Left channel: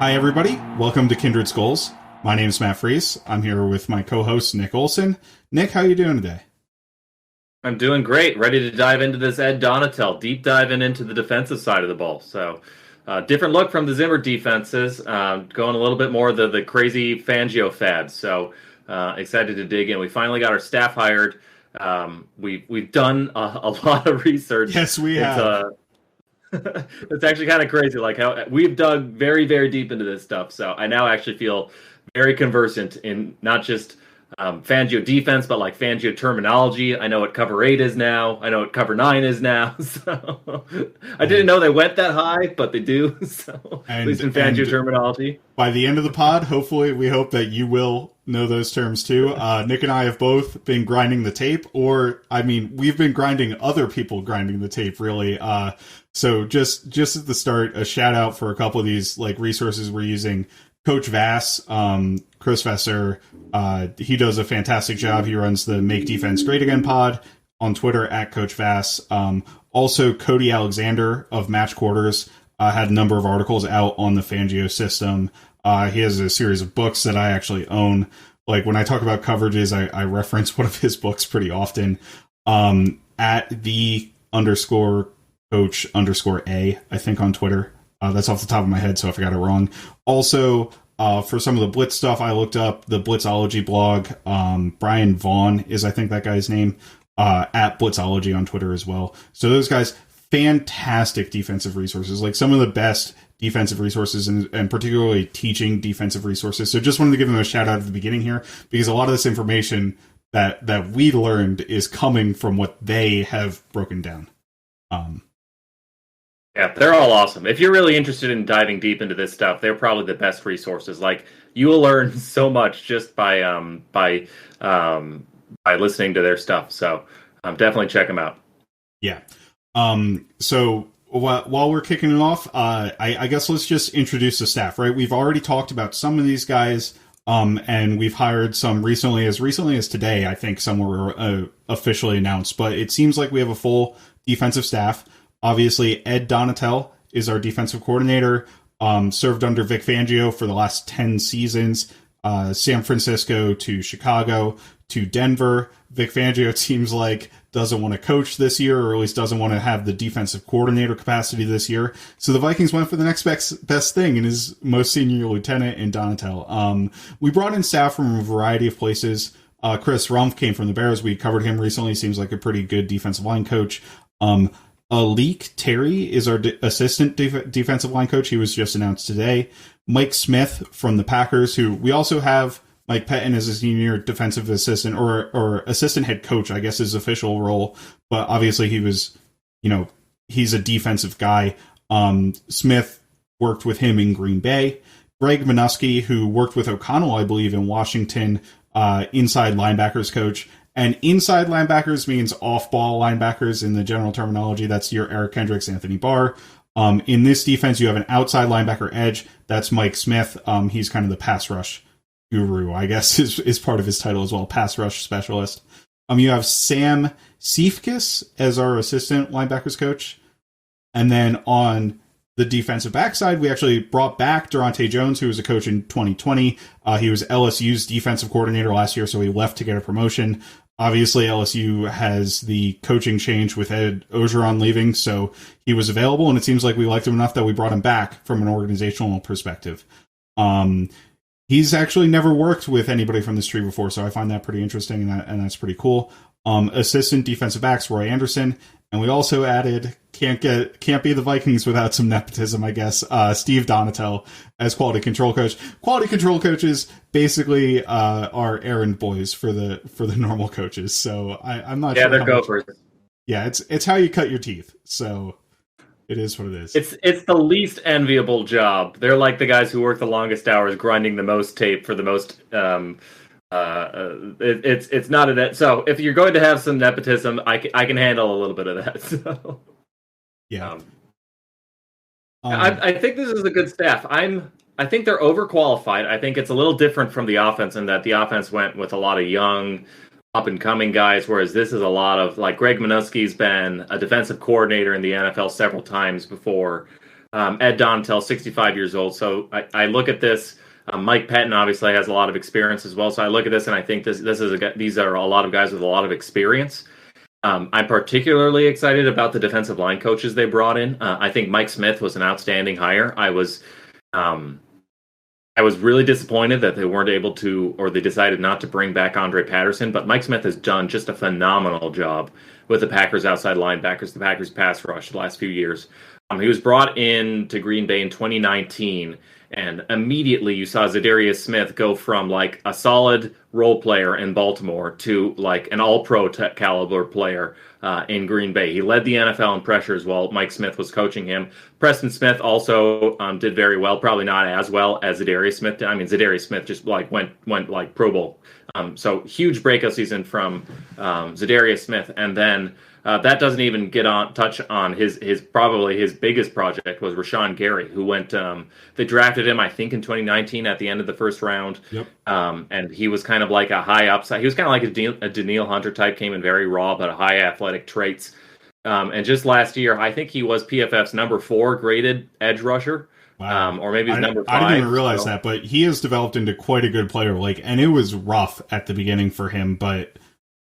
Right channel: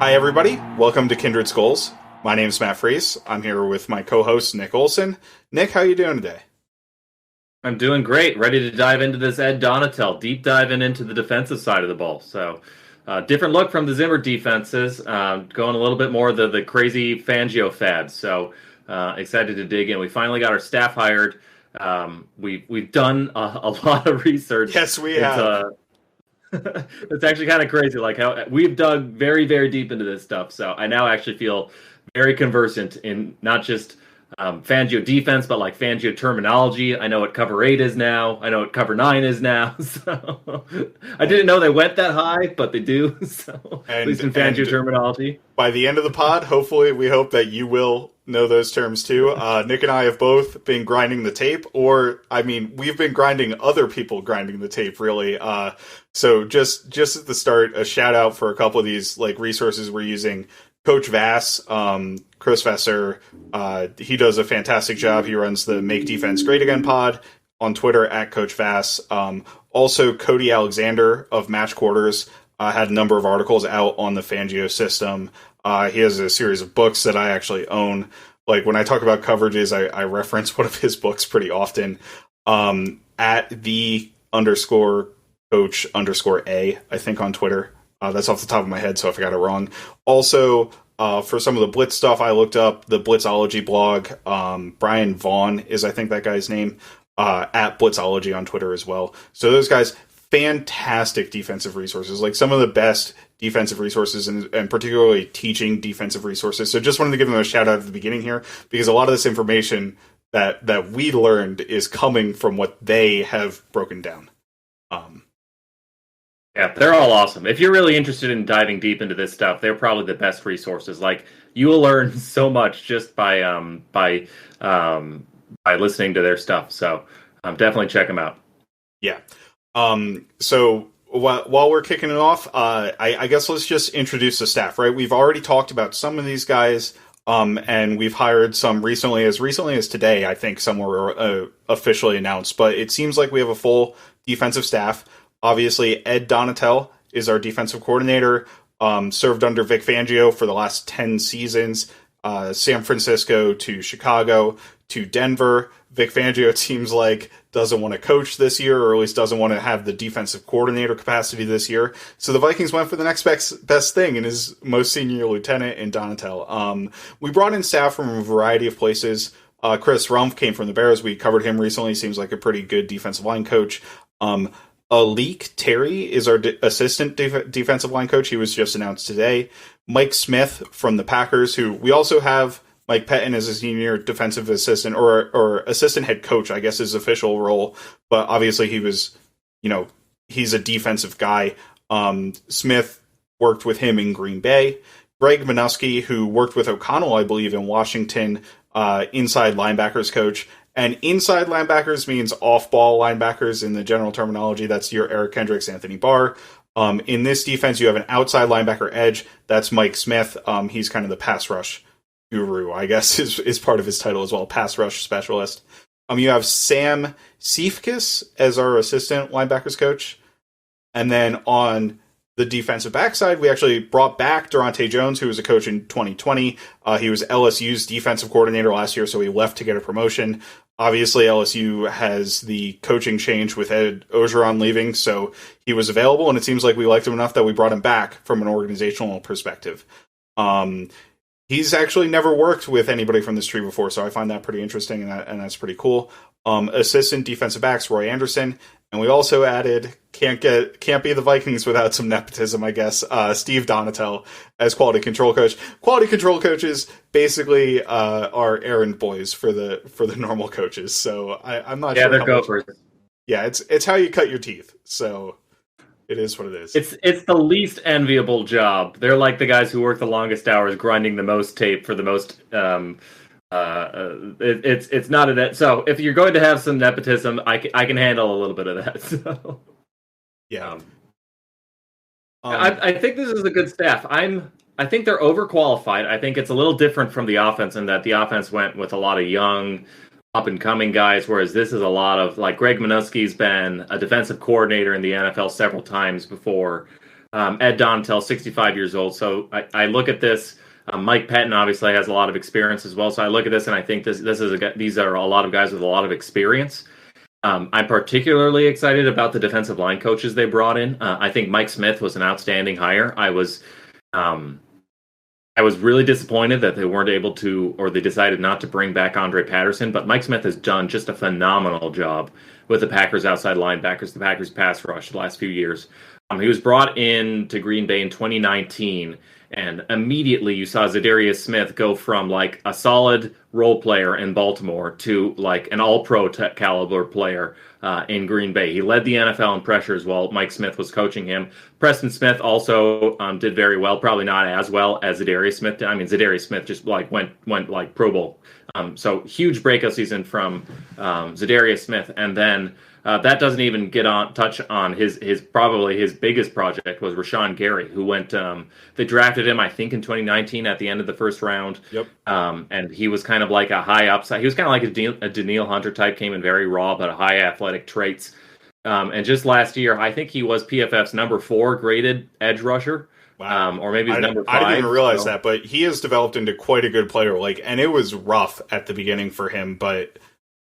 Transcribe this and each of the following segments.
Hi, everybody. Welcome to Kindred Skulls. My name is Matt Freese. I'm here with my co-host, Nick Olson. Nick, how are you doing today? I'm doing great. Ready to dive into this Ed Donatel, deep diving into the defensive side of the ball. So, different look from the Zimmer defenses, going a little bit more the crazy Fangio fads. So, excited to dig in. We finally got our staff hired. We've done a lot of research. Yes, we It's have. it's actually kind of crazy, like how we've dug very, very deep into this stuff. So I now actually feel very conversant in not just Fangio defense, but like Fangio terminology. I know what cover 8 is now. I know what cover 9 is now. So I didn't And know they went that high, but they do. So at and least in Fangio and terminology. by the end of the pod, hopefully, we hope that you will know those terms too. Nick and I have both been grinding the tape, or I mean, we've been grinding other people grinding the tape, really. So just at the start, a shout out for a couple of these like resources we're using. Coach Vass, Chris Vesser, he does a fantastic job. He runs the Make Defense Great Again pod on Twitter at Coach Vass. Also, Cody Alexander of Match Quarters had a number of articles out on the Fangio system. He has a series of books that I actually own. Like when I talk about coverages, I reference one of his books pretty often. At the underscore coach underscore A, I think on Twitter. That's off the top of my head, so if I got it wrong. Also, for some of the Blitz stuff, I looked up the Blitzology blog. Brian Vaughn is, I think, that guy's name, at Blitzology on Twitter as well. So those guys, fantastic defensive resources, like some of the best defensive resources and particularly teaching defensive resources. So just wanted to give them a shout out at the beginning here because a lot of this information that we learned is coming from what they have broken down. Yeah, they're all awesome. If you're really interested in diving deep into this stuff, they're probably the best resources. Like you will learn so much just by listening to their stuff. So definitely check them out. Yeah. So while we're kicking it off, I guess let's just introduce the staff, right? We've already talked about some of these guys, and we've hired some recently as today, I think some were officially announced, but it seems like we have a full defensive staff. Obviously, Ed Donatel is our defensive coordinator, served under Vic Fangio for the last 10 seasons, San Francisco to Chicago to Denver. Vic Fangio, it seems like, doesn't want to coach this year, or at least doesn't want to have the defensive coordinator capacity this year. So the Vikings went for the next best thing in his most senior lieutenant in Donatel. We brought in staff from a variety of places. Chris Rumpf came from the Bears. We covered him recently. Seems like a pretty good defensive line coach. Alik Terry is our assistant defensive line coach. He was just announced today. Mike Smith from the Packers, who we also have Mike Pettin as a senior defensive assistant or assistant head coach, I guess his official role. But obviously he was, he's a defensive guy. Smith worked with him in Green Bay. Greg Minuski, who worked with O'Connell, I believe, in Washington, inside linebackers coach. And inside linebackers means off-ball linebackers in the general terminology. That's your Eric Hendricks, Anthony Barr. In this defense, you have an outside linebacker edge. That's Mike Smith. He's kind of the pass rush guru, I guess, is part of his title as well, pass rush specialist. You have Sam Seifkis as our assistant linebackers coach. And then on the defensive backside, we actually brought back Durante Jones, who was a coach in 2020. He was LSU's defensive coordinator last year, so he left to get a promotion. Obviously, LSU has the coaching change with Ed Ogeron leaving, so he was available, and it seems like we liked him enough that we brought him back from an organizational perspective. He's actually never worked with anybody from this tree before, so I find that pretty interesting, and that's pretty cool. Assistant defensive backs, Roy Anderson. And we also added, can't be the Vikings without some nepotism, I guess, Steve Donatel as quality control coach. Quality control coaches basically are errand boys for the normal coaches. So I'm not sure. Yeah, they're gophers. Yeah, it's how you cut your teeth. So it is what it is. It's the least enviable job. They're like the guys who work the longest hours, grinding the most tape for the most. It's not a net. So if you're going to have some nepotism, I can handle a little bit of that. So yeah, I think this is a good staff. I think they're overqualified. I think it's a little different from the offense in that the offense went with a lot of young, up and coming guys, whereas this is a lot of like Greg Minuski's been a defensive coordinator in the NFL several times before. Ed Donatel, 65 years old. So I look at this. Mike Pettin obviously has a lot of experience as well. So I look at this and I think these are a lot of guys with a lot of experience. I'm particularly excited about the defensive line coaches they brought in. I think Mike Smith was an outstanding hire. I was really disappointed that they weren't able to, or they decided not to bring back Andre Patterson, but Mike Smith has done just a phenomenal job with the Packers outside linebackers, the Packers pass rush the last few years. He was brought in to Green Bay in 2019, and immediately you saw Zadarius Smith go from like a solid role player in Baltimore to like an all-pro caliber player in Green Bay. He led the NFL in pressures while Mike Smith was coaching him. Preston Smith also did very well, probably not as well as Zadarius Smith did. I mean, Zadarius Smith just like went like Pro Bowl. So huge breakout season from Zadarius Smith, and then that doesn't even touch on his probably his biggest project was Rashaan Gary, who went. They drafted him, I think, in 2019 at the end of the first round. Yep. And he was kind of like a high upside. He was kind of like a Daniil Hunter type, came in very raw, but high athletic traits. And just last year, I think he was PFF's number 4 graded edge rusher. Wow. Or maybe number 5. I didn't even realize that, but he has developed into quite a good player. And it was rough at the beginning for him, but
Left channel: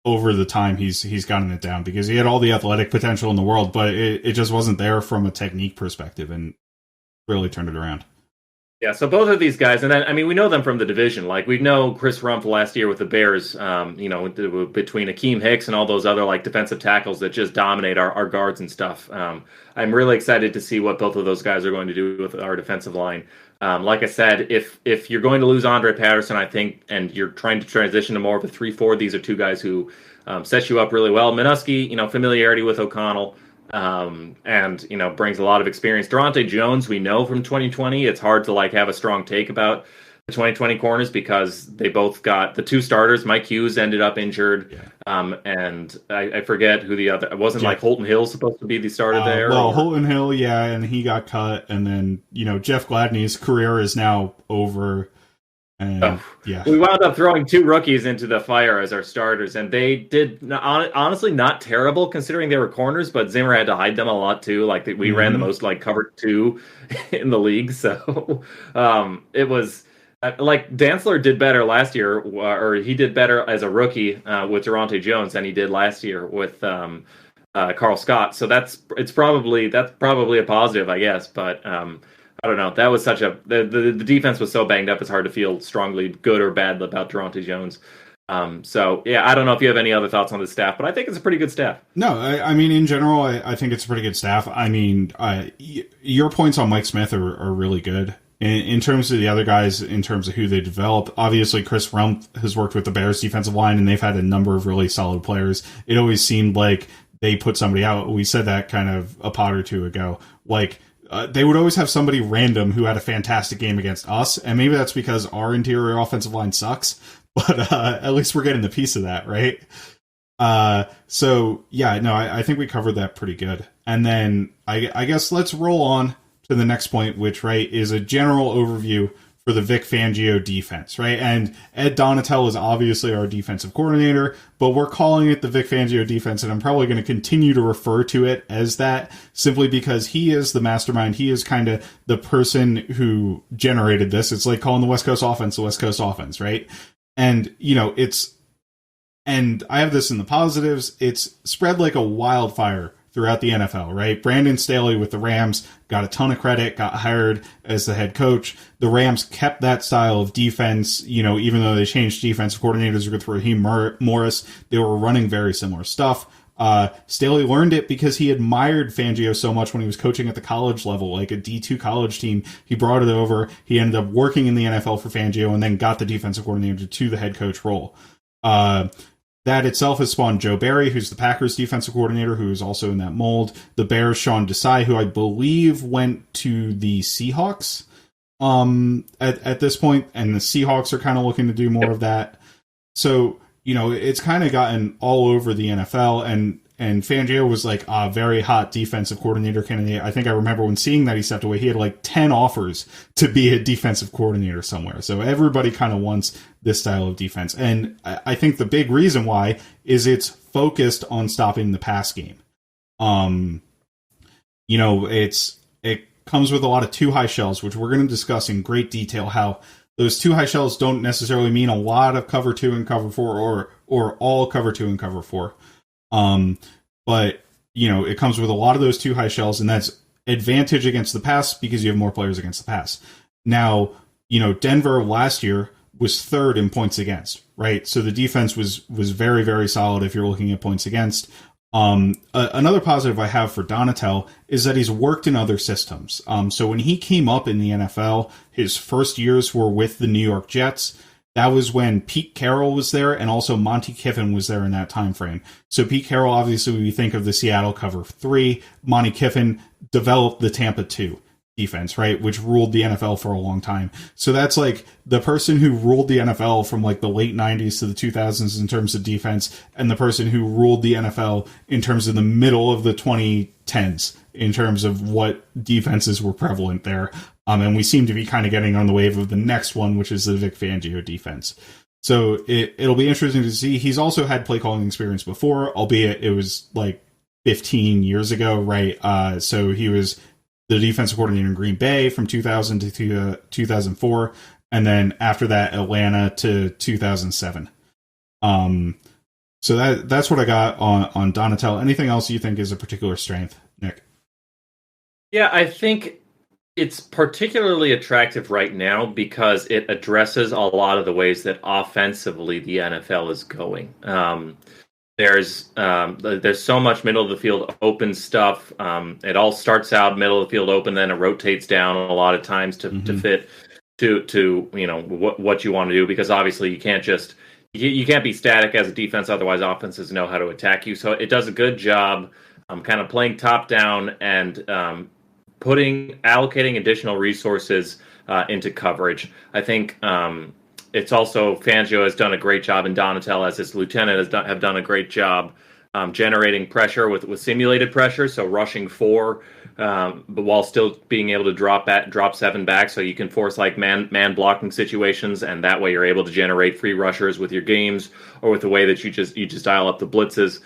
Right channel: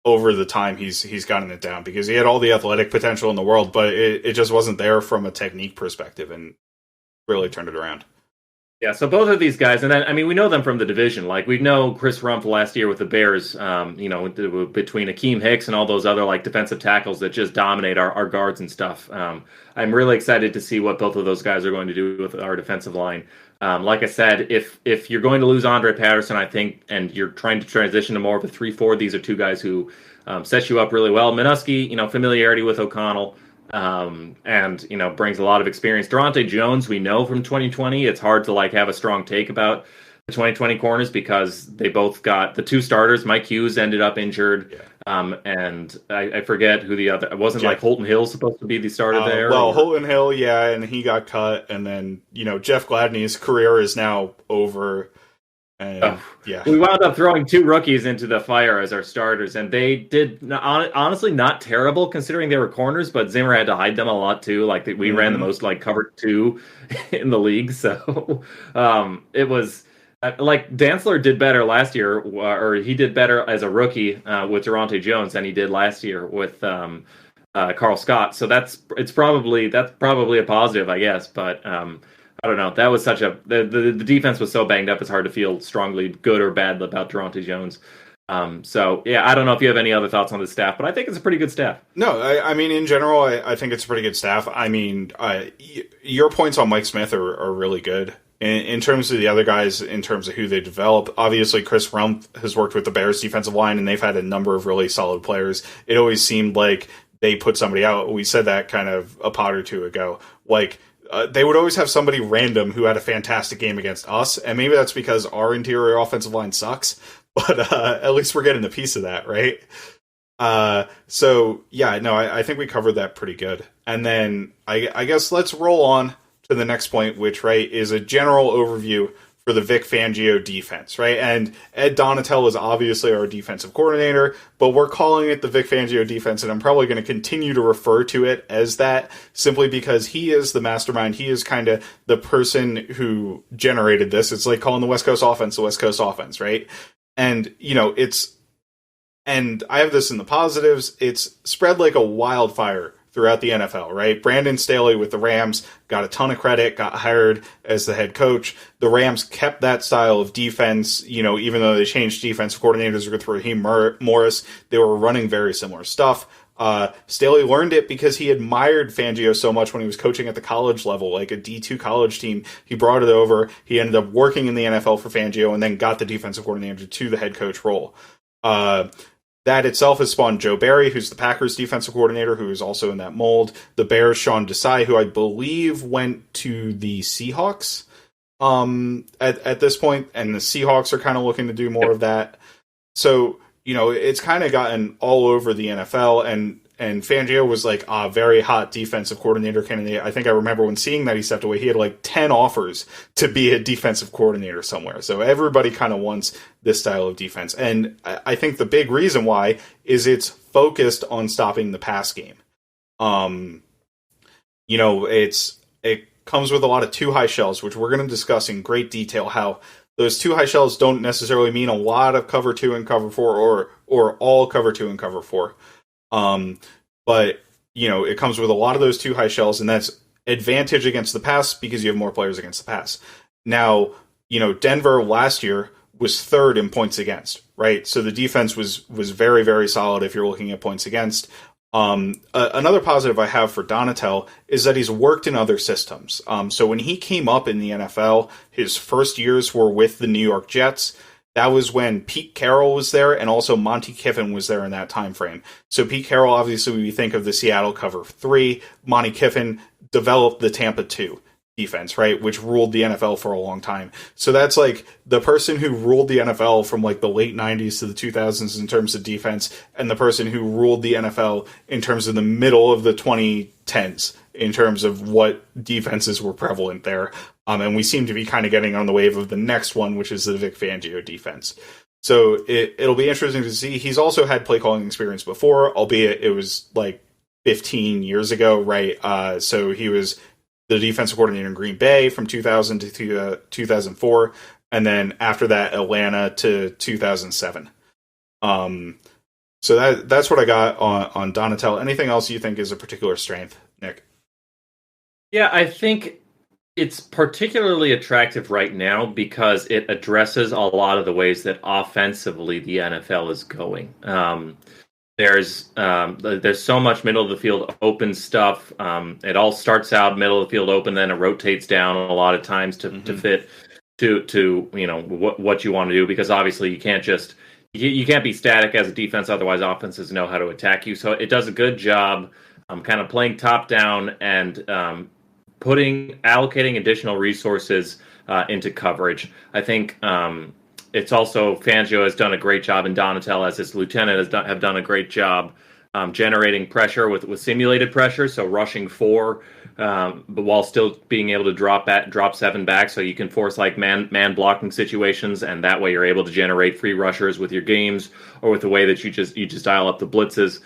over the time he's gotten it down because he had all the athletic potential in the world, but it just wasn't there from a technique perspective, and really turned it around. Yeah, so both of these guys, and then, I mean, we know them from the division. Like, we know Chris Rumph last year with the Bears, between Akeem Hicks and all those other, like, defensive tackles that just dominate our guards and stuff. I'm really excited to see what both of those guys are going to do with our defensive line. Like I said, if you're going to lose Andre Patterson, I think, and you're trying to transition to more of a 3-4, these are two guys who set you up really well. Minuski, familiarity with O'Connell. And brings a lot of experience. Durante Jones, we know from 2020, it's hard to have a strong take about the 2020 corners because they both got the 2 starters. Mike Hughes ended up injured, and I forget who the other. It wasn't like Holton Hill supposed to be the starter there. Well, Holton Hill, yeah, and he got cut, and then Jeff Gladney's career is now over. And, we wound up throwing 2 rookies into the fire as our starters, and they did honestly not terrible considering they were corners, but Zimmer had to hide them a lot too. We ran the most covered 2 in the league, so it was Dantzler did better last year, or he did better as a rookie with Durante Jones than he did last year with Carl Scott. So that's probably a positive, I guess, but. I don't know. That was such the defense was so banged up. It's hard to feel strongly good or bad about Durante Jones. I don't know if you have any other thoughts on the staff, but I think it's a pretty good staff. No, I mean, in general, I think it's a pretty good staff. I mean, your points on Mike Smith are really good. In terms of the other guys, in terms of who they developed, obviously Chris Rumph has worked with the Bears defensive line, and they've had a number of really solid players. It always seemed like they put somebody out. We said that kind of a pod or two ago. They would always have somebody random who had a fantastic game against us, and maybe that's because our interior offensive line sucks, but at least we're getting a piece of that, right? I think we covered that pretty good. And then I guess let's roll on to the next point, which, right, is a general overview for the Vic Fangio defense, right? And Ed Donatel is obviously our defensive coordinator, but we're calling it the Vic Fangio defense, and I'm probably going to continue to refer to it as that simply because he is the mastermind. He is kind of the person who generated this. It's like calling the West Coast offense, right? And, and I have this in the positives. It's spread like a wildfire throughout the NFL, right? Brandon Staley with the Rams got a ton of credit, got hired as the head coach. The Rams kept that style of defense, even though they changed defensive coordinators with Raheem Morris, they were running very similar stuff. Staley learned it because he admired Fangio so much when he was coaching at the college level, like a D2 college team. He brought it over. He ended up working in the NFL for Fangio and then got the defensive coordinator to the head coach role. That itself has spawned Joe Barry, who's the Packers defensive coordinator, who is also in that mold. The Bears, Sean Desai, who I believe went to the Seahawks at this point, and the Seahawks are kind of looking to do more of that. So, it's kind of gotten all over the NFL, and Fangio was like a very hot defensive coordinator candidate. I think I remember when seeing that he stepped away, he had 10 offers to be a defensive coordinator somewhere. So everybody kind of wants this style of defense. And I think the big reason why is it's focused on stopping the pass game. comes with a lot of too high shells, which we're going to discuss in great detail how those too high shells don't necessarily mean a lot of cover 2 and cover 4 or all cover 2 and cover 4. But, it comes with a lot of those too high shells, and that's advantage against the pass because you have more players against the pass. Now, Denver last year was third in points against, right? So the defense was very, very solid if you're looking at points against. Another positive I have for Donatel is that he's worked in other systems. So when he came up in the NFL, his first years were with the New York Jets. That was when Pete Carroll was there, and also Monty Kiffin was there in that time frame. So Pete Carroll, obviously, we think of the Seattle cover 3. Monty Kiffin developed the Tampa 2 defense, right, which ruled the NFL for a long time. So that's like the person who ruled the NFL from like the late 90s to the 2000s in terms of defense, and the person who ruled the NFL in terms of the middle of the 2010s in terms of what defenses were prevalent there. And we seem to be kind of getting on the wave of the next one, which is the Vic Fangio defense. So it'll be interesting to see. He's also had play calling experience before, albeit it was like 15 years ago, right? So he was the defensive coordinator in Green Bay from 2000 to 2004, and then after that, Atlanta to 2007. So that's what I got on Donatel. Anything else you think is a particular strength, Nick? Yeah, I think it's particularly attractive right now because it addresses a lot of the ways that offensively the NFL is going. There's so much middle of the field open stuff. It all starts out middle of the field open, then it rotates down a lot of times to fit to what you want to do, because obviously you can't be static as a defense, otherwise offenses know how to attack you. So it does a good job kind of playing top down and allocating additional resources into coverage. I think it's also Fangio has done a great job, and Donatel as his lieutenant have done a great job generating pressure with simulated pressure, so rushing 4, but while still being able to drop 7 back, so you can force like man blocking situations, and that way you're able to generate free rushers with your games or with the way that you just dial up the blitzes.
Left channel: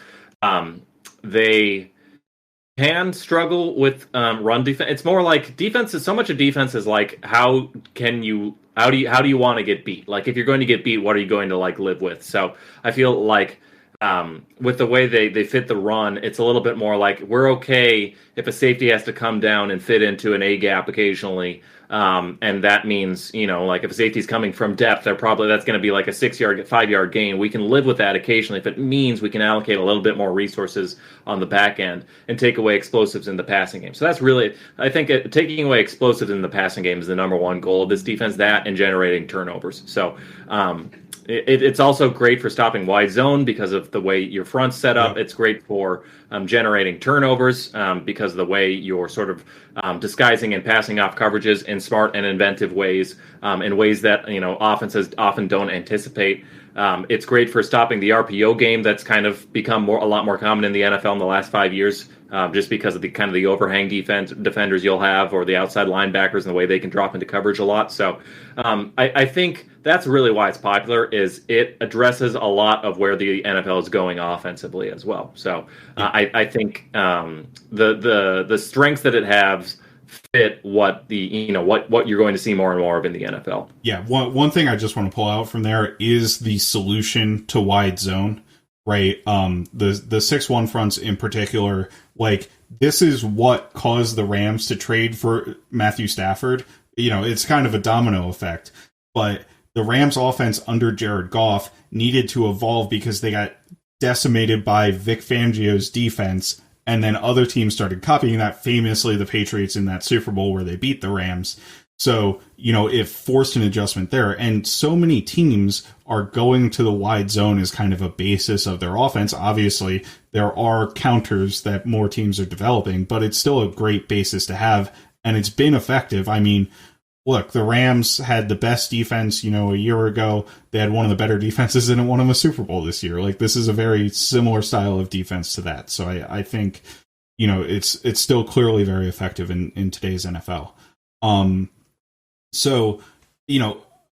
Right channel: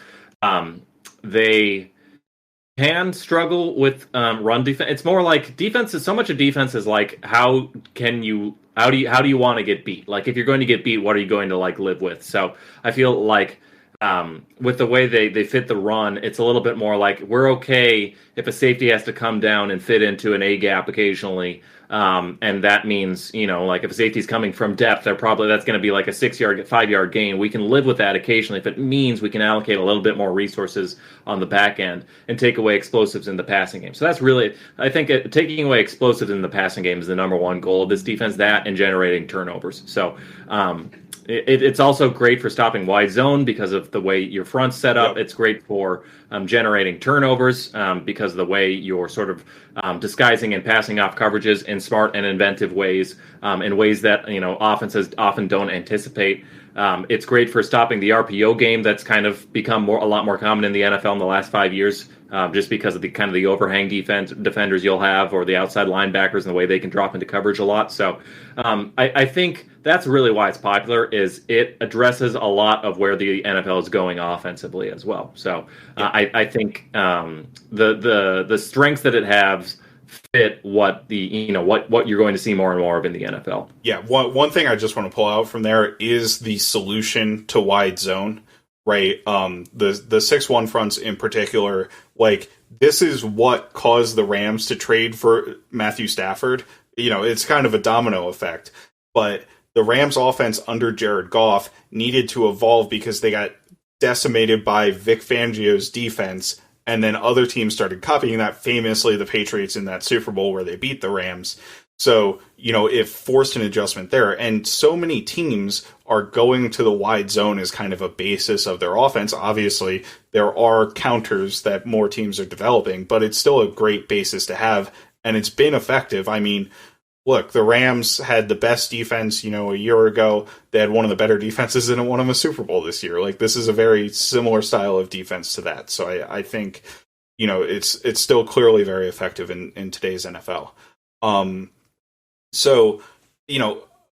They can struggle with run defense. It's more like defense is so much of defense is like how do you want to get beat? Like if you're going to get beat, what are you going to like live with? So I feel like with the way they fit the run, it's a little bit more like we're okay if a safety has to come down and fit into an A gap occasionally. And that means, like if a safety's coming from depth, that's going to be like a 5-yard gain. We can live with that occasionally if it means we can allocate a little bit more resources on the back end and take away explosives in the passing game. So that's really, I think taking away explosives in the passing game is the number one goal of this defense, that and generating turnovers. So, it's also great for stopping wide zone because of the way your front's set up. It's great for generating turnovers because of the way you're sort of disguising and passing off coverages in smart and inventive ways, in ways that offenses often don't anticipate. It's great for stopping the RPO game that's kind of become a lot more common in the NFL in the last 5 years, just because of the overhang defenders you'll have, or the outside linebackers and the way they can drop into coverage a lot. So I think that's really why it's popular, is it addresses a lot of where the NFL is going offensively as well. So I think the strengths that it has fit what what you're going to see more and more of in the NFL. Yeah, one thing I just want to pull out from there is the solution to wide zone, right? The 6-1 fronts in particular, like this is what caused the Rams to trade for Matthew Stafford. It's kind of a domino effect, but the Rams offense under Jared Goff needed to evolve because they got decimated by Vic Fangio's defense, and then other teams started copying that, famously the Patriots in that Super Bowl where they beat the Rams. So, it forced an adjustment there. And so many teams are going to the wide zone as kind of a basis of their offense. Obviously, there are counters that more teams are developing, but it's still a great basis to have, and it's been effective. I mean, look, the Rams had the best defense, a year ago. They had one of the better defenses and it won them a Super Bowl this year. Like, this is a very similar style of defense to that. So I think, it's still clearly very effective in today's NFL. So,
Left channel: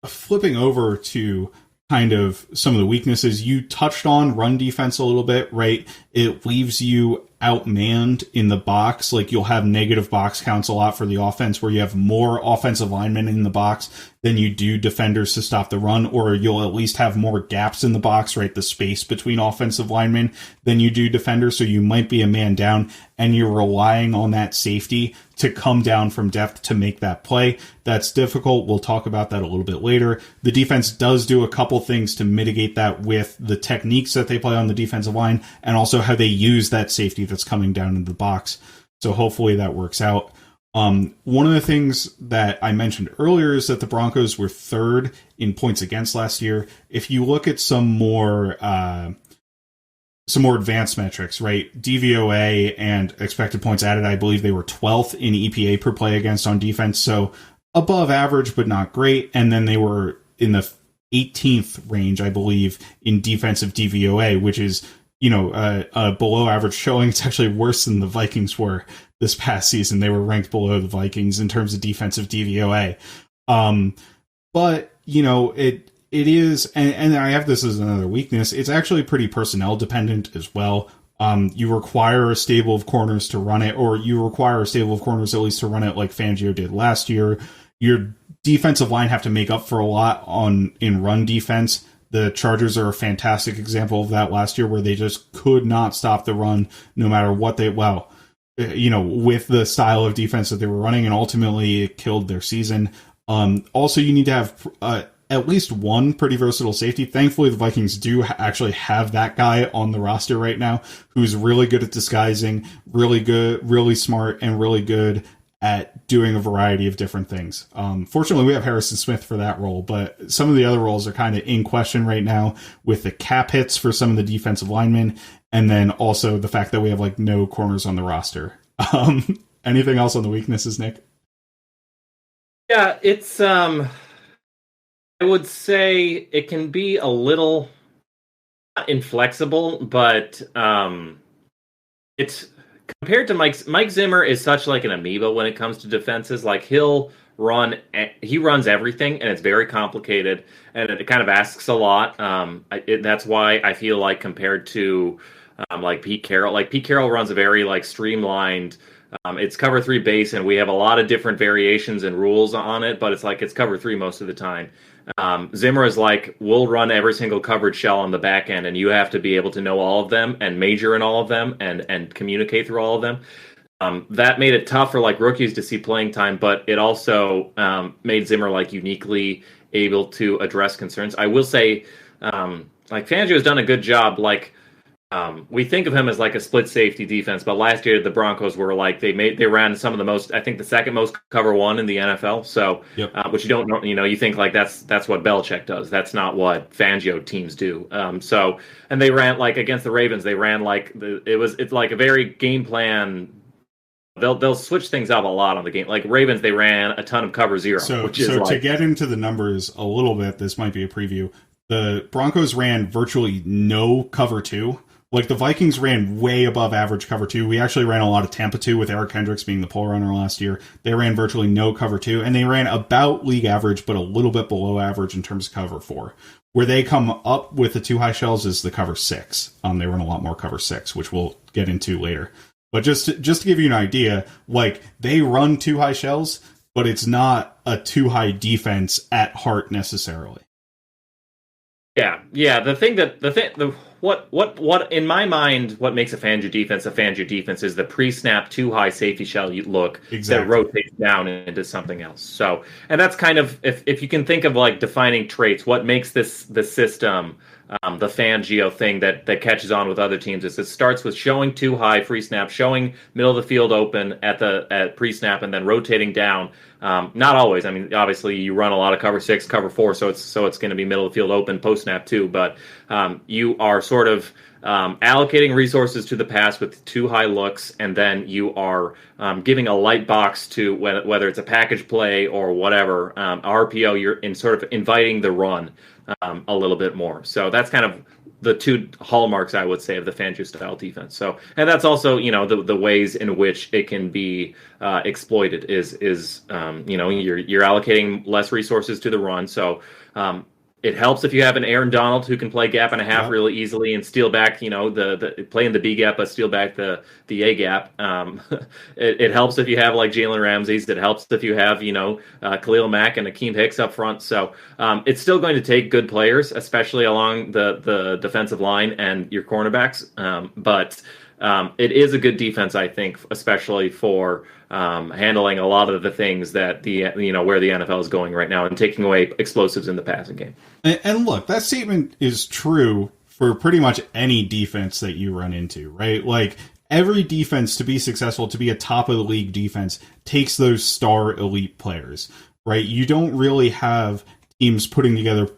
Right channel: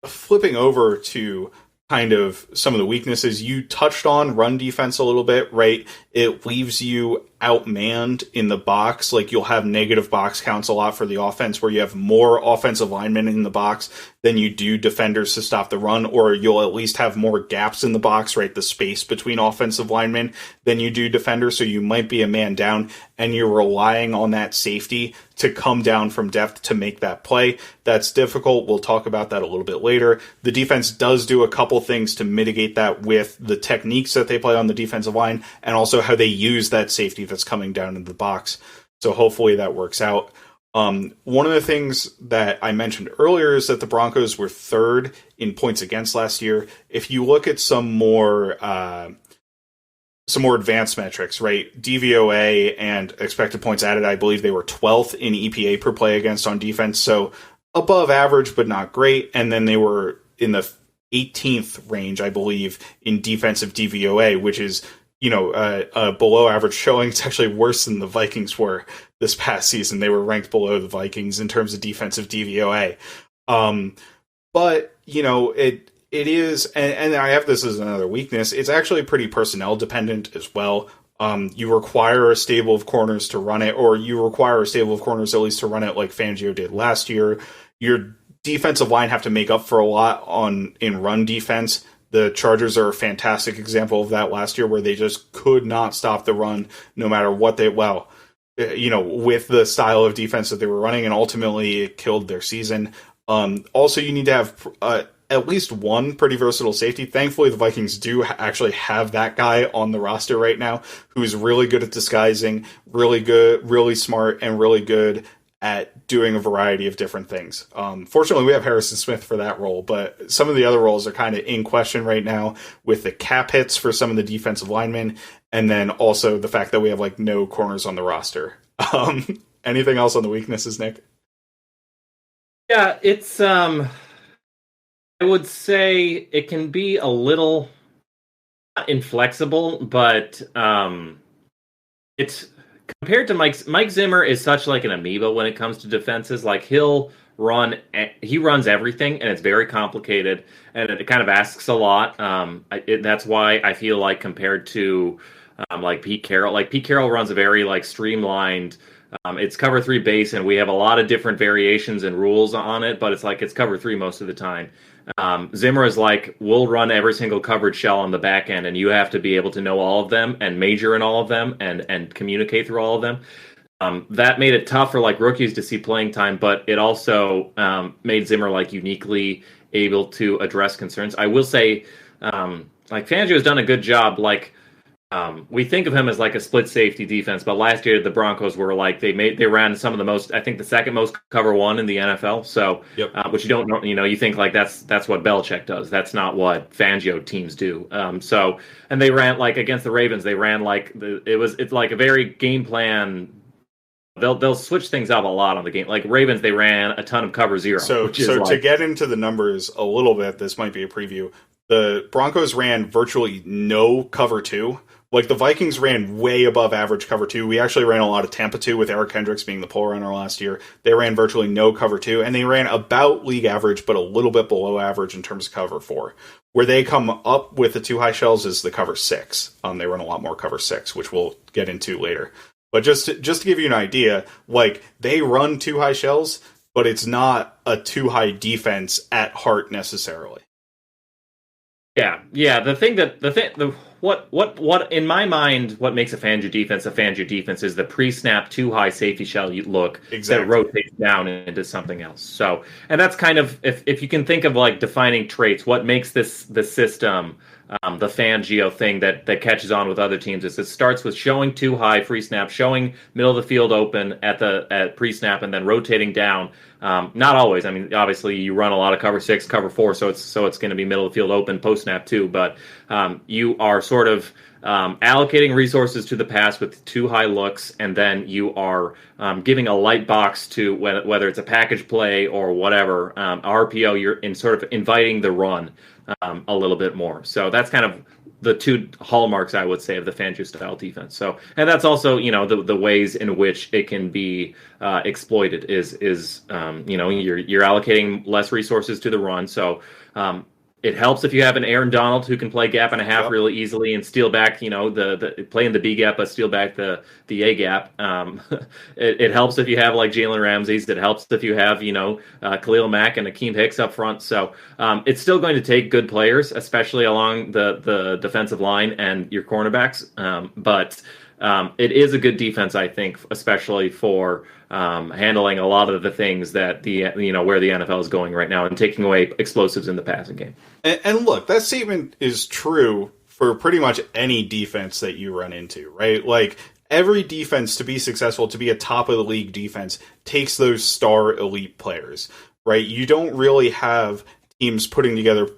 flipping over to kind of some of the weaknesses, you touched on run defense a little bit, right? It leaves you outmanned in the box. Like, you'll have negative box counts a lot for the offense, where you have more offensive linemen in the box than you do defenders to stop the run, or you'll at least have more gaps in the box, right? The space between offensive linemen than you do defenders. So you might be a man down and you're relying on that safety to come down from depth to make that play. That's difficult. We'll talk about that a little bit later. The defense does do a couple things to mitigate that with the techniques that they play on the defensive line and also how they use that safety that's coming down into the box. So hopefully that works out. One of the things that I mentioned earlier is that the Broncos were third in points against last year. If you look at some more advanced metrics, right? DVOA and expected points added, I believe they were 12th in EPA per play against on defense. So above average, but not great. And then they were in the 18th range, I believe, in defensive DVOA, which is, a below average showing. It's actually worse than the Vikings were this past season. They were ranked below the Vikings in terms of defensive DVOA. But, it is, and I have this as another weakness, it's actually pretty personnel dependent as well. You require a stable of corners to run it, or you require a stable of corners at least to run it like Fangio did last year. Your defensive line have to make up for a lot in run defense. The Chargers are a fantastic example of that last year, where they just could not stop the run no matter what with the style of defense that they were running, and ultimately it killed their season. Also, you need to have at least one pretty versatile safety. Thankfully, the Vikings do actually have that guy on the roster right now, who's really good at disguising, really good, really smart, and really good at doing a variety of different things. Fortunately, we have Harrison Smith for that role, but some of the other roles are kind of in question right now with the cap hits for some of the defensive linemen, and then also the fact that we have no corners on the roster. Anything else on the weaknesses, Nick? Yeah, it's I would say it can be a little not inflexible, but it's compared to Mike Zimmer is such an amoeba when it comes to defenses. He runs everything, and it's very complicated, and it kind of asks a lot. That's why I feel like compared to Pete Carroll runs a very streamlined. It's cover three base, and we have a lot of different variations and rules on it, but it's cover three most of the time. Zimmer is we'll run every single coverage shell on the back end, and you have to be able to know all of them and major in all of them and communicate through all of them. That made it tough for rookies to see playing time, but it also made Zimmer uniquely able to address concerns. I will say, Fangio has done a good job. We think of him as a split safety defense, but last year the Broncos were they ran some of the most, I think the second most cover one in the NFL. So, yep. Which you don't know, you think that's what Belichick does. That's not what Fangio teams do. And they ran against the Ravens. They ran it's a very game plan. They'll switch things up a lot on the game. Ravens, they ran a ton of cover zero. So to get into the numbers a little bit, this might be a preview. The Broncos ran virtually no cover two. The Vikings ran way above average cover two. We actually ran a lot of Tampa 2 with Eric Hendricks being the pole runner last year. They ran virtually no cover two, and they ran about league average, but a little bit below average in terms of cover four. Where they come up with the two high shells is the cover six. They run a lot more cover six, which we'll get into later. But just to give you an idea, they run two high shells, but it's not a two high defense at heart necessarily. Yeah. What in my mind, what makes a Fangio defense is the pre-snap too high safety shell look exactly. That rotates down into something else. So, and that's kind of if you can think of defining traits, what makes the system the Fangio thing that catches on with other teams is it starts with showing too high free snap, showing middle of the field open at pre-snap, and then rotating down. Not always. I mean, obviously you run a lot of cover six, cover four, so it's going to be middle of the field open post snap too. But you are sort of allocating resources to the pass with too high looks, and then you are giving a light box to whether it's a package play or whatever RPO. You're in sort of inviting the run a little bit more. So that's kind of the two hallmarks, I would say, of the Fangio style defense. So, and that's also, the ways in which it can be exploited is you're allocating less resources to the run. So It helps if you have an Aaron Donald who can play gap and a half Yep. really easily and steal back, the play in the B gap but steal back the A gap. It helps if you have like Jalen Ramsey's. It helps if you have Khalil Mack and Akeem Hicks up front. So it's still going to take good players, especially along the defensive line and your cornerbacks. But it is a good defense, I think, especially for handling a lot of the things that where the NFL is going right now and taking away explosives in the passing game. And look, that statement is true for pretty much any defense that you run into, right? Like, every defense, to be successful, to be a top of the league defense, takes those star elite players, right? You don't really have teams putting together,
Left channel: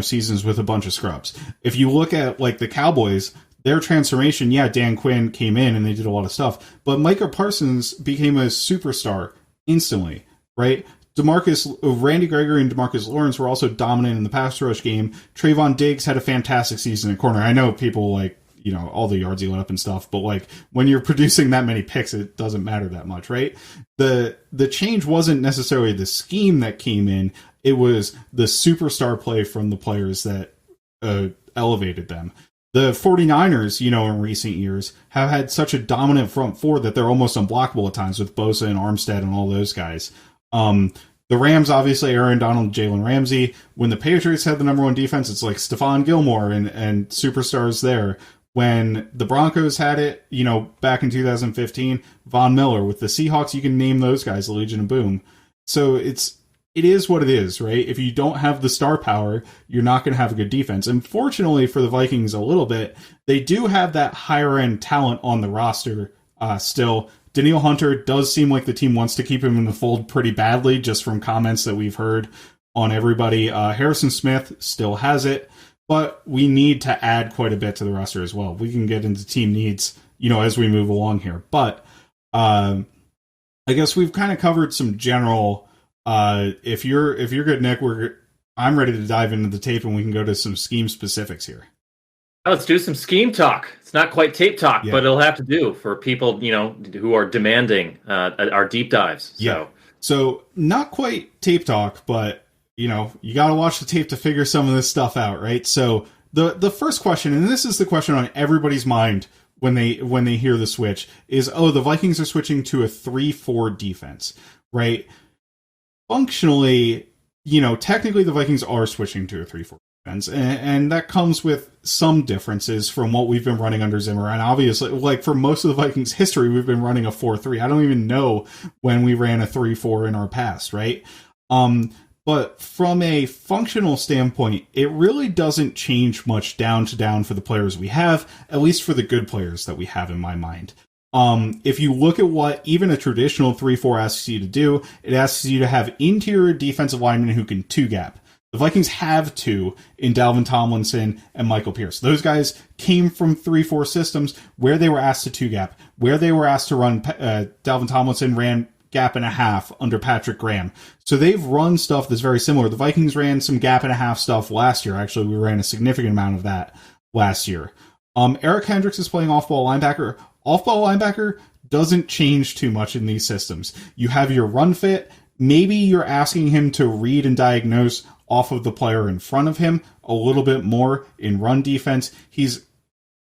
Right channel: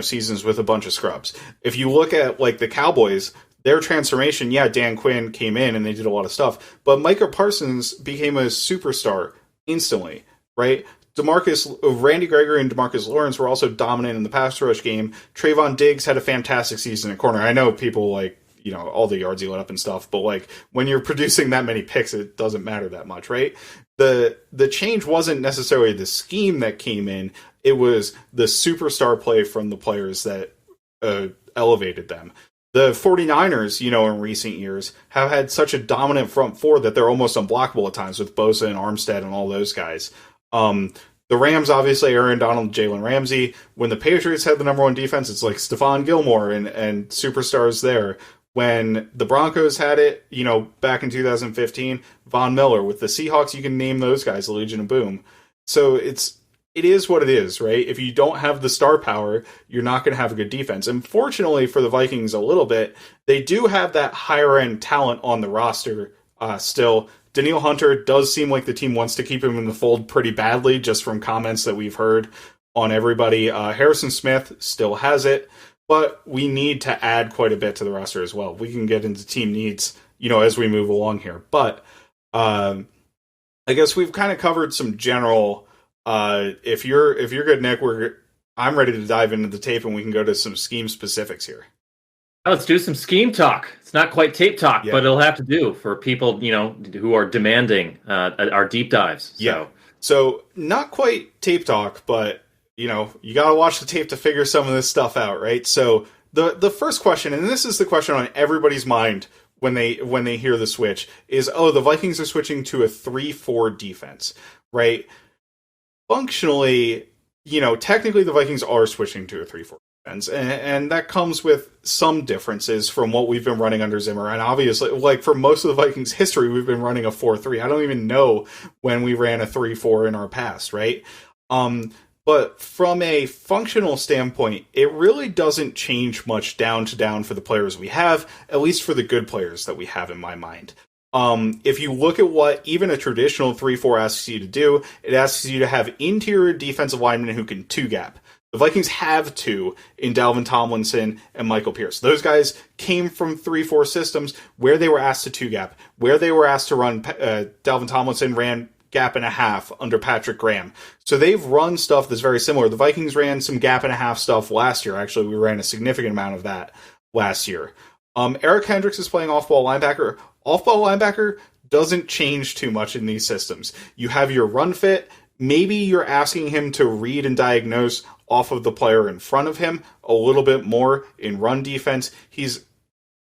seasons with a bunch of scrubs. If you look at like the Cowboys, their transformation, Dan Quinn came in and they did a lot of stuff, but Micah Parsons became a superstar instantly, right? Randy Gregory and DeMarcus Lawrence were also dominant in the pass rush game. Trayvon Diggs had a fantastic season at corner. I know people all the yards he let up and stuff, but like when you're producing that many picks, it doesn't matter that much, right? The change wasn't necessarily the scheme that came in. It was the superstar play from the players that elevated them. The 49ers, in recent years, have had such a dominant front four that they're almost unblockable at times with Bosa and Armstead and all those guys. The Rams, obviously, Aaron Donald, Jalen Ramsey. When the Patriots had the number one defense, it's like Stephon Gilmore and superstars there. When the Broncos had it, back in 2015, Von Miller. With the Seahawks, you can name those guys, the Legion of Boom. So it is what it is, right? If you don't have the star power, you're not going to have a good defense. And fortunately for the Vikings a little bit, they do have that higher-end talent on the roster still. Danielle Hunter does seem like the team wants to keep him in the fold pretty badly, just from comments that we've heard on everybody. Harrison Smith still has it, but we need to add quite a bit to the roster as well. We can get into team needs, as we move along here. But I guess we've kind of covered some general. If you're good, Nick, I'm ready to dive into the tape, and we can go to some scheme specifics here. Let's do some scheme talk. It's not quite tape talk, but it'll have to do for people, who are demanding our deep dives. So not quite tape talk, but you got to watch the tape to figure some of this stuff out, right? So the first question, and this is the question on everybody's mind when they hear the switch, is the Vikings are switching to a 3-4 defense, right? Functionally, technically the Vikings are switching to a 3-4 defense, and that comes with some differences from what we've been running under Zimmer. And obviously, like for most of the Vikings history, we've been running a 4-3. I don't even know when we ran a 3-4 in our past, right? But from a functional standpoint, it really doesn't change much down to down for the players we have, at least for the good players that we have in my mind. If you look at what even a traditional 3-4 asks you to do, it asks you to have interior defensive linemen who can two-gap. The Vikings have two in Dalvin Tomlinson and Michael Pierce. Those guys came from 3-4 systems where they were asked to two-gap, where they were asked to run. Dalvin Tomlinson ran gap and a half under Patrick Graham. So they've run stuff that's very similar. The Vikings ran some gap and a half stuff last year. Actually, we ran a significant amount of that last year. Eric Hendricks is playing off-ball linebacker. Off-ball linebacker doesn't change too much in these systems. You have your run fit. Maybe you're asking him to read and diagnose off of the player in front of him a little bit more in run defense. He's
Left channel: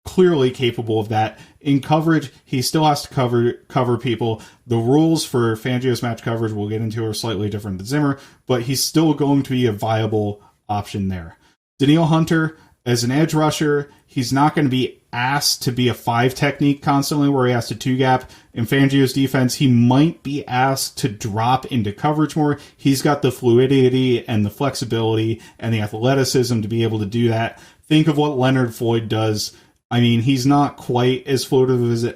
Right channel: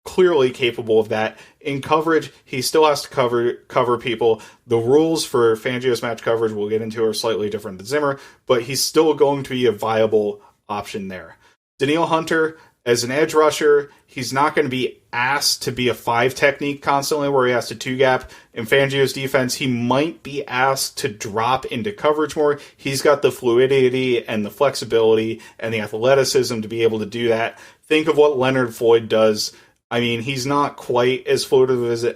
clearly capable of that. In coverage, he still has to cover people. The rules for Fangio's match coverage we'll get into are slightly different than Zimmer, but he's still going to be a viable option there. Danielle Hunter, as an edge rusher, he's not going to be asked to be a 5 technique constantly where he has to 2-gap. In Fangio's defense, he might be asked to drop into coverage more. He's got the fluidity and the flexibility and the athleticism to be able to do that. Think of what Leonard Floyd does. I mean, he's not quite as fluid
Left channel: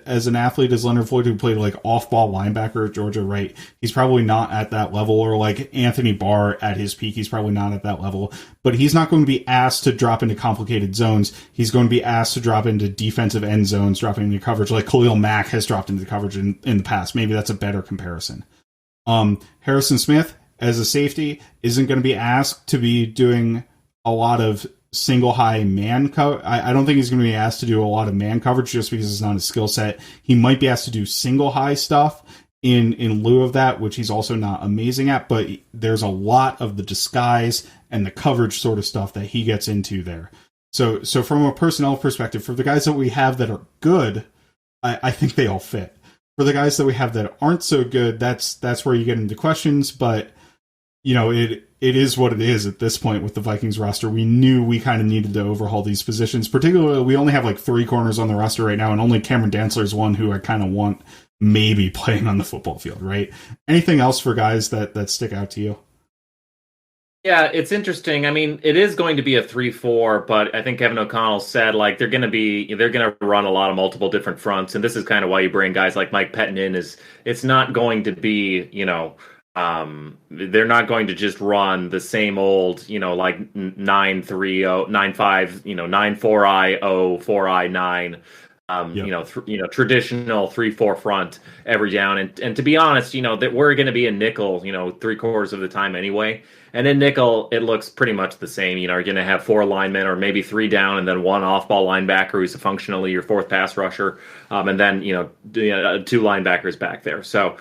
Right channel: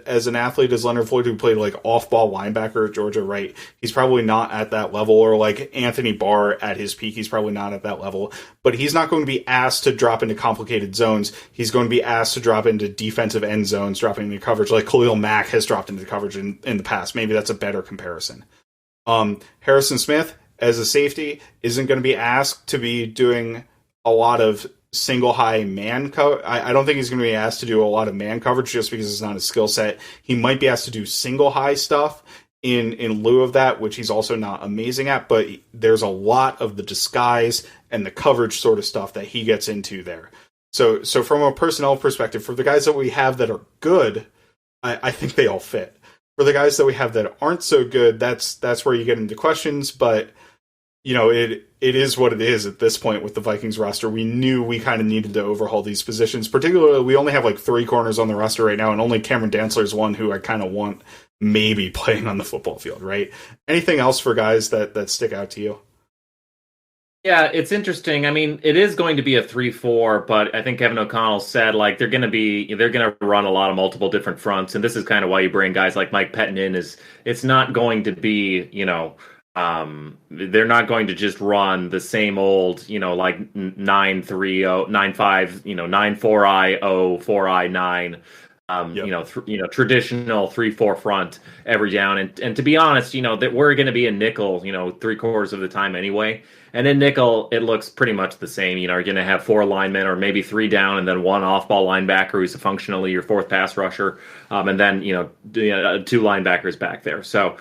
as an athlete as Leonard Floyd, who played like off-ball linebacker at Georgia, right? He's probably not at that level, or like Anthony Barr at his peak. He's probably not at that level, but he's not going to be asked to drop into complicated zones. He's going to be asked to drop into defensive end zones, dropping into coverage like Khalil Mack has dropped into coverage in the past. Maybe that's a better comparison. Harrison Smith as a safety isn't going to be asked to be doing a lot of single high man cover. I don't think he's going to be asked to do a lot of man coverage just because it's not his skill set. He might be asked to do single high stuff in lieu of that, which he's also not amazing at, but there's a lot of the disguise and the coverage sort of stuff that he gets into there. So from a personnel perspective, for the guys that we have that are good, I think they all fit. For the guys that we have that aren't so good, that's where you get into questions, but it is what it is at this point with the Vikings roster. We knew we kind of needed to overhaul these positions. Particularly, we only have like 3 corners on the roster right now, and only Cameron Dantzler is one who I kind of want maybe playing on the football field, right? Anything else for guys that stick out to you? Yeah, it's interesting. I mean, it is going to be a 3-4, but I think Kevin O'Connell said like they're going to run a lot of multiple different fronts, and this is kind of why you bring guys like Mike Pettin in. Is it's not going to be they're not going to just run the same old like 9-3-0, 9-5, 9-4-I 0 4-I 9. Traditional 3-4 front every down, and to be honest, that we're going to be a nickel, 3/4 of the time anyway. And in nickel, it looks pretty much the same. You're going to have 4 linemen, or maybe 3 down, and then 1 off-ball linebacker who's functionally your 4th pass rusher, and then 2 linebackers back there. So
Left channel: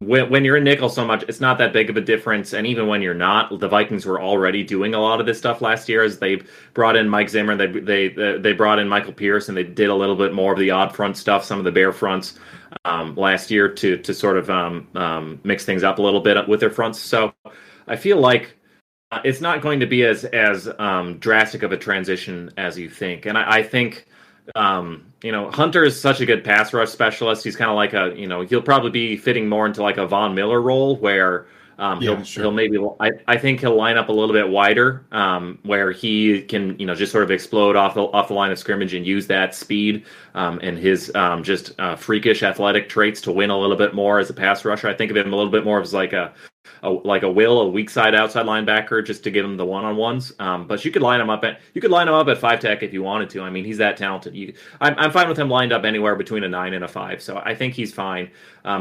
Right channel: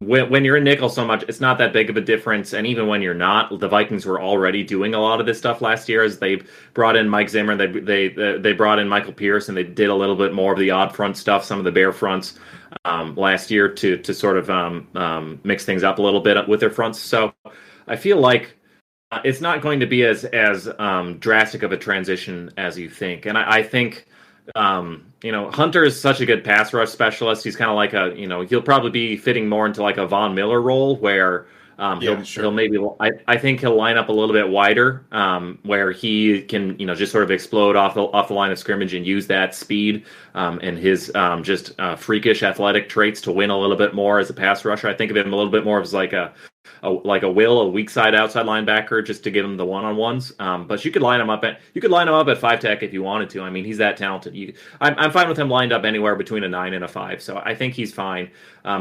when you're in nickel so much, it's not that big of a difference. And even when you're not, the Vikings were already doing a lot of this stuff last year as they brought in Mike Zimmer, they brought in Michael Pierce, and they did a little bit more of the odd front stuff, some of the bear fronts last year to sort of mix things up a little bit with their fronts. So I feel like it's not going to be as drastic of a transition as you think. And I think Hunter is such a good pass rush specialist. He's kind of like he'll probably be fitting more into like a Von Miller role where he'll maybe, I think he'll line up a little bit wider where he can, just sort of explode off the line of scrimmage and use that speed and his just freakish athletic traits to win a little bit more as a pass rusher. I think of him a little bit more as like a weak side outside linebacker, just to give him the one-on-ones. But you could line him up at 5 tech if you wanted to. I mean, he's that talented. I'm fine with him lined up anywhere between a 9 and a 5. So I think he's fine.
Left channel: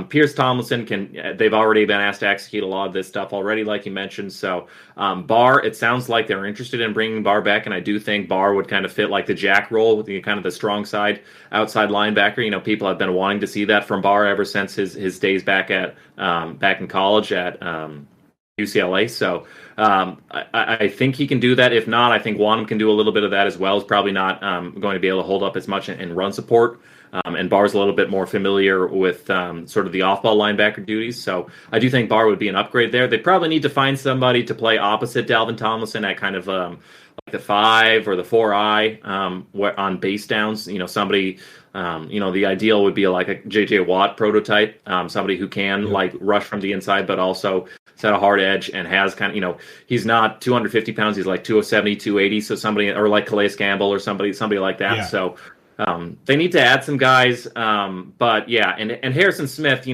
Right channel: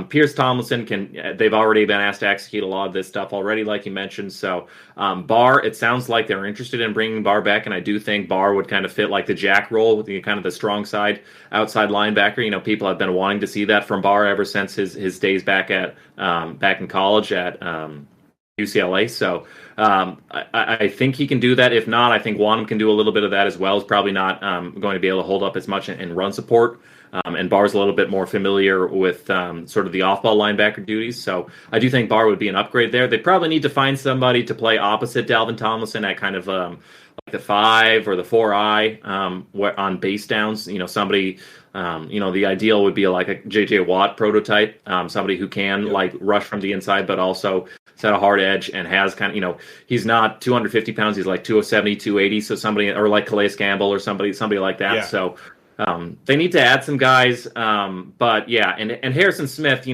Pierce Tomlinson they've already been asked to execute a lot of this stuff already, like you mentioned. So Barr, it sounds like they're interested in bringing Barr back, and I do think Barr would kind of fit like the Jack role with the kind of the strong side outside linebacker. People have been wanting to see that from Barr ever since his days back in college at UCLA. So I think he can do that. If not, I think Wanham can do a little bit of that as well. He's probably not going to be able to hold up as much in run support. And Barr's a little bit more familiar with sort of the off-ball linebacker duties. So I do think Barr would be an upgrade there. They probably need to find somebody to play opposite Dalvin Tomlinson at kind of like the 5 or the 4-I on base downs. Somebody, the ideal would be like a J.J. Watt prototype, somebody who can like rush from the inside, but also set a hard edge and has kind of, he's not 250 pounds. He's like 270, 280. So somebody, or like Calais Campbell or somebody like that. Yeah. So they need to add some guys. But yeah, and Harrison Smith,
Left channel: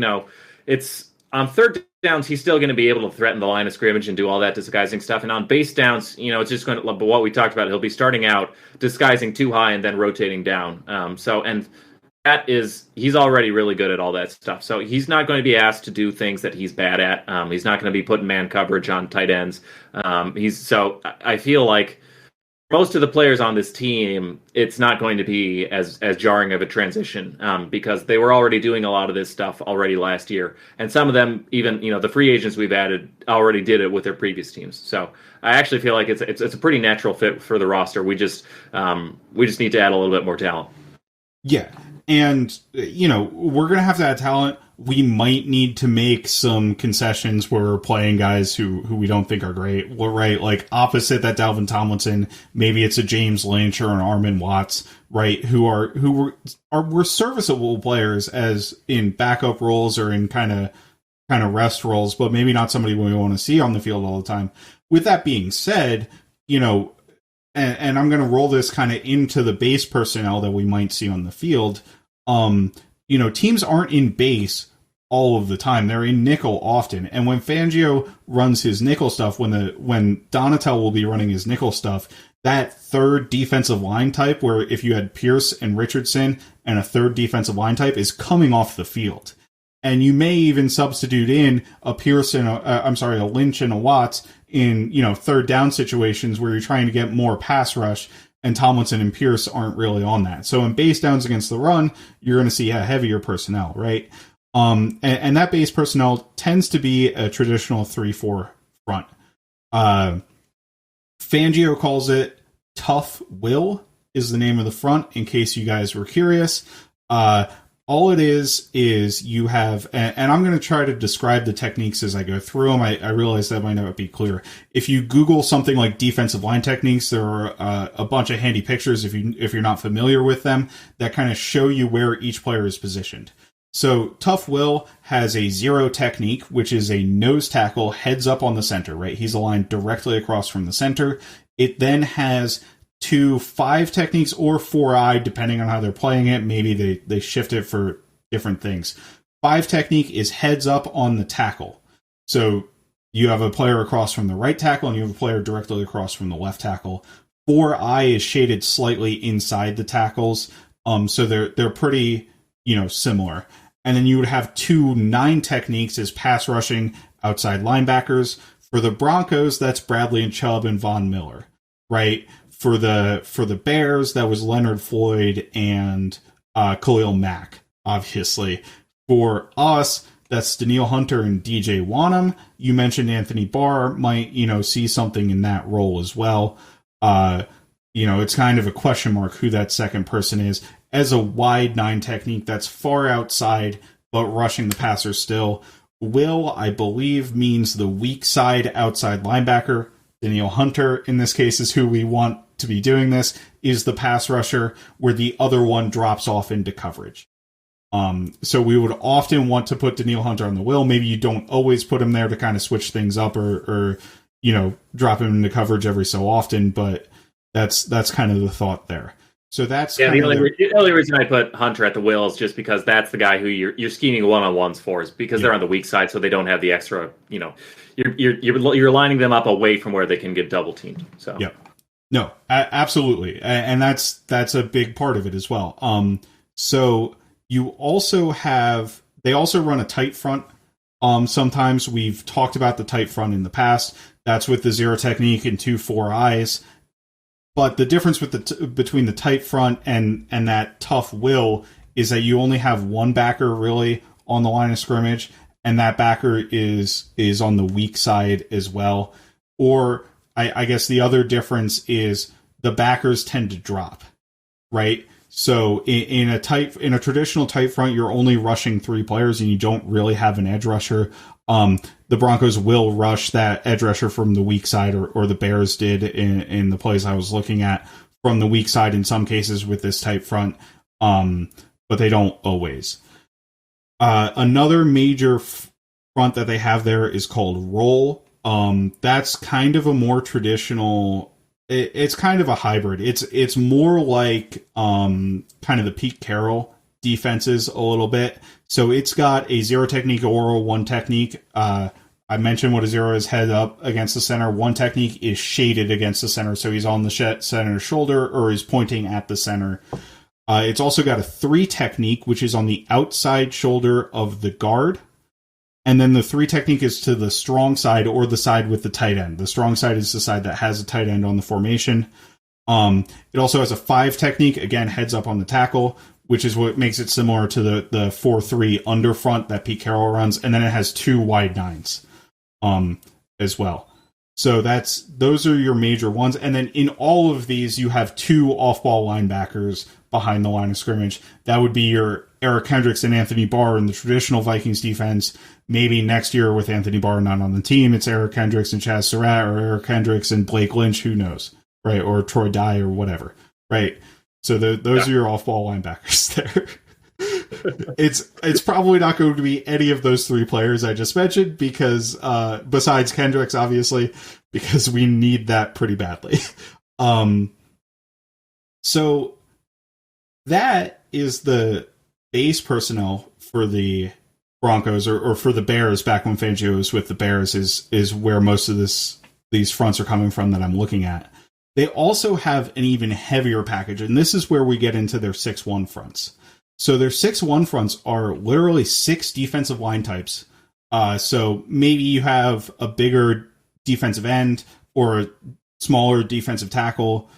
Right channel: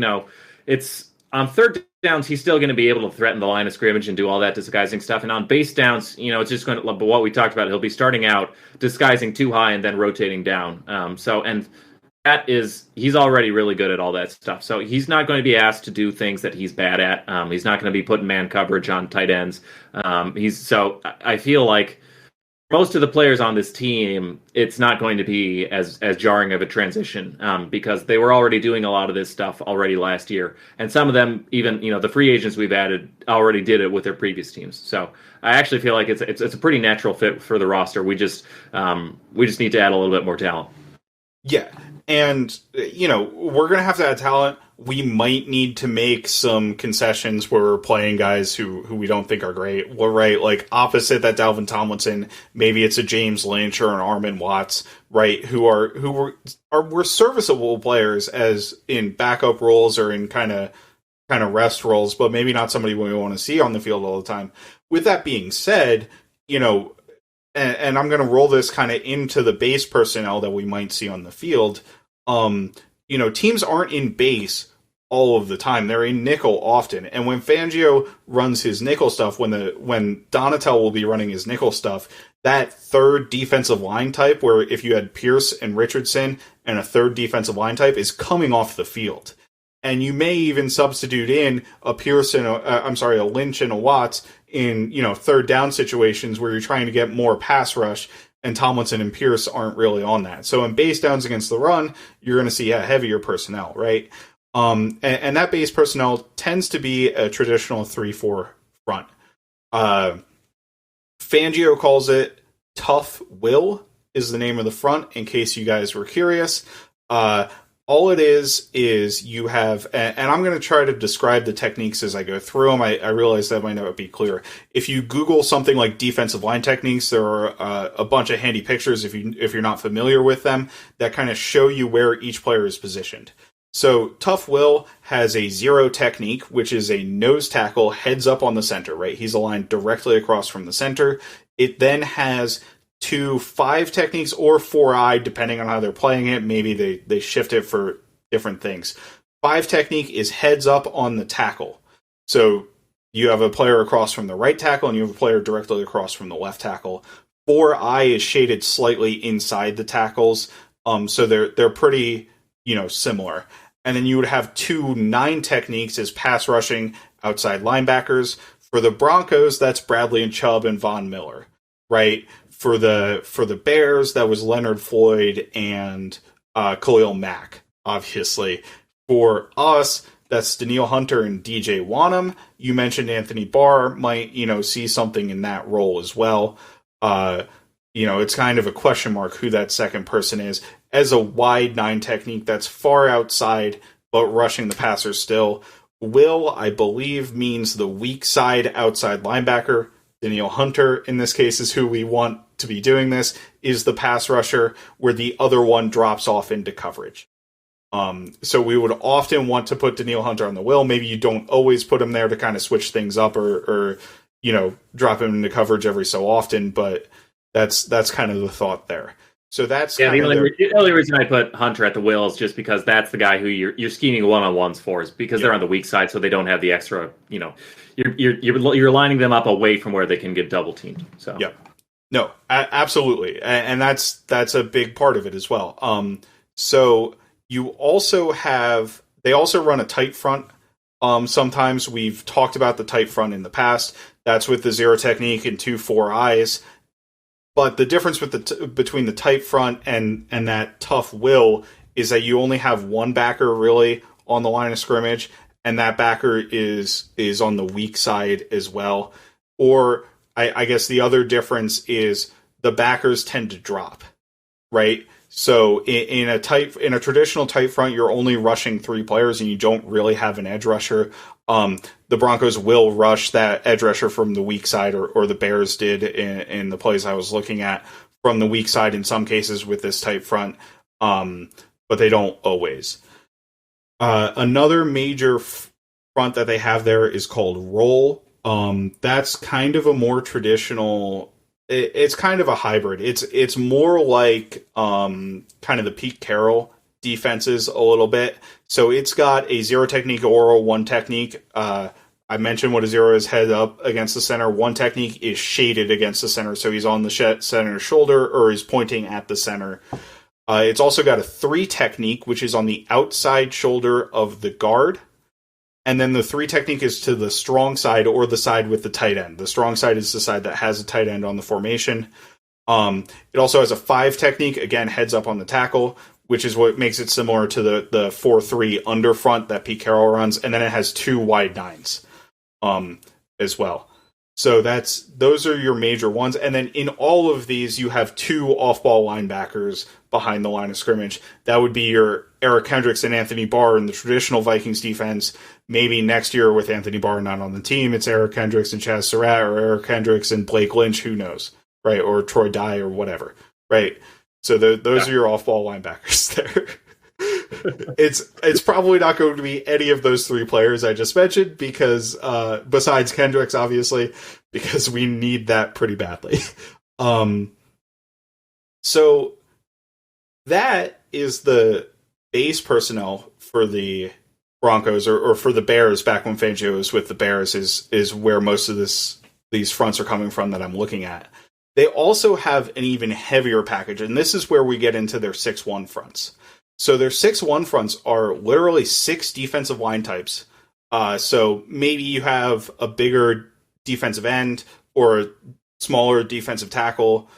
it's on third downs, he's still going to be able to threaten the line of scrimmage and do all that disguising stuff. And on base downs, it's just going to, but what we talked about, he'll be starting out disguising too high and then rotating down. And he's already really good at all that stuff. So he's not going to be asked to do things that he's bad at. He's not going to be putting man coverage on tight ends. So I feel like most of the players on this team, it's not going to be as jarring of a transition because they were already doing a lot of this stuff already last year. And some of them, even, the free agents we've added already did it with their previous teams. So I actually feel like it's a pretty natural fit for the roster. We just need to add a little bit more talent. Yeah. And, we're going to have to add talent. We might need to make some concessions where we're playing guys who we don't think are great. Well, right, like opposite that Dalvin Tomlinson, maybe it's a James Lynch or an Armin Watts, right, who were serviceable players as in backup roles or in kind of rest roles, but maybe not somebody we want to see on the field all the time. With that being said, and I'm going to roll this kind of into the base personnel that we might see on the field. Teams aren't in base all of the time. They're in nickel often. And when Fangio runs his nickel stuff, when Donatel will be running his nickel stuff, that third defensive line type, where if you had Pierce and Richardson and a third defensive line type, is coming off the field. And you may even substitute in a Pierce and a Lynch and a Watts in, third down situations where you're trying to get more pass rush, and Tomlinson and Pierce aren't really on that. So in base downs against the run, you're going to see heavier personnel, right? And that base personnel tends to be a traditional 3-4 front. Fangio calls it Tough Will is the name of the front, in case you guys were curious. All it is you have, and I'm going to try to describe the techniques as I go through them. I realize that might not be clear. If you Google something like defensive line techniques, there are a bunch of handy pictures if you're not familiar with them that kind of show you where each player is positioned. So Tough Will has a 0 technique, which is a nose tackle heads up on the center, right? He's aligned directly across from the center. It then has 2-5 techniques or 4-eye, depending on how they're playing it. Maybe they shift it for different things. 5 technique is heads up on the tackle. So you have a player across from the right tackle and you have a player directly across from the left tackle. 4-eye is shaded slightly inside the tackles. So they're pretty, similar. And then you would have 2-9 techniques as pass rushing outside linebackers. For the Broncos, that's Bradley and Chubb and Von Miller, right? For the Bears, that was Leonard Floyd and Khalil Mack, obviously. For us, that's Danielle Hunter and DJ Wanham. You mentioned Anthony Barr might, see something in that role as well. It's kind of a question mark who that second person is. As a wide 9 technique, that's far outside, but rushing the passer still. Will, I believe, means the weak side outside linebacker. Danielle Hunter, in this case, is who we want to be doing this, is the pass rusher, where the other one drops off into coverage. So we would often want to put Danielle Hunter on the will. Maybe you don't always put him there to kind of switch things up or drop him into coverage every so often, but that's kind of the thought there. So that's the only reason I put Hunter at the will is just because that's the guy who you're scheming one-on-ones for, is because they're on the weak side, so they don't have the extra. You're lining them up away from where they can get double teamed. So yeah, no, absolutely, and that's a big part of it as well. So you also have they also run a tight front. Sometimes we've talked about the tight front in the past. That's with the 0 technique and 2-4 eyes. But the difference with between the tight front and that tough will is that you only have one backer really on the line of scrimmage, and that backer is on the weak side as well. Or I guess the other difference is the backers tend to drop, right? So in a traditional tight front, you're only rushing 3 players and you don't really have an edge rusher. The Broncos will rush that edge rusher from the weak side, or the Bears did in the plays I was looking at from the weak side in some cases with this tight front, but they don't always. Another major front that they have there is called roll. That's kind of a more traditional. It's kind of a hybrid. It's more like kind of the Pete Carroll defenses a little bit. So it's got a 0 technique or a 1 technique. I mentioned what a 0 is, head up against the center. 1 technique is shaded against the center, so he's on the center's shoulder or he's pointing at the center. It's also got a 3 technique, which is on the outside shoulder of the guard. And then the 3 technique is to the strong side or the side with the tight end. The strong side is the side that has a tight end on the formation. It also has a 5 technique, again, heads up on the tackle, which is what makes it similar to the 4-3 under front that Pete Carroll runs. And then it has 2 wide 9s as well. So those are your major ones. And then in all of these, you have 2 off-ball linebackers behind the line of scrimmage. That would be your Eric Hendricks and Anthony Barr in the traditional Vikings defense. Maybe next year with Anthony Barr not on the team, it's Eric Hendricks and Chaz Surratt, or Eric Hendricks and Blake Lynch, who knows, right? Or Troy Dye or whatever, right? So those are your off-ball linebackers there. It's probably not going to be any of those 3 players I just mentioned, because besides Kendricks, obviously, because we need that pretty badly. So that is the base personnel for the Broncos, or for the Bears back when Fangio was with the Bears, is where most of these fronts are coming from that I'm looking at. They also have an even heavier package, and this is where we get into their 6-1 fronts. So their 6-1 fronts are literally 6 defensive line types. So maybe you have a bigger defensive end or a smaller defensive tackle.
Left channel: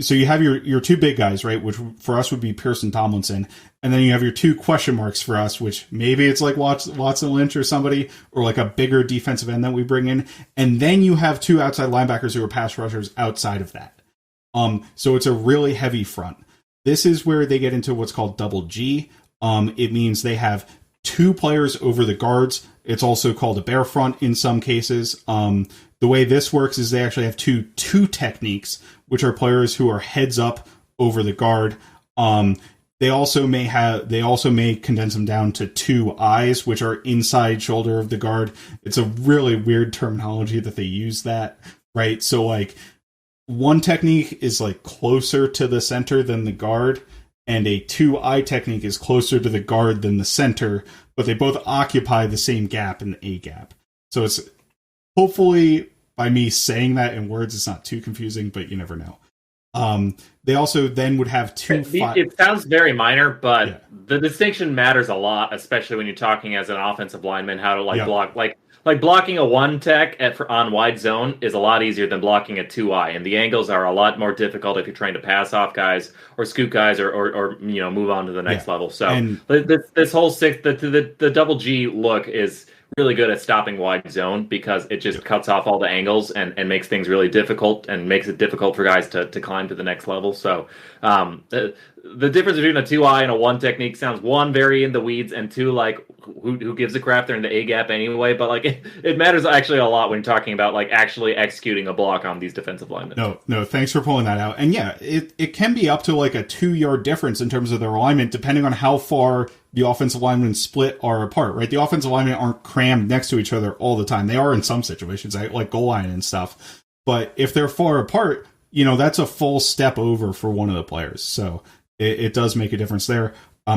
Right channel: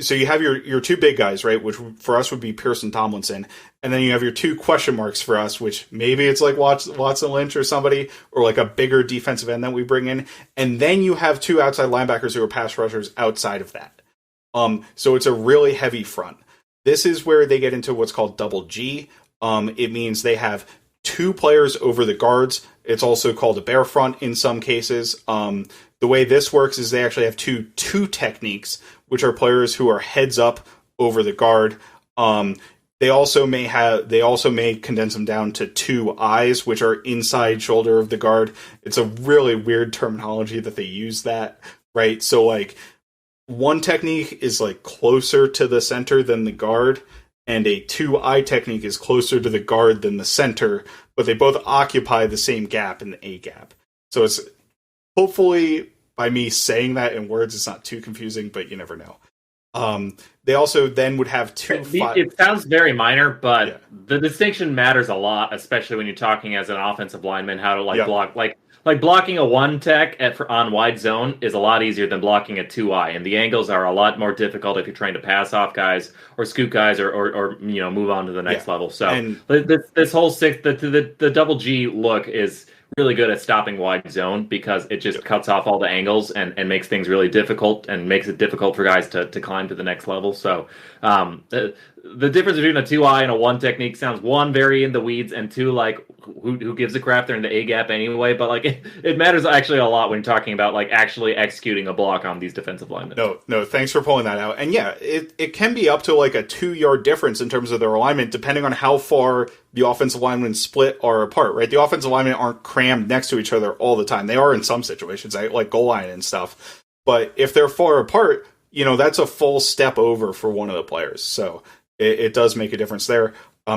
So you have your 2 big guys, right? Which for us would be Pearson Tomlinson. And then you have your 2 question marks for us, which maybe it's like Watson Lynch or somebody, or like a bigger defensive end that we bring in. And then you have 2 outside linebackers who are pass rushers outside of that. So it's a really heavy front. This is where they get into what's called double G. It means they have 2 players over the guards. It's also called a bear front in some cases. The way this works is they actually have two techniques, which are players who are heads up over the guard. They also may condense them down to 2 eyes, which are inside shoulder of the guard. It's a really weird terminology that they use that, right? So like one technique is like closer to the center than the guard, and a 2-eye technique is closer to the guard than the center, but they both occupy the same gap in the A gap. So it's hopefully by me saying that in words, it's not too confusing, but you never know. They also then would have 2. It sounds very minor, but the distinction matters a lot, especially when you're talking as an offensive lineman, how to block. Like blocking a 1 tech on wide zone is a lot easier than blocking a 2-eye, and the angles are a lot more difficult if you're trying to pass off guys or scoot guys or move on to the next level. So this whole the double G look is really good at stopping wide zone because it just cuts off all the angles and makes things really difficult and makes it difficult for guys to climb to the next level. So the difference between a 2-eye and a 1 technique sounds, 1, very in the weeds, and 2, like who gives a crap? They're in the A gap anyway. But like it matters actually a lot when you're talking about like actually executing a block on these defensive linemen. No, thanks for pulling that out. And yeah, it can be up to like a 2-yard difference in terms of their alignment, depending on how far the offensive linemen split are apart, right? The offensive linemen aren't crammed next to each other all the time. They are in some situations, like goal line and stuff. But if they're far apart, that's a full step over for one of the players. So it does make a difference there.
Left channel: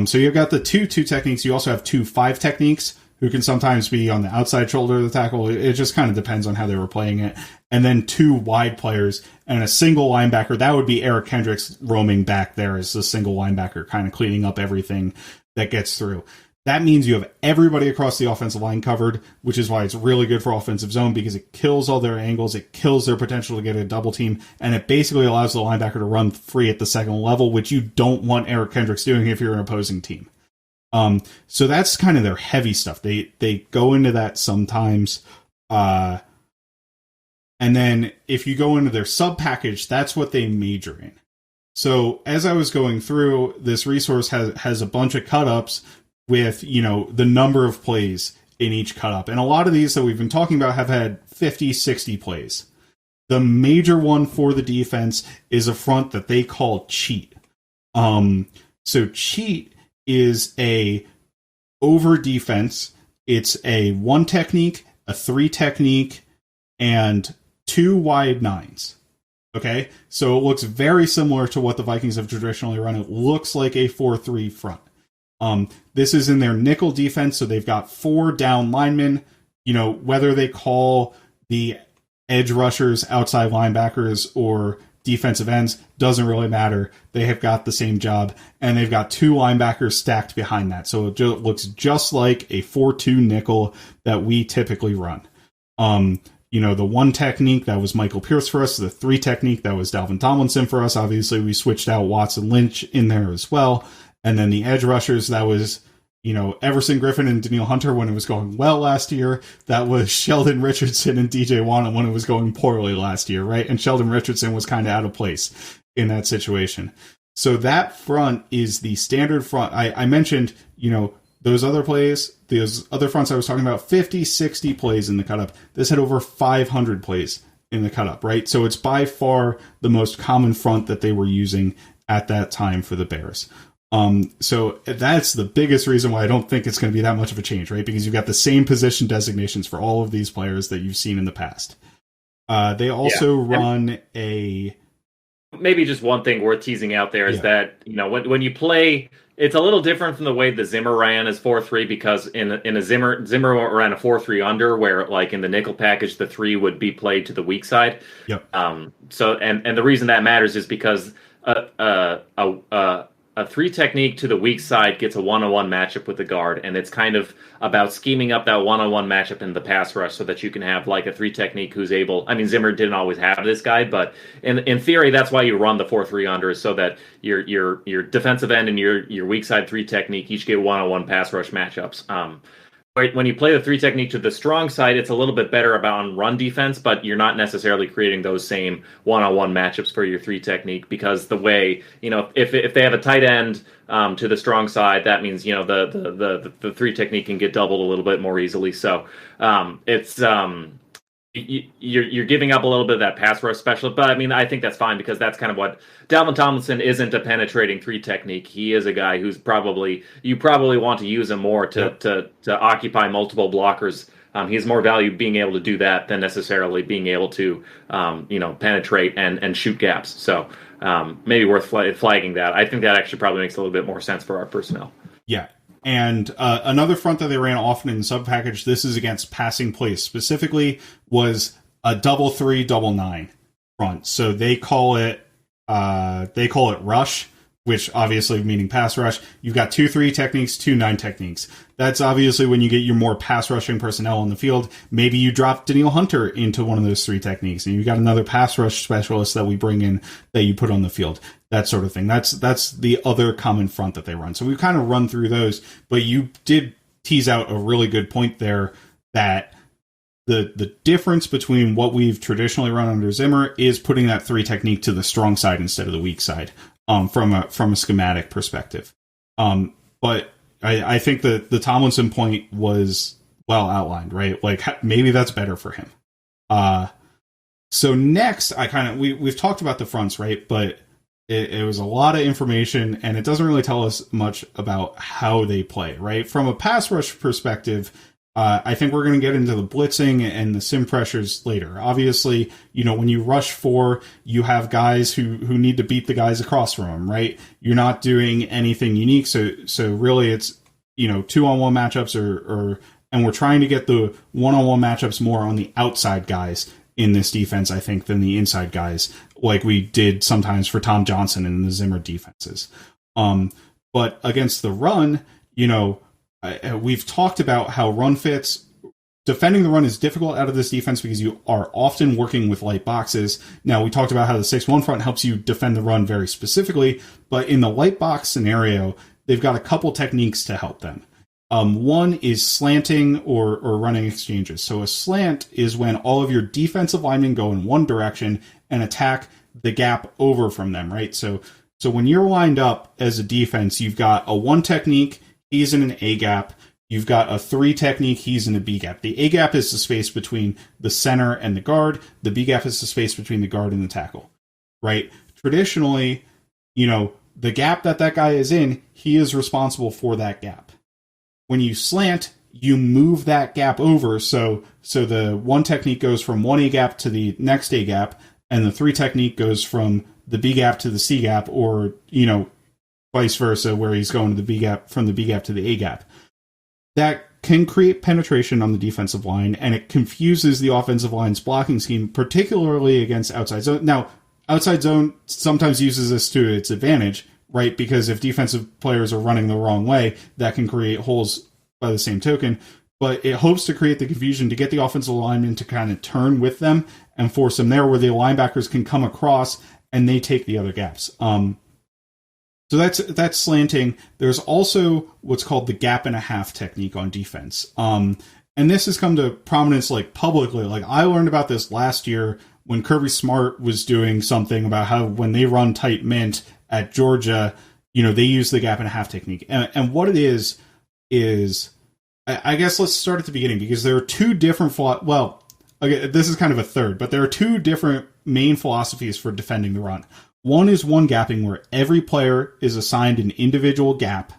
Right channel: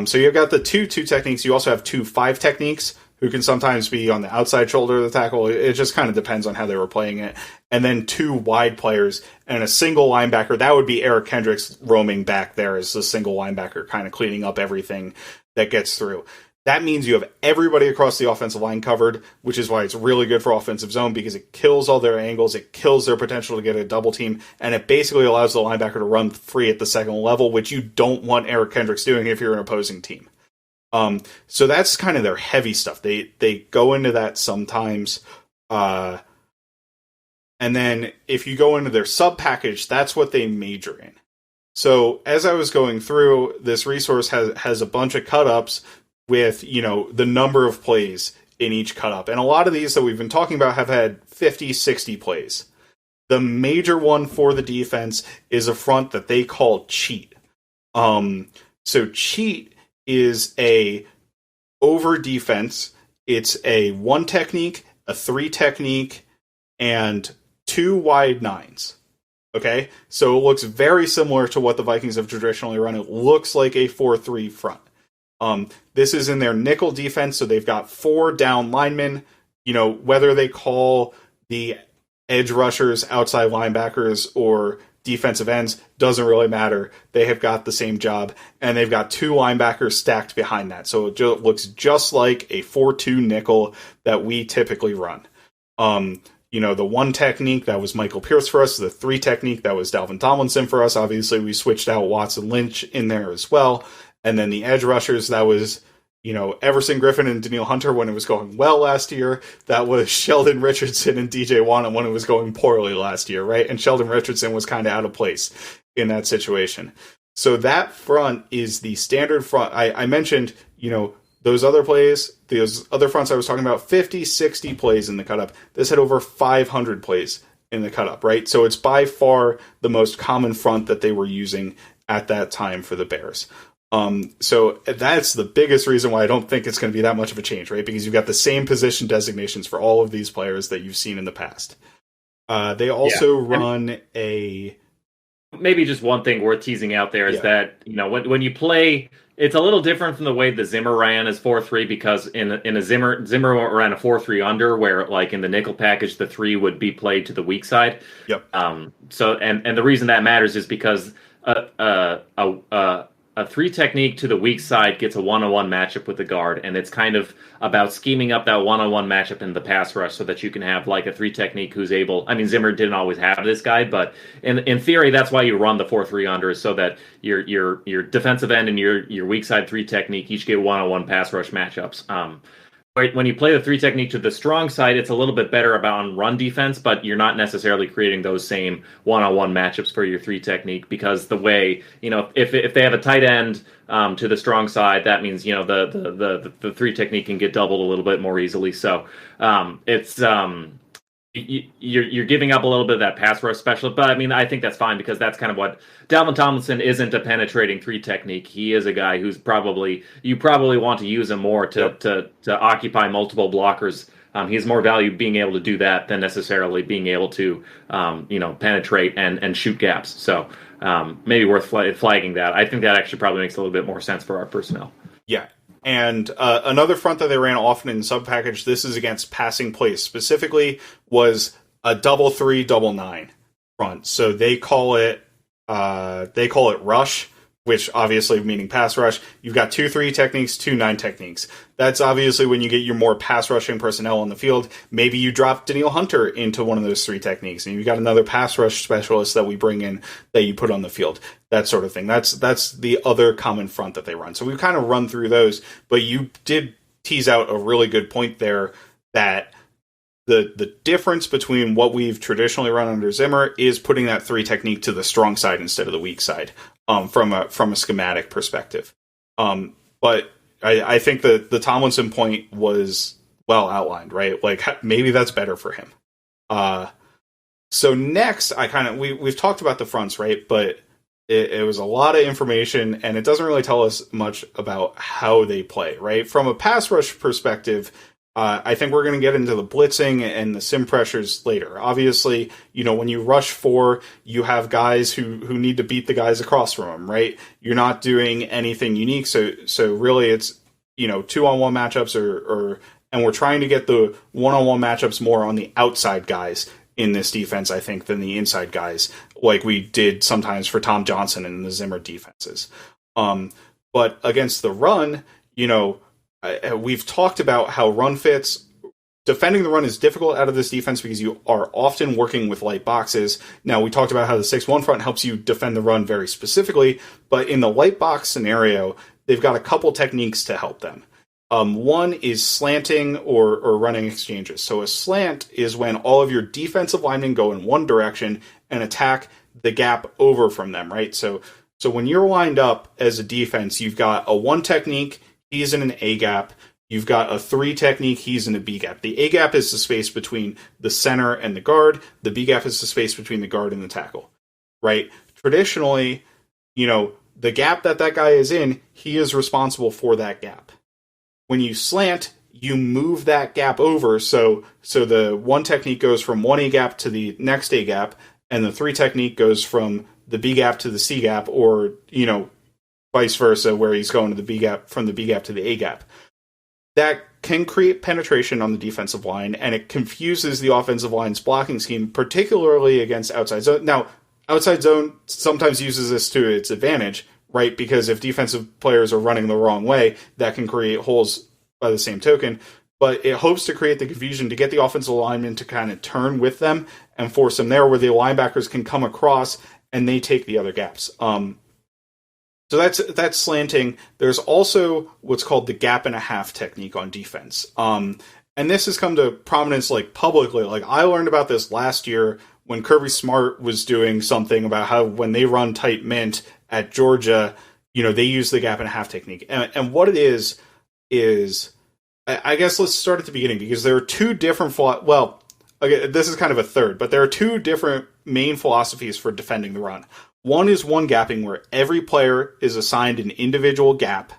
So you've got the 2 techniques. You also have 2 5 techniques, who can sometimes be on the outside shoulder of the tackle. It just kind of depends on how they were playing it. And then 2 wide players and a single linebacker. That would be Eric Hendricks roaming back there as a single linebacker, kind of cleaning up everything that gets through. That means you have everybody across the offensive line covered, which is why it's really good for offensive zone, because it kills all their angles, it kills their potential to get a double team, and it basically allows the linebacker to run free at the second level, which you don't want Eric Hendricks doing if you're an opposing team. So that's kind of their heavy stuff. They go into that sometimes. And then if you go into their sub package, that's what they major in. So as I was going through, this resource has a bunch of cut-ups with, the number of plays in each cut-up. And a lot of these that we've been talking about have had 50, 60 plays. The major one for the defense is a front that they call cheat. So cheat is a over defense. It's a 1 technique, a 3 technique, and 2 wide 9s. Okay, so it looks very similar to what the Vikings have traditionally run. It looks like a 4-3 front. This is in their nickel defense, so they've got 4 down linemen. Whether they call the edge rushers outside linebackers or defensive ends doesn't really matter. They have got the same job, and they've got 2 linebackers stacked behind that. So it looks just like a 4-2 nickel that we typically run. The 1 technique, that was Michael Pierce for us. The 3 technique, that was Dalvin Tomlinson for us. Obviously, we switched out Watson Lynch in there as well. And then the edge rushers, that was, Everson Griffin and Daniil Hunter when it was going well last year. That was Sheldon Richardson and DJ Wana when it was going poorly last year, right? And Sheldon Richardson was kind of out of place in that situation. So that front is the standard front. I mentioned, those other fronts I was talking about, 50, 60 plays in the cut-up. This had over 500 plays in the cut-up, right? So it's by far the most common front that they were using at that time for the Bears. So that's the biggest reason why I don't think it's going to be that much of a change, right? Because you've got the same position designations for all of these players that you've seen in the past. They also run a... Maybe just one thing worth teasing out there is that, when you play, it's a little different from the way the Zimmer ran as 4-3, because in a Zimmer ran a 4-3 under, where like in the nickel package, the 3 would be played to the weak side. Yep. So the reason that matters is because a 3 technique to the weak side gets a 1-on-1 matchup with the guard, and it's kind of about scheming up that 1-on-1 matchup in the pass rush so that you can have like a 3 technique who's able. I mean, Zimmer didn't always have this guy, but in theory, that's why you run the 4-3 under, is so that your defensive end and your weak side 3 technique each get 1-on-1 pass rush matchups. When you play the 3 technique to the strong side, it's a little bit better about on run defense, but you're not necessarily creating those same 1-on-1 matchups for your 3 technique, because the way, if they have a tight end to the strong side, that means, the 3 technique can get doubled a little bit more easily. So it's you're giving up a little bit of that pass rush specialist, but I mean, I think that's fine, because that's kind of what Dalvin Tomlinson isn't. A penetrating 3 technique. He is a guy who's you probably want to use him more to occupy multiple blockers. He has more value being able to do that than necessarily being able to penetrate and shoot gaps. So maybe worth flagging that. I think that actually probably makes a little bit more sense for our personnel. Yeah. And another front that they ran often in sub-package, this is against passing plays specifically, was a 3-3-9 front. So they call it rush, which obviously meaning pass rush. You've got 2-3 techniques, 2-9 techniques. That's obviously when you get your more pass rushing personnel on the field. Maybe you drop Danielle Hunter into one of those 3 techniques, and you've got another pass rush specialist that we bring in that you put on the field. That sort of thing. That's the other common front that they run. So we've kind of run through those, but you did tease out a really good point there, that the difference between what we've traditionally run under Zimmer is putting that 3 technique to the strong side instead of the weak side, from a schematic perspective. But I think the Tomlinson point was well outlined, right? Like, maybe that's better for him. So next, we've talked about the fronts, right? But it was a lot of information, and it doesn't really tell us much about how they play, right? From a pass rush perspective, I think we're going to get into the blitzing and the sim pressures later. Obviously, when you rush 4, you have guys who need to beat the guys across from them, right? You're not doing anything unique. So really it's, 2-on-1 matchups and we're trying to get the 1-on-1 matchups more on the outside guys in this defense, I think, than the inside guys, like we did sometimes for Tom Johnson in the Zimmer defenses. But against the run, we've talked about how run fits. Defending the run is difficult out of this defense because you are often working with light boxes. Now, we talked about how the 6-1 front helps you defend the run very specifically, but in the light box scenario, they've got a couple techniques to help them. One is slanting or running exchanges. So a slant is when all of your defensive linemen go in one direction and attack the gap over from them, right? So when you're lined up as a defense, you've got a 1 technique, he's in an A gap. You've got a 3 technique, he's in a B gap. The A gap is the space between the center and the guard. The B gap is the space between the guard and the tackle, right? Traditionally, the gap that guy is in, he is responsible for that gap. When you slant, you move that gap over, so the 1 technique goes from 1 A gap to the next A gap, and the 3 technique goes from the B gap to the C gap, or, vice versa, where he's going to the B gap, from the B gap to the A gap. That can create penetration on the defensive line, and it confuses the offensive line's blocking scheme, particularly against outside zone. Now, outside zone sometimes uses this to its advantage, right? Because if defensive players are running the wrong way, that can create holes by the same token. But it hopes to create the confusion to get the offensive lineman to kind of turn with them and force them there, where the linebackers can come across and they take the other gaps. So that's slanting. There's also what's called the gap and a half technique on defense. And this has come to prominence publicly. I learned about this last year when Kirby Smart was doing something about how when they run tight mint at Georgia, they use the gap and a half technique. And what it is I guess let's start at the beginning, because there are 2 different this is kind of a third, but there are 2 different main philosophies for defending the run. One is 1 gapping, where every player is assigned an individual gap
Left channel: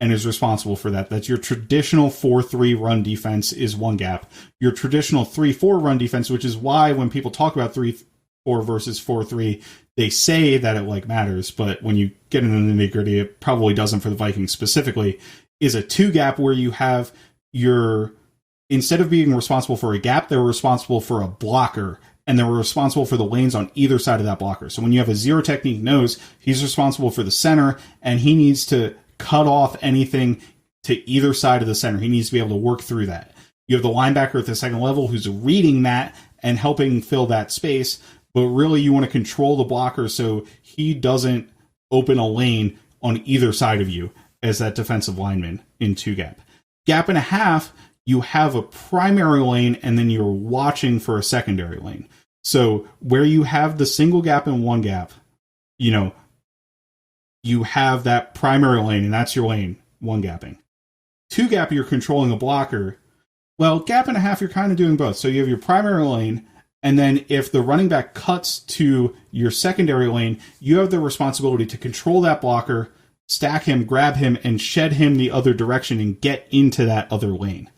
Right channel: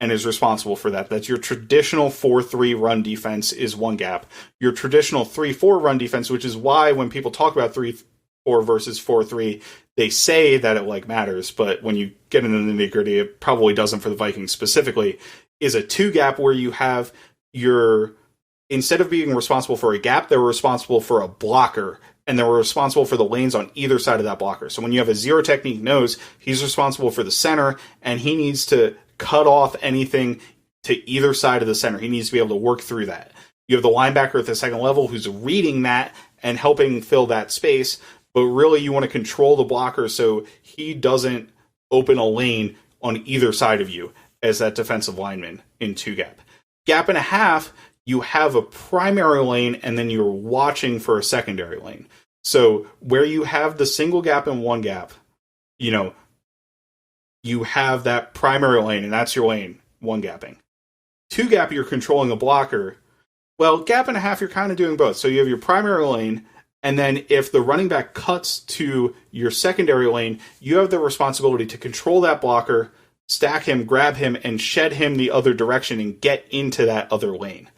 and is responsible for that. That's your traditional 4-3 run defense, is 1 gap. Your traditional 3-4 run defense, which is why when people talk about 3-4 versus 4-3, they say that it matters, but when you get into the nitty-gritty, it probably doesn't for the Vikings specifically, is a 2 gap where you have instead of being responsible for a gap, they're responsible for a blocker and they're responsible for the lanes on either side of that blocker. So when you have a zero technique nose, he's responsible for the center, and he needs to cut off anything to either side of the center. He needs to be able to work through that. You have the linebacker at the second level who's reading that and helping fill that space, but really you want to control the blocker so he doesn't open a lane on either side of you as that defensive lineman in two gap. Gap and a half, you have a primary lane and then you're watching for a secondary lane. So where you have the single gap and one gap, you have that primary lane and that's your lane, one gapping. Two gap, you're controlling a blocker. Well, gap and a half, you're kind of doing both. So you have your primary lane, and then if the running back cuts to your secondary lane, you have the responsibility to control that blocker, stack him, grab him, and shed him the other direction and get into that other lane.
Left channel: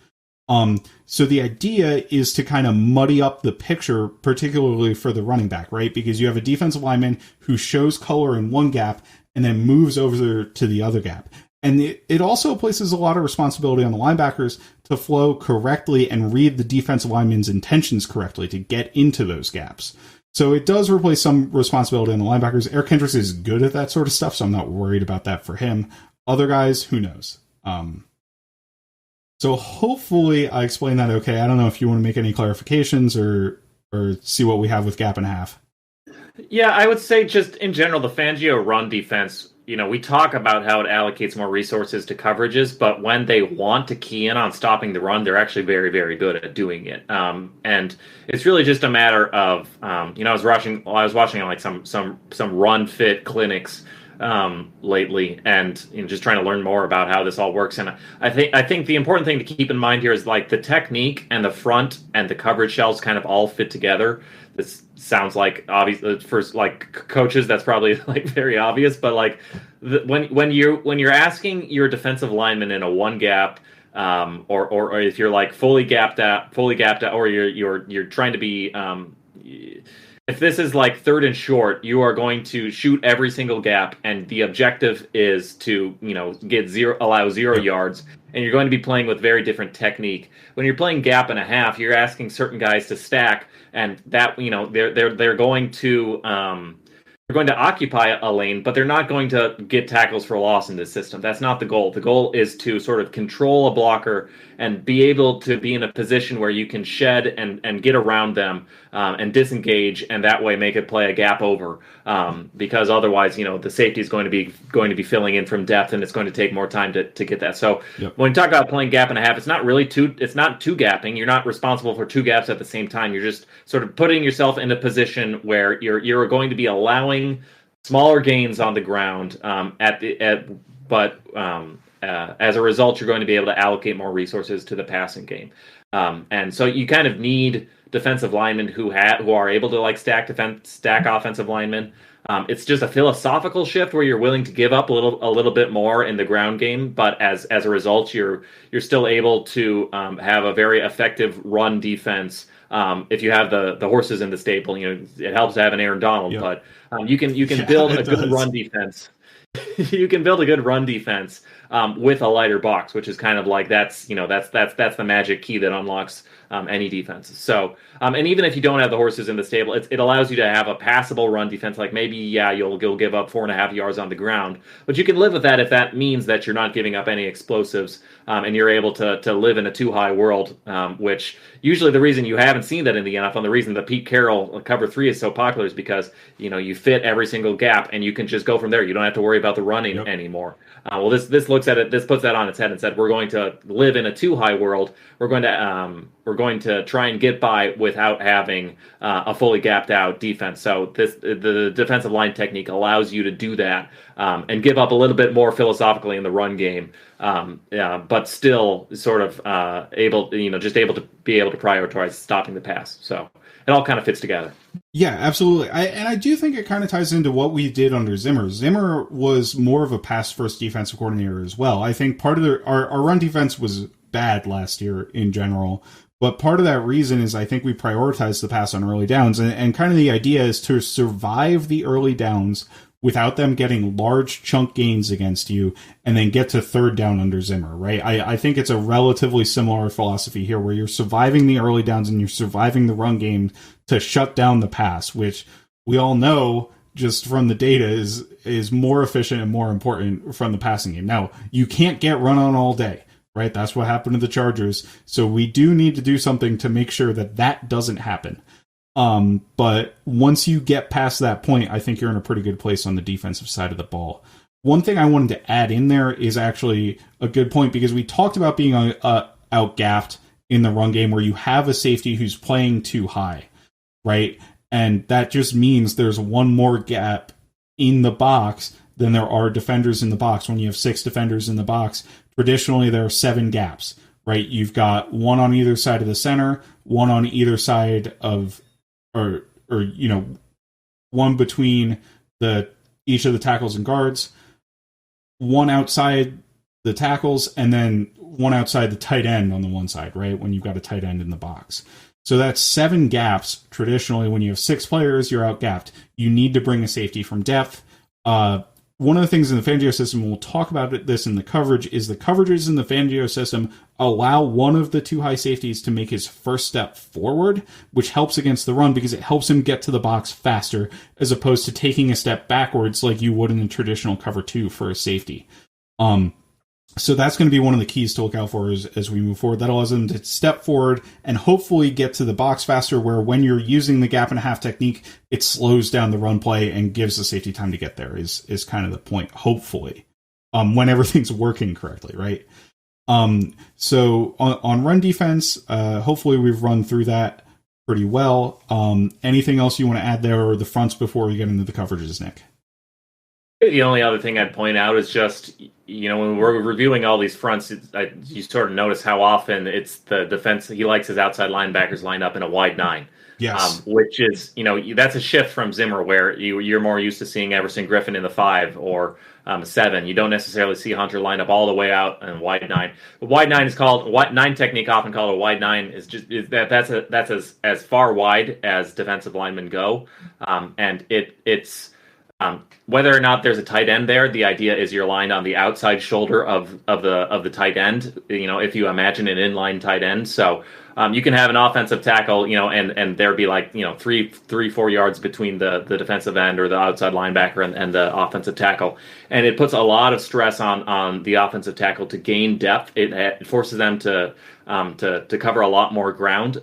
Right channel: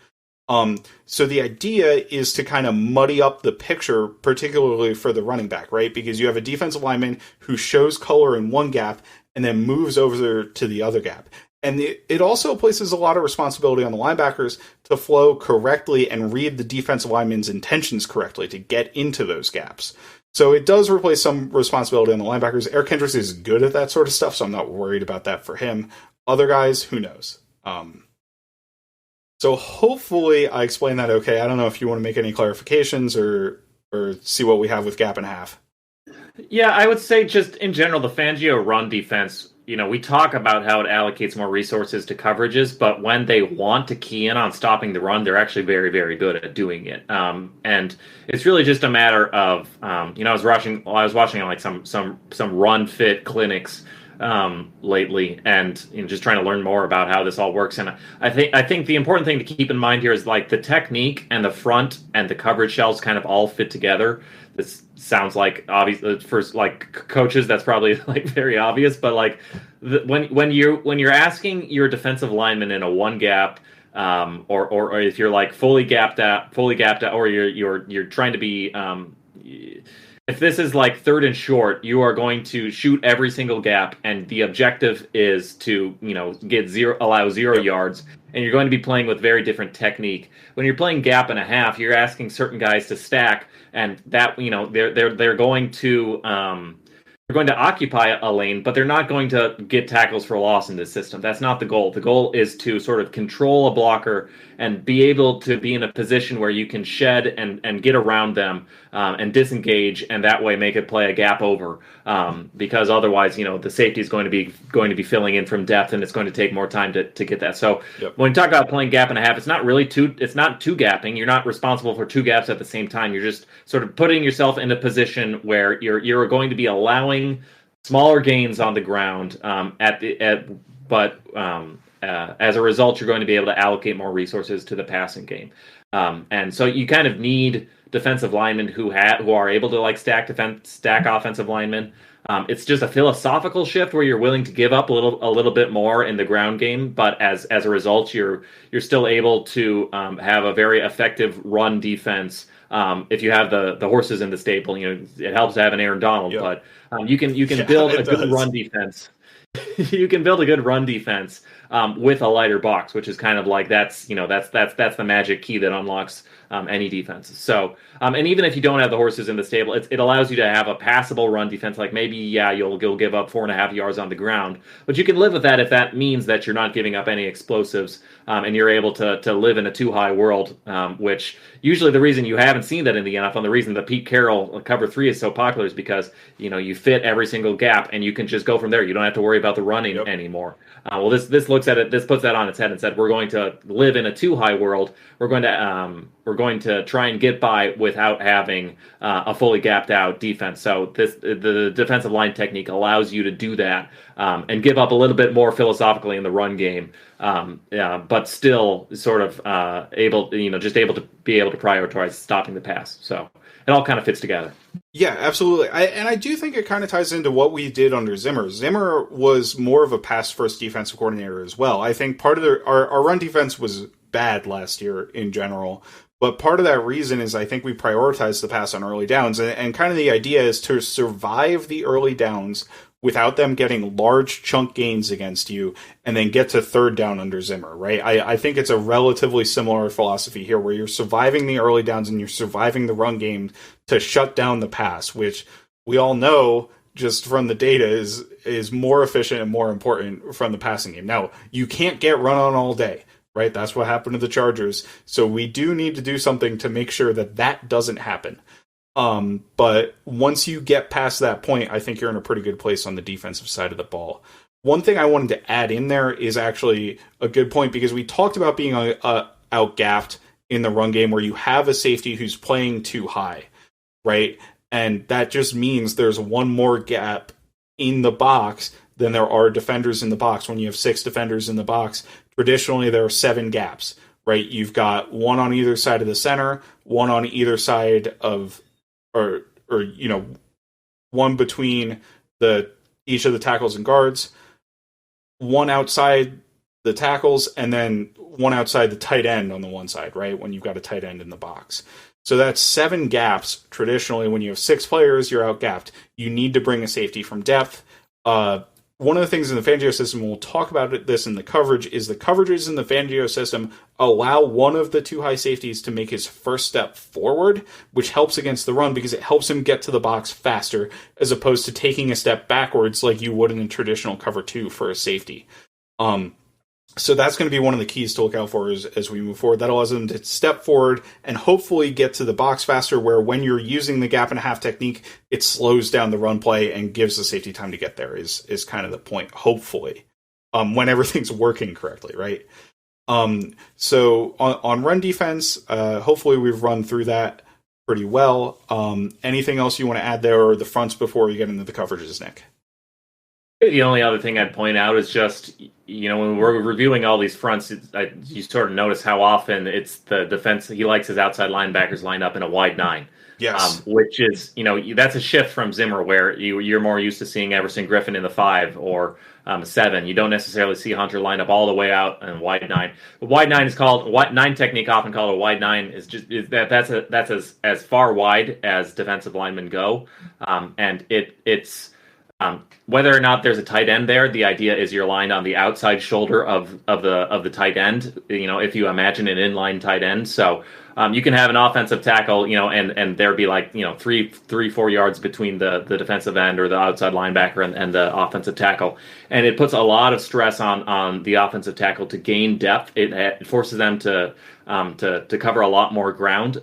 So the idea is to kind of muddy up the picture, particularly for the running back, right? Because you have a defensive lineman who shows color in one gap and then moves over to the other gap. And it also places a lot of responsibility on the linebackers to flow correctly and read the defensive lineman's intentions correctly to get into those gaps. So it does replace some responsibility on the linebackers. Eric Hendricks is good at that sort of stuff, so I'm not worried about that for him. Other guys, who knows? So hopefully I explained that okay. I don't know if you want to make any clarifications or see what we have with gap and a half. Yeah, I would say just in general, the Fangio run defense, we talk about how it allocates more resources to coverages, but when they want to key in on stopping the run, they're actually very, very good at doing it. And it's really just a matter of, I was watching like some run fit clinics lately, and just trying to learn more about how this all works. And I think the important thing to keep in mind here is like the technique and the front and the coverage shells kind of all fit together. This sounds like obvious for like coaches. That's probably like very obvious, but like when you're asking your defensive lineman in a one gap, or if you're like fully gapped out, or you're trying to be, if this is like third and short, you are going to shoot every single gap, and the objective is to allow 0 yards. And you're going to be playing with very different technique. When you're playing gap and a half, you're asking certain guys to stack, and that they're going to occupy a lane, but they're not going to get tackles for loss in this system. That's not the goal. The goal is to sort of control a blocker and be able to be in a position where you can shed and get around them and disengage, and that way make it play a gap over. Because otherwise, the safety is going to be filling in from depth, and it's going to take more time to get that. So When you talk about playing gap and a half, it's not two gapping. You're not responsible for two gaps at the same time. You're just sort of putting yourself in a position where you're going to be allowing smaller gains on the ground but as a result, you're going to be able to allocate more resources to the passing game. And so you kind of need defensive linemen who are able to like stack offensive linemen. It's just a philosophical shift where you're willing to give up a little bit more in the ground game, but as a result, you're still able to have a very effective run defense. If you have the horses in the stable, it helps to have an Aaron Donald, but you can build a good run defense. You can build a good run defense with a lighter box, which is kind of like that's the magic key that unlocks any defense. So, and even if you don't have the horses in the stable, it allows you to have a passable run defense. Like maybe, you'll give up 4.5 yards on the ground, but you can live with that if that means that you're not giving up any explosives, and you're able to live in a too high world, which usually the reason you haven't seen that in the NFL, and the reason the Pete Carroll cover 3 is so popular is because, you fit every single gap and you can just go from there. You don't have to worry about the running anymore. Well, this looks at it. This puts that on its head and said, we're going to live in a too high world. We're going to try and get by without having a fully gapped out defense. So the defensive line technique allows you to do that and give up a little bit more philosophically in the run game, but still sort of able to prioritize stopping the pass. So it all kind of fits together. Yeah, absolutely. I do think it kind of ties into what we did under Zimmer. Zimmer was more of a pass-first defensive coordinator as well. I think part of our run defense was bad last year in general, but part of that reason is I think we prioritized the pass on early downs, and kind of the idea is to survive the early downs without them getting large chunk gains against you and then get to third down under Zimmer, right? I think it's a relatively similar philosophy here where you're surviving the early downs and you're surviving the run game to shut down the pass, which we all know just from the data is more efficient and more important from the passing game. Now, you can't get run on all day, right? That's what happened to the Chargers. So we do need to do something to make sure that that doesn't happen. But once you get past that point, I think you're in a pretty good place on the defensive side of the ball. One thing I wanted to add in there is actually a good point, because we talked about being outgaffed in the run game where you have a safety who's playing too high, right? And that just means there's one more gap in the box than there are defenders in the box. When you have 6 defenders in the box, traditionally there are 7 gaps, right? You've got one on either side of the center, one on either side of, or one between each of the tackles and guards, one outside the tackles, and then one outside the tight end on the one side, right? When you've got a tight end in the box. So that's 7 gaps. Traditionally, when you have 6 players, you're outgapped. You need to bring a safety from depth. One of the things in the Fangio system, we'll talk about this in the coverage, is the coverages in the Fangio system allow one of the 2 high safeties to make his first step forward, which helps against the run because it helps him get to the box faster, as opposed to taking a step backwards like you would in a traditional cover 2 for a safety. So that's going to be one of the keys to look out for as we move forward. That allows them to step forward and hopefully get to the box faster, where when you're using the gap and a half technique, it slows down the run play and gives the safety time to get there is kind of the point, hopefully, when everything's working correctly, right? So on run defense, hopefully we've run through that pretty well. Anything else you want to add there, or the fronts before we get into the coverages, Nick? The only other thing I'd point out is just, when we're reviewing all these fronts, you sort of notice how often it's the defense. He likes his outside linebackers lined up in a wide 9. Yes. Which is, that's a shift from Zimmer, where you're more used to seeing Everson Griffin in the 5 or 7. You don't necessarily see Hunter lined up all the way out in wide 9. The wide 9 is called 9 technique, often called a wide 9. That's as far wide as defensive linemen go, and it's. Whether or not there's a tight end there, the idea is you're lined on the outside shoulder of the tight end. If you imagine an inline tight end, so you can have an offensive tackle, and there be like 3-4 yards between the defensive end or the outside linebacker and the offensive tackle, and it puts a lot of stress on the offensive tackle to gain depth. It forces them to cover a lot more ground.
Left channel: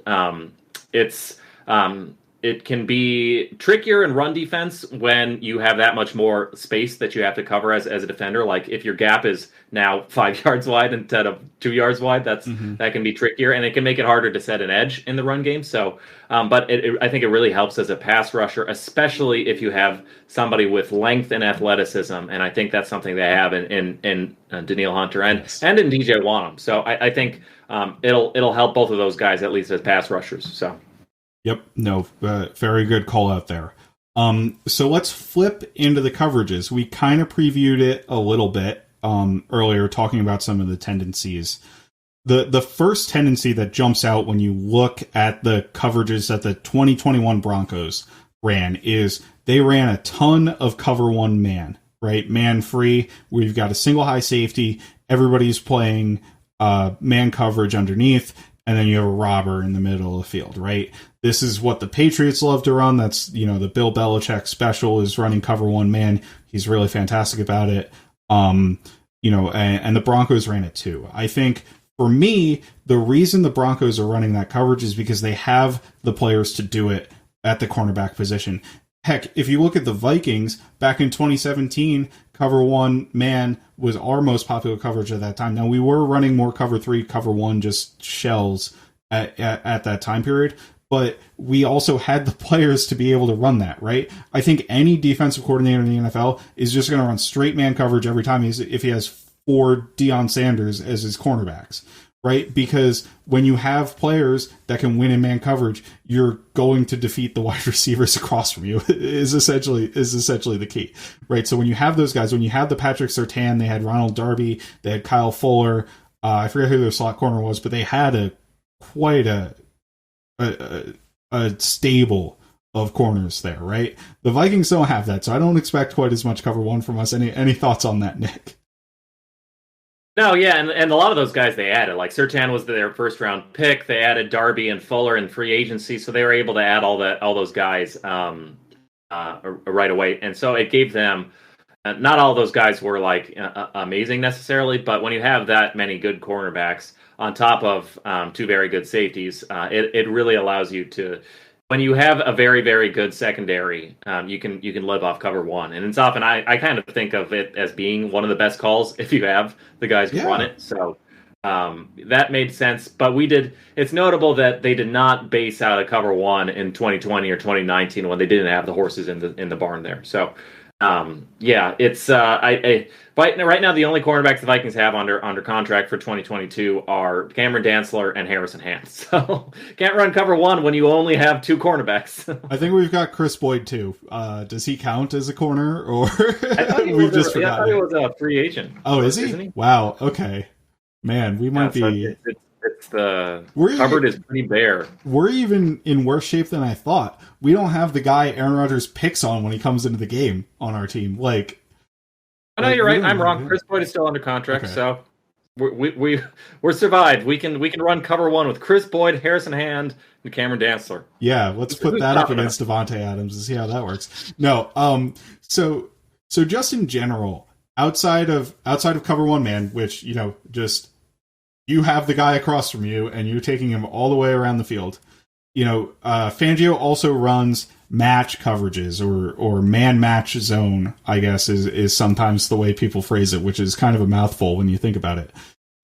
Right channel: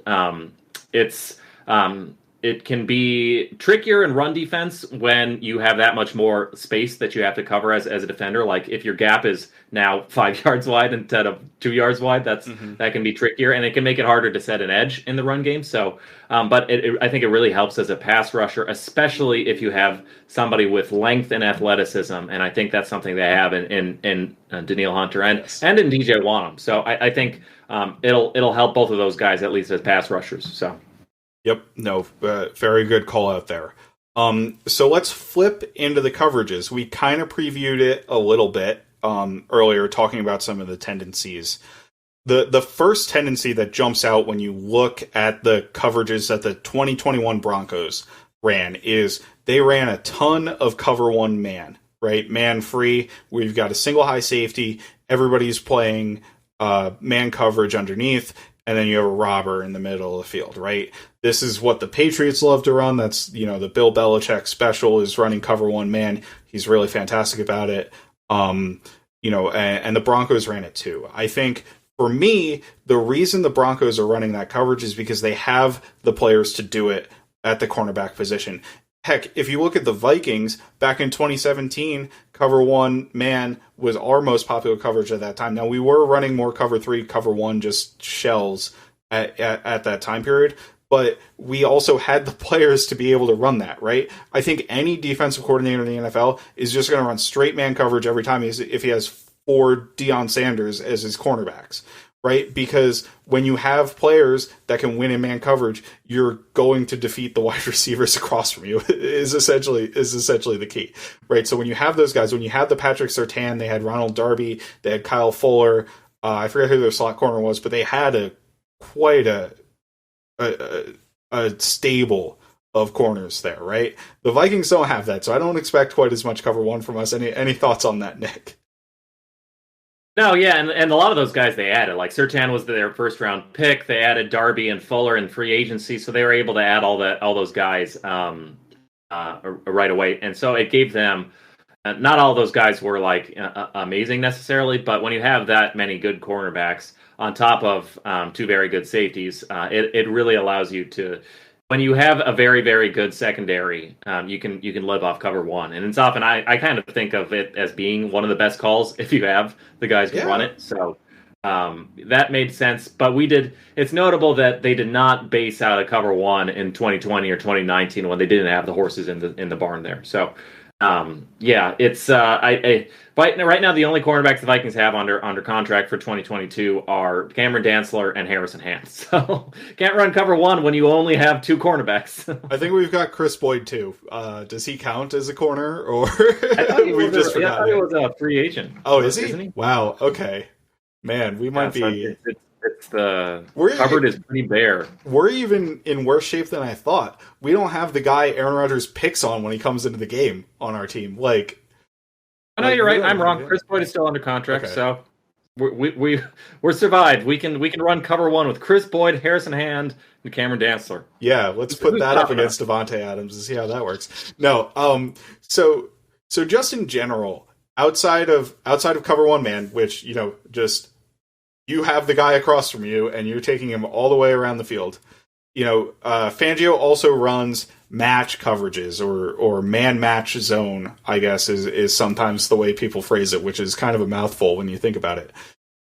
It can be trickier in run defense when you have that much more space that you have to cover as a defender. Like if your gap is now 5 yards wide instead of 2 yards wide, that can be trickier, and it can make it harder to set an edge in the run game. So, but I think it really helps as a pass rusher, especially if you have somebody with length and athleticism, and I think that's something they have in Danielle Hunter and in DJ Wanham. So I think it'll help both of those guys, at least as pass rushers. So. Yep. No, very good call out there. So let's flip into the coverages. We kind of previewed it a little bit earlier, talking about some of the tendencies. The first tendency that jumps out when you look at the coverages that the 2021 Broncos ran is they ran a ton of cover 1 man, right? Man free. We've got a single high safety. Everybody's playing man coverage underneath. And then you have a robber in the middle of the field, right? This is what the Patriots love to run. That's, the Bill Belichick special is running cover 1 man. He's really fantastic about it. And the Broncos ran it too. I think for me, the reason the Broncos are running that coverage is because they have the players to do it at the cornerback position. Heck, if you look at the Vikings back in 2017, cover 1 man was our most popular coverage at that time. Now, we were running more cover 3, cover 1, just shells at that time period, but we also had the players to be able to run that, right? I think any defensive coordinator in the NFL is just going to run straight man coverage every time if he has 4 Deion Sanders as his cornerbacks, right? Because when you have players that can win in man coverage, you're going to defeat the wide receivers across from you is essentially the key, right? So when you have those guys, when you have the Patrick Surtain, they had Ronald Darby, they had Kyle Fuller, I forget who their slot corner was, but they had quite a stable of corners there, right? The Vikings don't have that, so I don't expect quite as much cover one from us. Any thoughts on that, Nick? No, yeah, and a lot of those guys they added, like Surtain was their first round pick. They added Darby and Fuller in free agency, so they were able to add all those guys right away, and so it gave them. Not all those guys were like amazing necessarily, but when you have that many good cornerbacks on top of two very good safeties, it really allows you to. When you have a very, very good secondary, you can live off cover one, and it's often I kind of think of it as being one of the best calls if you have the guys who run it. So that made sense. But it's notable that they did not base out a cover one in 2020 or 2019 when they didn't have the horses in the barn there. So it's but right now the only cornerbacks the Vikings have under contract for 2022 are Cameron Dantzler and Harrison Hand. So can't run cover one when you only have two cornerbacks. I think we've got Chris Boyd too. Does he count as a corner, or I thought he was a free agent. Oh, is he? Isn't he? Wow. Okay, man, we might be. It's the cupboard is pretty bare. We're even in worse shape than I thought. We don't have the guy Aaron Rodgers picks on when he comes into the game on our team. Like, I know you're right. I'm wrong. Chris Boyd is still under contract, so we're survived. We can run cover one with Chris Boyd, Harrison Hand, and Cameron Dantzler. Yeah, let's put that up against Devontae Adams and see how that works. No, so just in general, outside of cover one man, which just. You have the guy across from you, and you're taking him all the way around the field. Fangio also runs match coverages or man match zone, I guess, is sometimes the way people phrase it, which is kind of a mouthful when you think about it.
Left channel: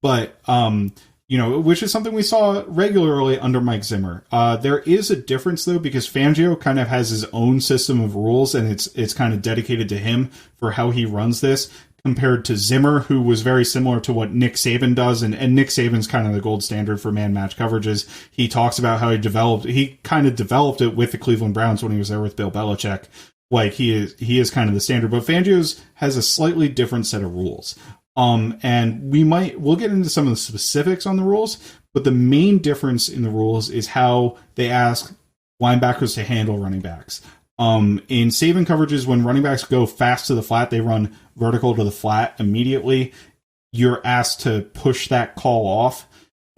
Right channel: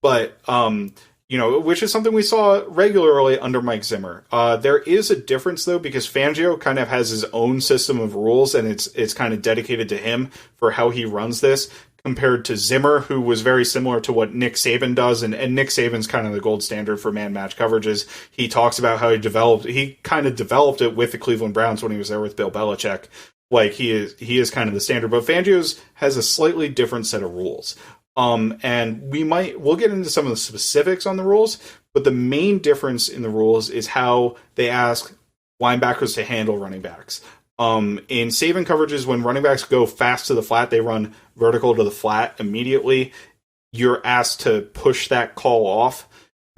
But, which is something we saw regularly under Mike Zimmer. There is a difference, though, because Fangio kind of has his own system of rules, and it's kind of dedicated to him for how he runs this, compared to Zimmer, who was very similar to what Nick Saban does. And Nick Saban's kind of the gold standard for man-match coverages. He talks about how he kind of developed it with the Cleveland Browns when he was there with Bill Belichick. Like, he is kind of the standard. But Fangio's has a slightly different set of rules. And we'll get into some of the specifics on the rules, but the main difference in the rules is how they ask linebackers to handle running backs. In Saban coverages, when running backs go fast to the flat, they run vertical to the flat immediately. You're asked to push that call off.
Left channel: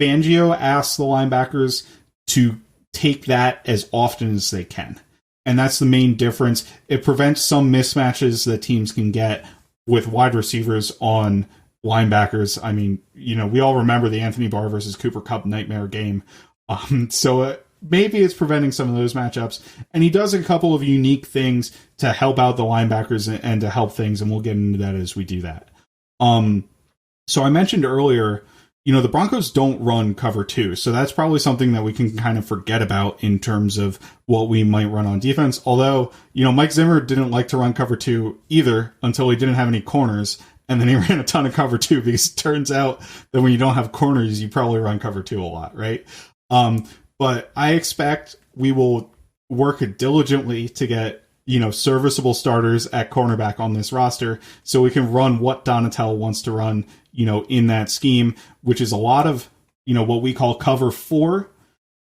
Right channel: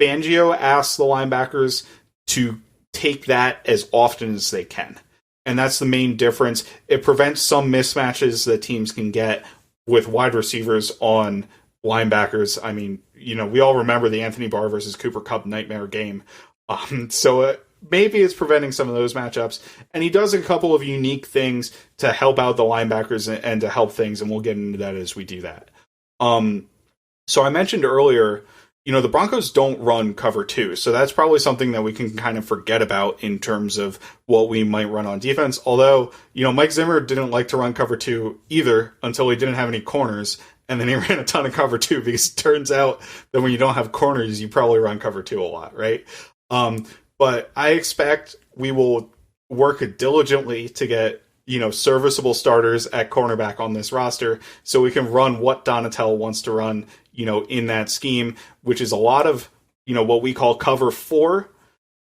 Fangio asks the linebackers to take that as often as they can. And that's the main difference. It prevents some mismatches that teams can get with wide receivers on linebackers. I mean, we all remember the Anthony Barr versus Cooper Kupp nightmare game. Maybe it's preventing some of those matchups. And he does a couple of unique things to help out the linebackers and to help things, and we'll get into that as we do that. So I mentioned earlier, the Broncos don't run cover two, so that's probably something that we can kind of forget about in terms of what we might run on defense. Although, Mike Zimmer didn't like to run cover two either until he didn't have any corners, and then he ran a ton of cover two, because it turns out that when you don't have corners, you probably run cover two a lot, right? But I expect we will work diligently to get, serviceable starters at cornerback on this roster so we can run what Donatell wants to run, in that scheme, which is a lot of, what we call cover 4,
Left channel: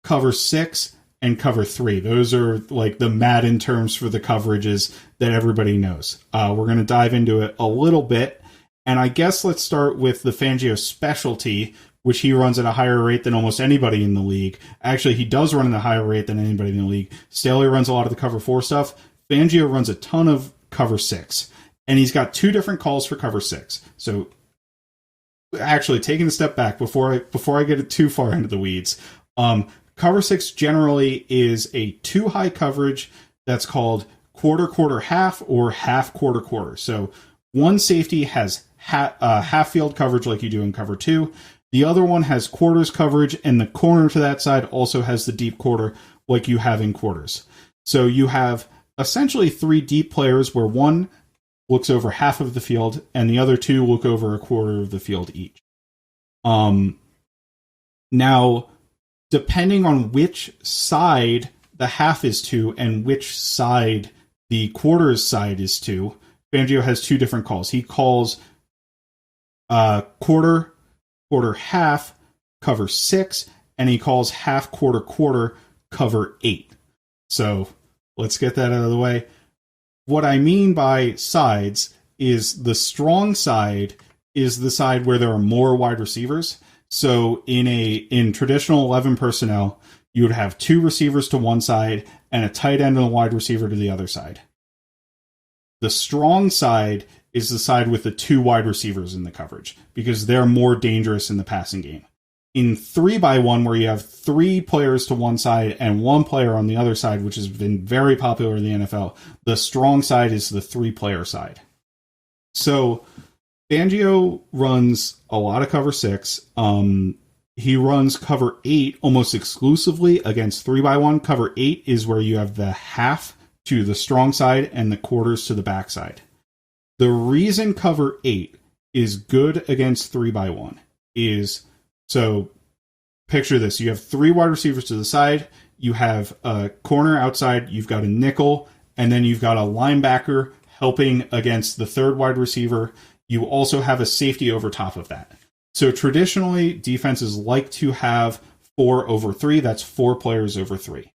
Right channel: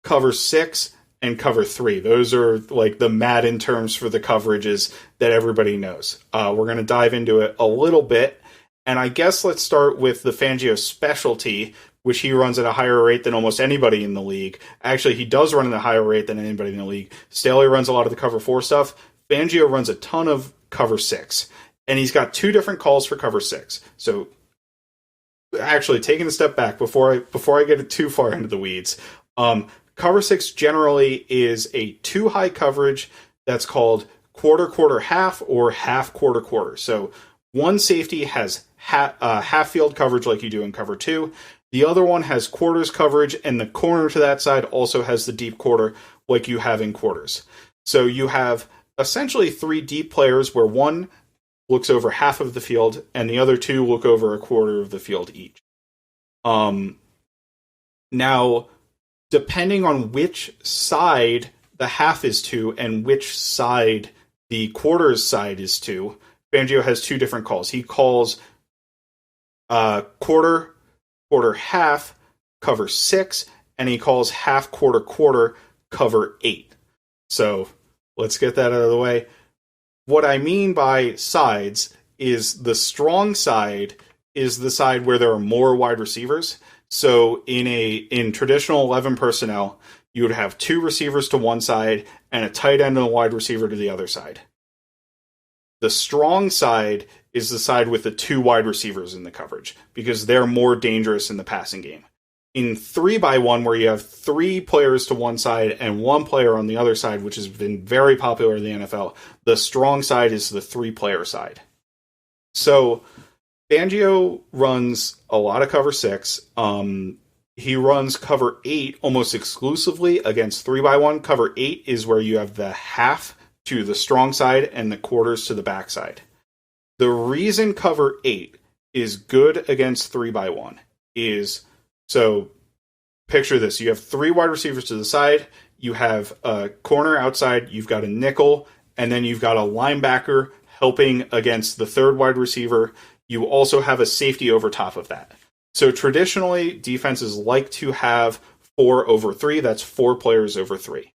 cover 6, and cover 3. Those are like the Madden terms for the coverages that everybody knows. We're going to dive into it a little bit. And I guess let's start with the Fangio specialty, which he runs at a higher rate than almost anybody in the league. Actually, he does run at a higher rate than anybody in the league. Staley runs a lot of the cover 4 stuff. Fangio runs a ton of cover 6. And he's got 2 different calls for cover 6. So, actually, taking a step back before I get too far into the weeds, cover 6 generally is a 2 high coverage that's called quarter, half, or half, quarter. So, one safety has half field coverage like you do in cover 2. The other one has quarters coverage, and the corner to that side also has the deep quarter like you have in quarters. So you have essentially 3 deep players where one looks over half of the field and the other 2 look over a quarter of the field each. Now, depending on which side the half is to and which side the quarters side is to, Fangio has 2 different calls. He calls quarter, half, cover 6, and he calls half, quarter, cover 8. So let's get that out of the way. What I mean by sides is the strong side is the side where there are more wide receivers. So in traditional 11 personnel, you would have 2 receivers to one side and a tight end and a wide receiver to the other side. The strong side is the side with the 2 wide receivers in the coverage because they're more dangerous in the passing game. In 3x1, where you have 3 players to one side and 1 player on the other side, which has been very popular in the NFL, the strong side is the 3-player side. So Fangio runs a lot of cover 6. He runs cover 8 almost exclusively against 3x1. Cover 8 is where you have the half to the strong side and the quarters to the backside. The reason cover 8 is good against 3x1 is, so picture this. You have 3 wide receivers to the side. You have a corner outside. You've got a nickel. And then you've got a linebacker helping against the 3rd wide receiver. You also have a safety over top of that. So traditionally, defenses like to have 4 over 3. That's 4 players over 3.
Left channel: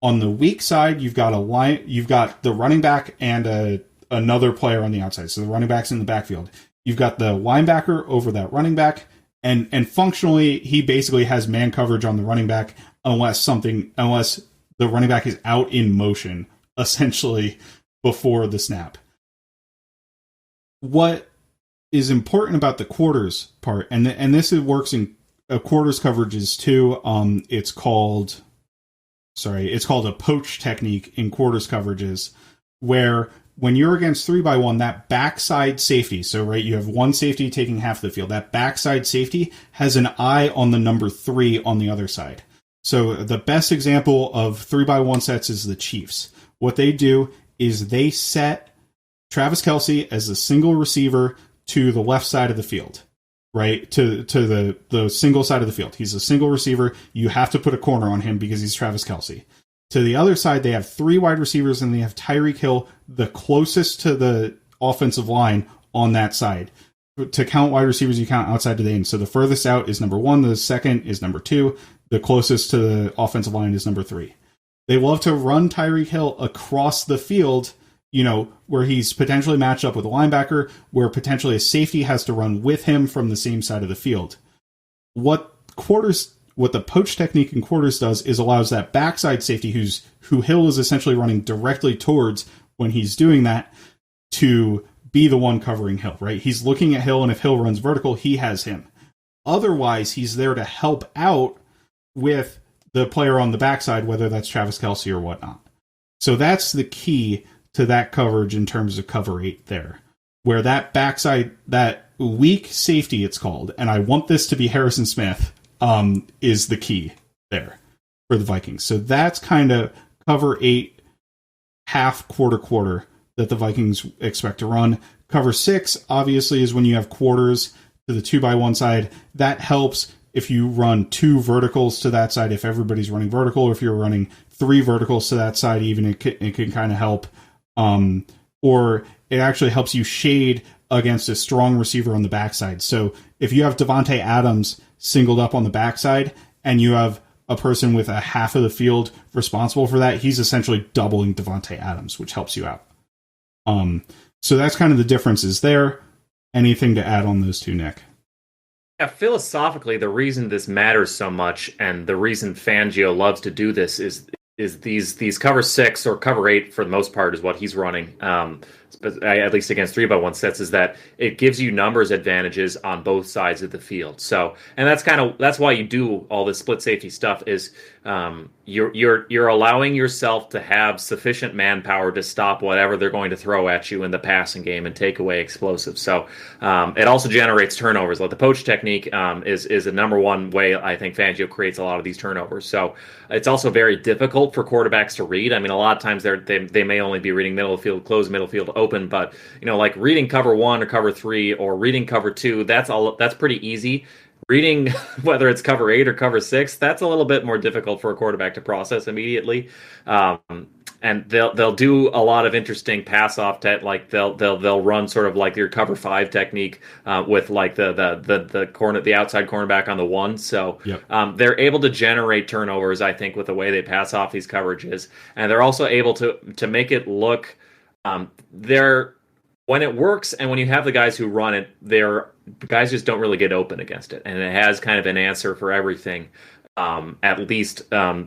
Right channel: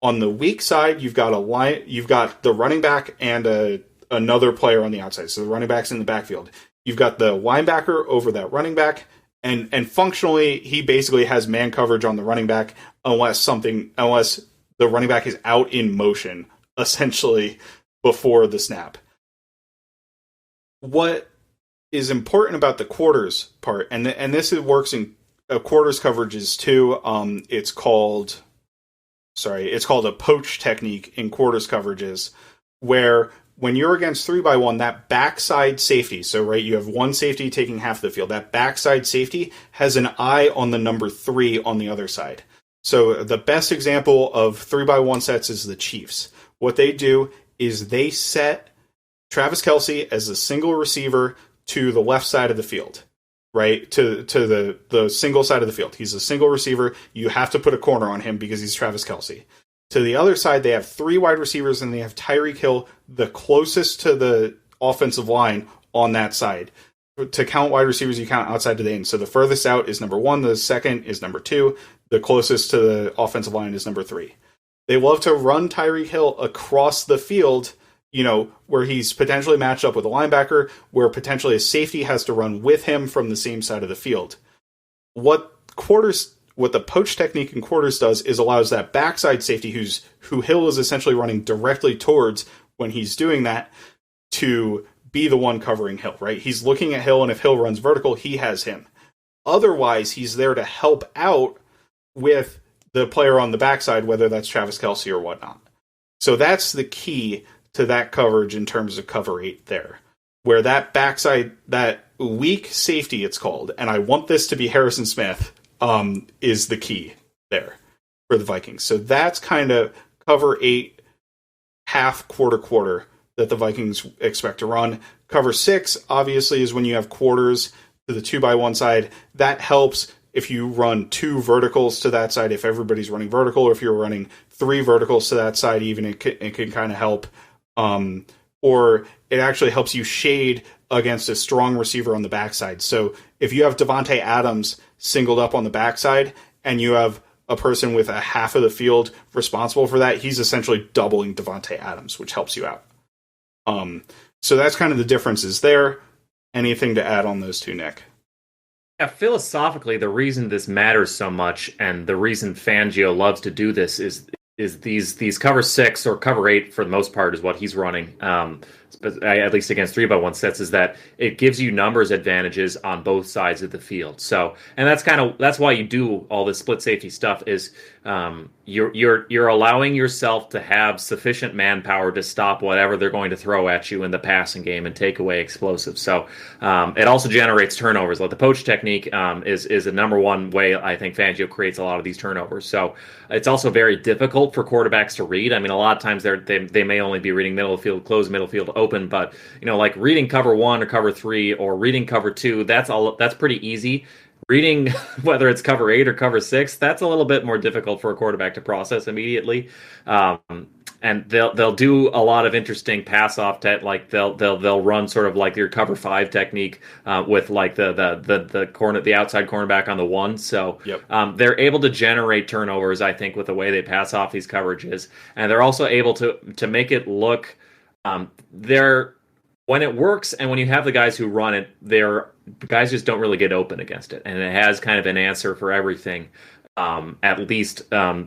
On the weak side, you've got the running back and another player on the outside. So the running back's in the backfield. You've got the linebacker over that running back, and functionally, he basically has man coverage on the running back unless the running back is out in motion, essentially, before the snap. What is important about the quarters part, and this works in quarters coverages too. It's called a poach technique in quarters coverages, where when you're against 3x1, that backside safety, so right, you have one safety taking half the field. That backside safety has an eye on the number 3 on the other side. So the best example of 3x1 sets is the Chiefs. What they do is they set Travis Kelce as a single receiver to the left side of the field, right? To the single side of the field. He's a single receiver. You have to put a corner on him because he's Travis Kelce. To the other side, they have 3 wide receivers, and they have Tyreek Hill the closest to the offensive line on that side. To count wide receivers, you count outside to the end. So the furthest out is number 1. The second is number 2. The closest to the offensive line is number 3. They love to run Tyreek Hill across the field, where he's potentially matched up with a linebacker, where potentially a safety has to run with him from the same side of the field. What the poach technique in quarters does is allows that backside safety who Hill is essentially running directly towards when he's doing that to be the one covering Hill, right? He's looking at Hill, and if Hill runs vertical, he has him. Otherwise, he's there to help out with the player on the backside, whether that's Travis Kelce or whatnot. So that's the key to that coverage in terms of cover 8 there, where that backside, that weak safety it's called, and I want this to be Harrison Smith, is the key there for the Vikings. So that's kind of cover 8, half, quarter that the Vikings expect to run. Cover 6, obviously, is when you have quarters to the 2x1 side. That helps if you run 2 verticals to that side, if everybody's running vertical, or if you're running 3 verticals to that side, even it can kind of help. Or it actually helps you shade against a strong receiver on the backside. So if you have Devontae Adams singled up on the backside, and you have a person with a half of the field responsible for that, he's essentially doubling Devontae Adams, which helps you out. So that's kind of the differences there. Anything to add on those two, Nick? Yeah, philosophically, the reason this matters so much, and the reason Fangio loves to do this, is these cover 6 or cover 8 for the most part is what he's running. At least against 3x1 sets, is that it gives you numbers advantages on both sides of the field. So, and that's why you do all this split safety stuff. Is you're allowing yourself to have sufficient manpower to stop whatever they're going to throw at you in the passing game and take away explosives. So it also generates turnovers. Like the poach technique is a number one way I think Fangio creates a lot of these turnovers. So it's also very difficult for quarterbacks to read. I mean, a lot of times they may only be reading middle of the field, closed middle field, open, but like reading cover 1 or cover 3 or reading cover 2, that's pretty easy. Reading whether it's cover 8 or cover 6, that's a little bit more difficult for a quarterback to process immediately. and they'll do a lot of interesting pass off like they'll run sort of like your cover five technique with like the outside cornerback on the one. So Yep. they're able to generate turnovers, I think, with the way they pass off these coverages, and they're also able to make it look they're when it works and when you have the guys who run it, guys just don't really get open against it, and it has kind of an answer for everything. At least that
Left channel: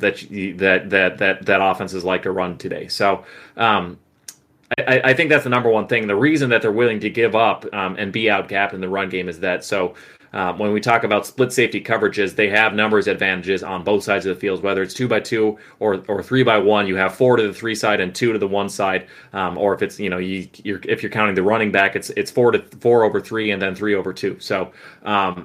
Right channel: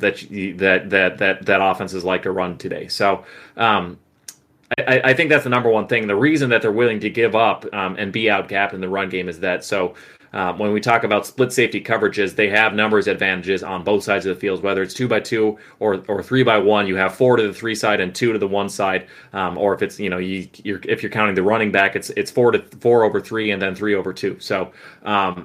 offenses like to run today. So I think that's the number one thing. The reason that they're willing to give up and be outgapped in the run game is that. So when we talk about split safety coverages, they have numbers advantages on both sides of the field, whether it's 2x2 or 3x1. You have 4 to the 3 side and 2 to the 1 side, or if it's if you're counting the running back, it's 4 over 3 and then 3 over 2. So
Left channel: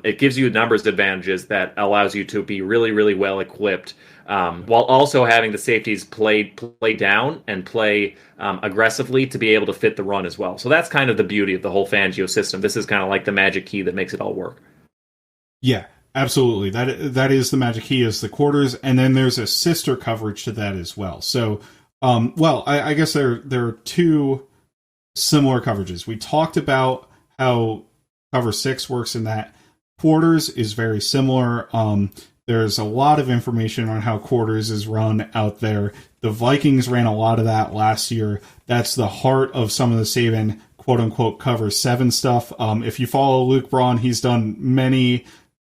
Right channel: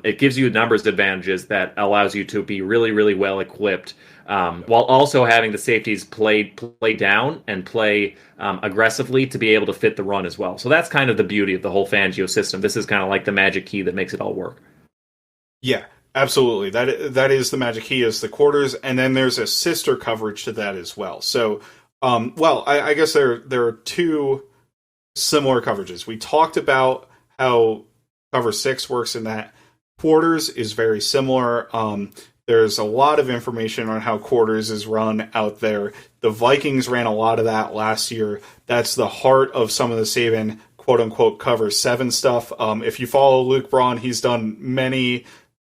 it gives you numbers advantages that allows you to be really, really well equipped. While also having the safeties play down and play aggressively to be able to fit the run as well. So that's kind of the beauty of the whole Fangio system. This is kind of like the magic key that makes it all work. Yeah, absolutely. That is the magic key, is the quarters, and then there's a sister coverage to that as well. So, I guess there are two similar coverages. We talked about how cover 6 works in that. Quarters is very similar. There's a lot of information on how quarters is run out there. The Vikings ran a lot of that last year. That's the heart of some of the Saban quote-unquote cover 7 stuff. If you follow Luke Braun, he's done many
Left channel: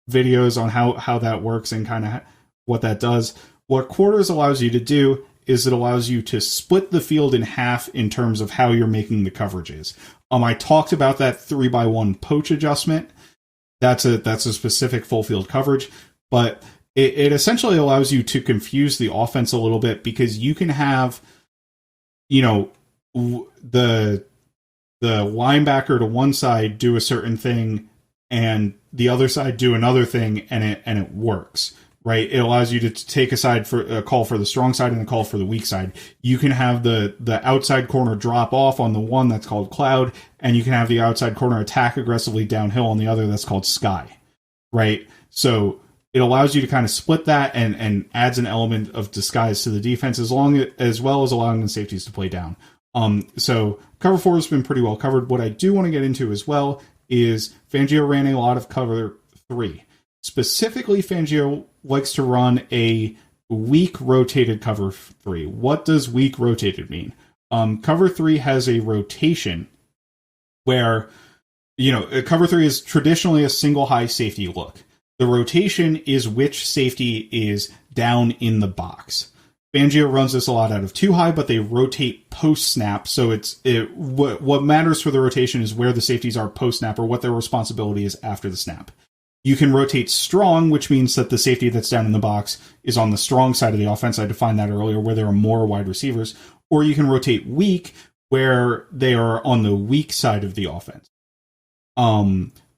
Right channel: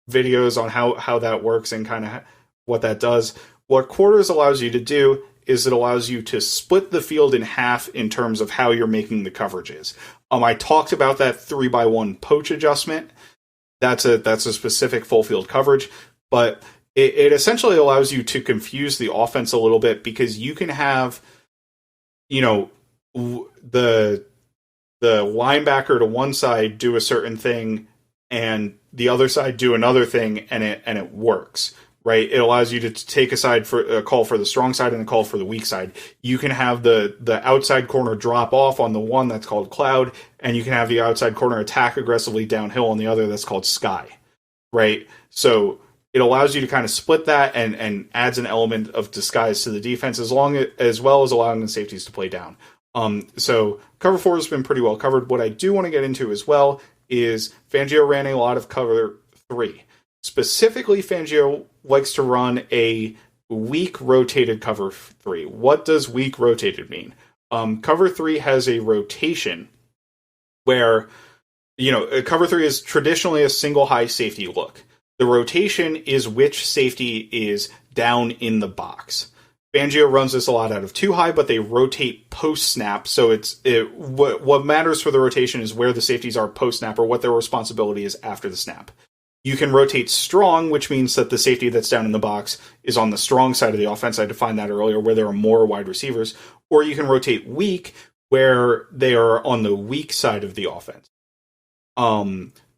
videos on how that works and kind of what that does. What quarters allows you to do is it allows you to split the field in half in terms of how you're making the coverages. I talked about that 3x1 poach adjustment. That's a specific full field coverage, but it essentially allows you to confuse the offense a little bit, because you can have, the linebacker to one side do a certain thing and the other side do another thing, and it works, right? It allows you to take a call for the strong side and a call for the weak side. You can have the outside corner drop off on the one that's called cloud, and you can have the outside corner attack aggressively downhill on the other that's called sky, right? So it allows you to kind of split that and adds an element of disguise to the defense, as well as allowing the safeties to play down. So cover 4 has been pretty well covered. What I do want to get into as well is Fangio ran a lot of cover 3. Specifically, Fangio likes to run a weak rotated cover 3. What does weak rotated mean? Cover 3 has a rotation where, cover 3 is traditionally a single high safety look. The rotation is which safety is down in the box. Fangio runs this a lot out of 2 high, but they rotate post-snap, so what matters for the rotation is where the safeties are post-snap, or what their responsibility is after the snap. You can rotate strong, which means that the safety that's down in the box is on the strong side of the offense. I defined that earlier, where there are more wide receivers. Or you can rotate weak, where they are on the weak side of the offense.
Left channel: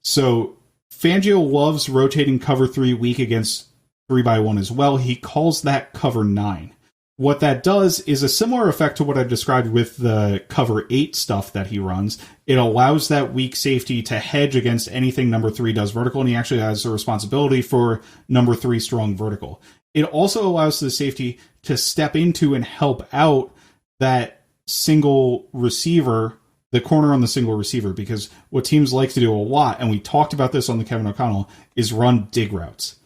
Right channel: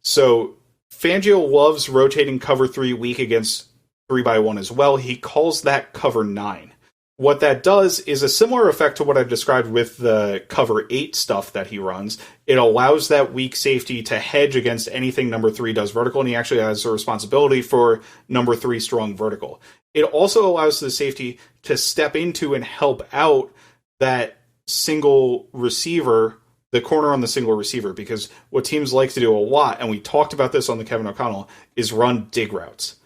So Fangio loves rotating cover 3 weak against 3x1 as well. He calls that cover 9. What that does is a similar effect to what I've described with the cover 8 stuff that he runs. It allows that weak safety to hedge against anything number 3 does vertical, and he actually has a responsibility for number 3 strong vertical. It also allows the safety to step into and help out that single receiver, the corner on the single receiver, because what teams like to do a lot, and we talked about this on the Kevin O'Connell, is run dig routes.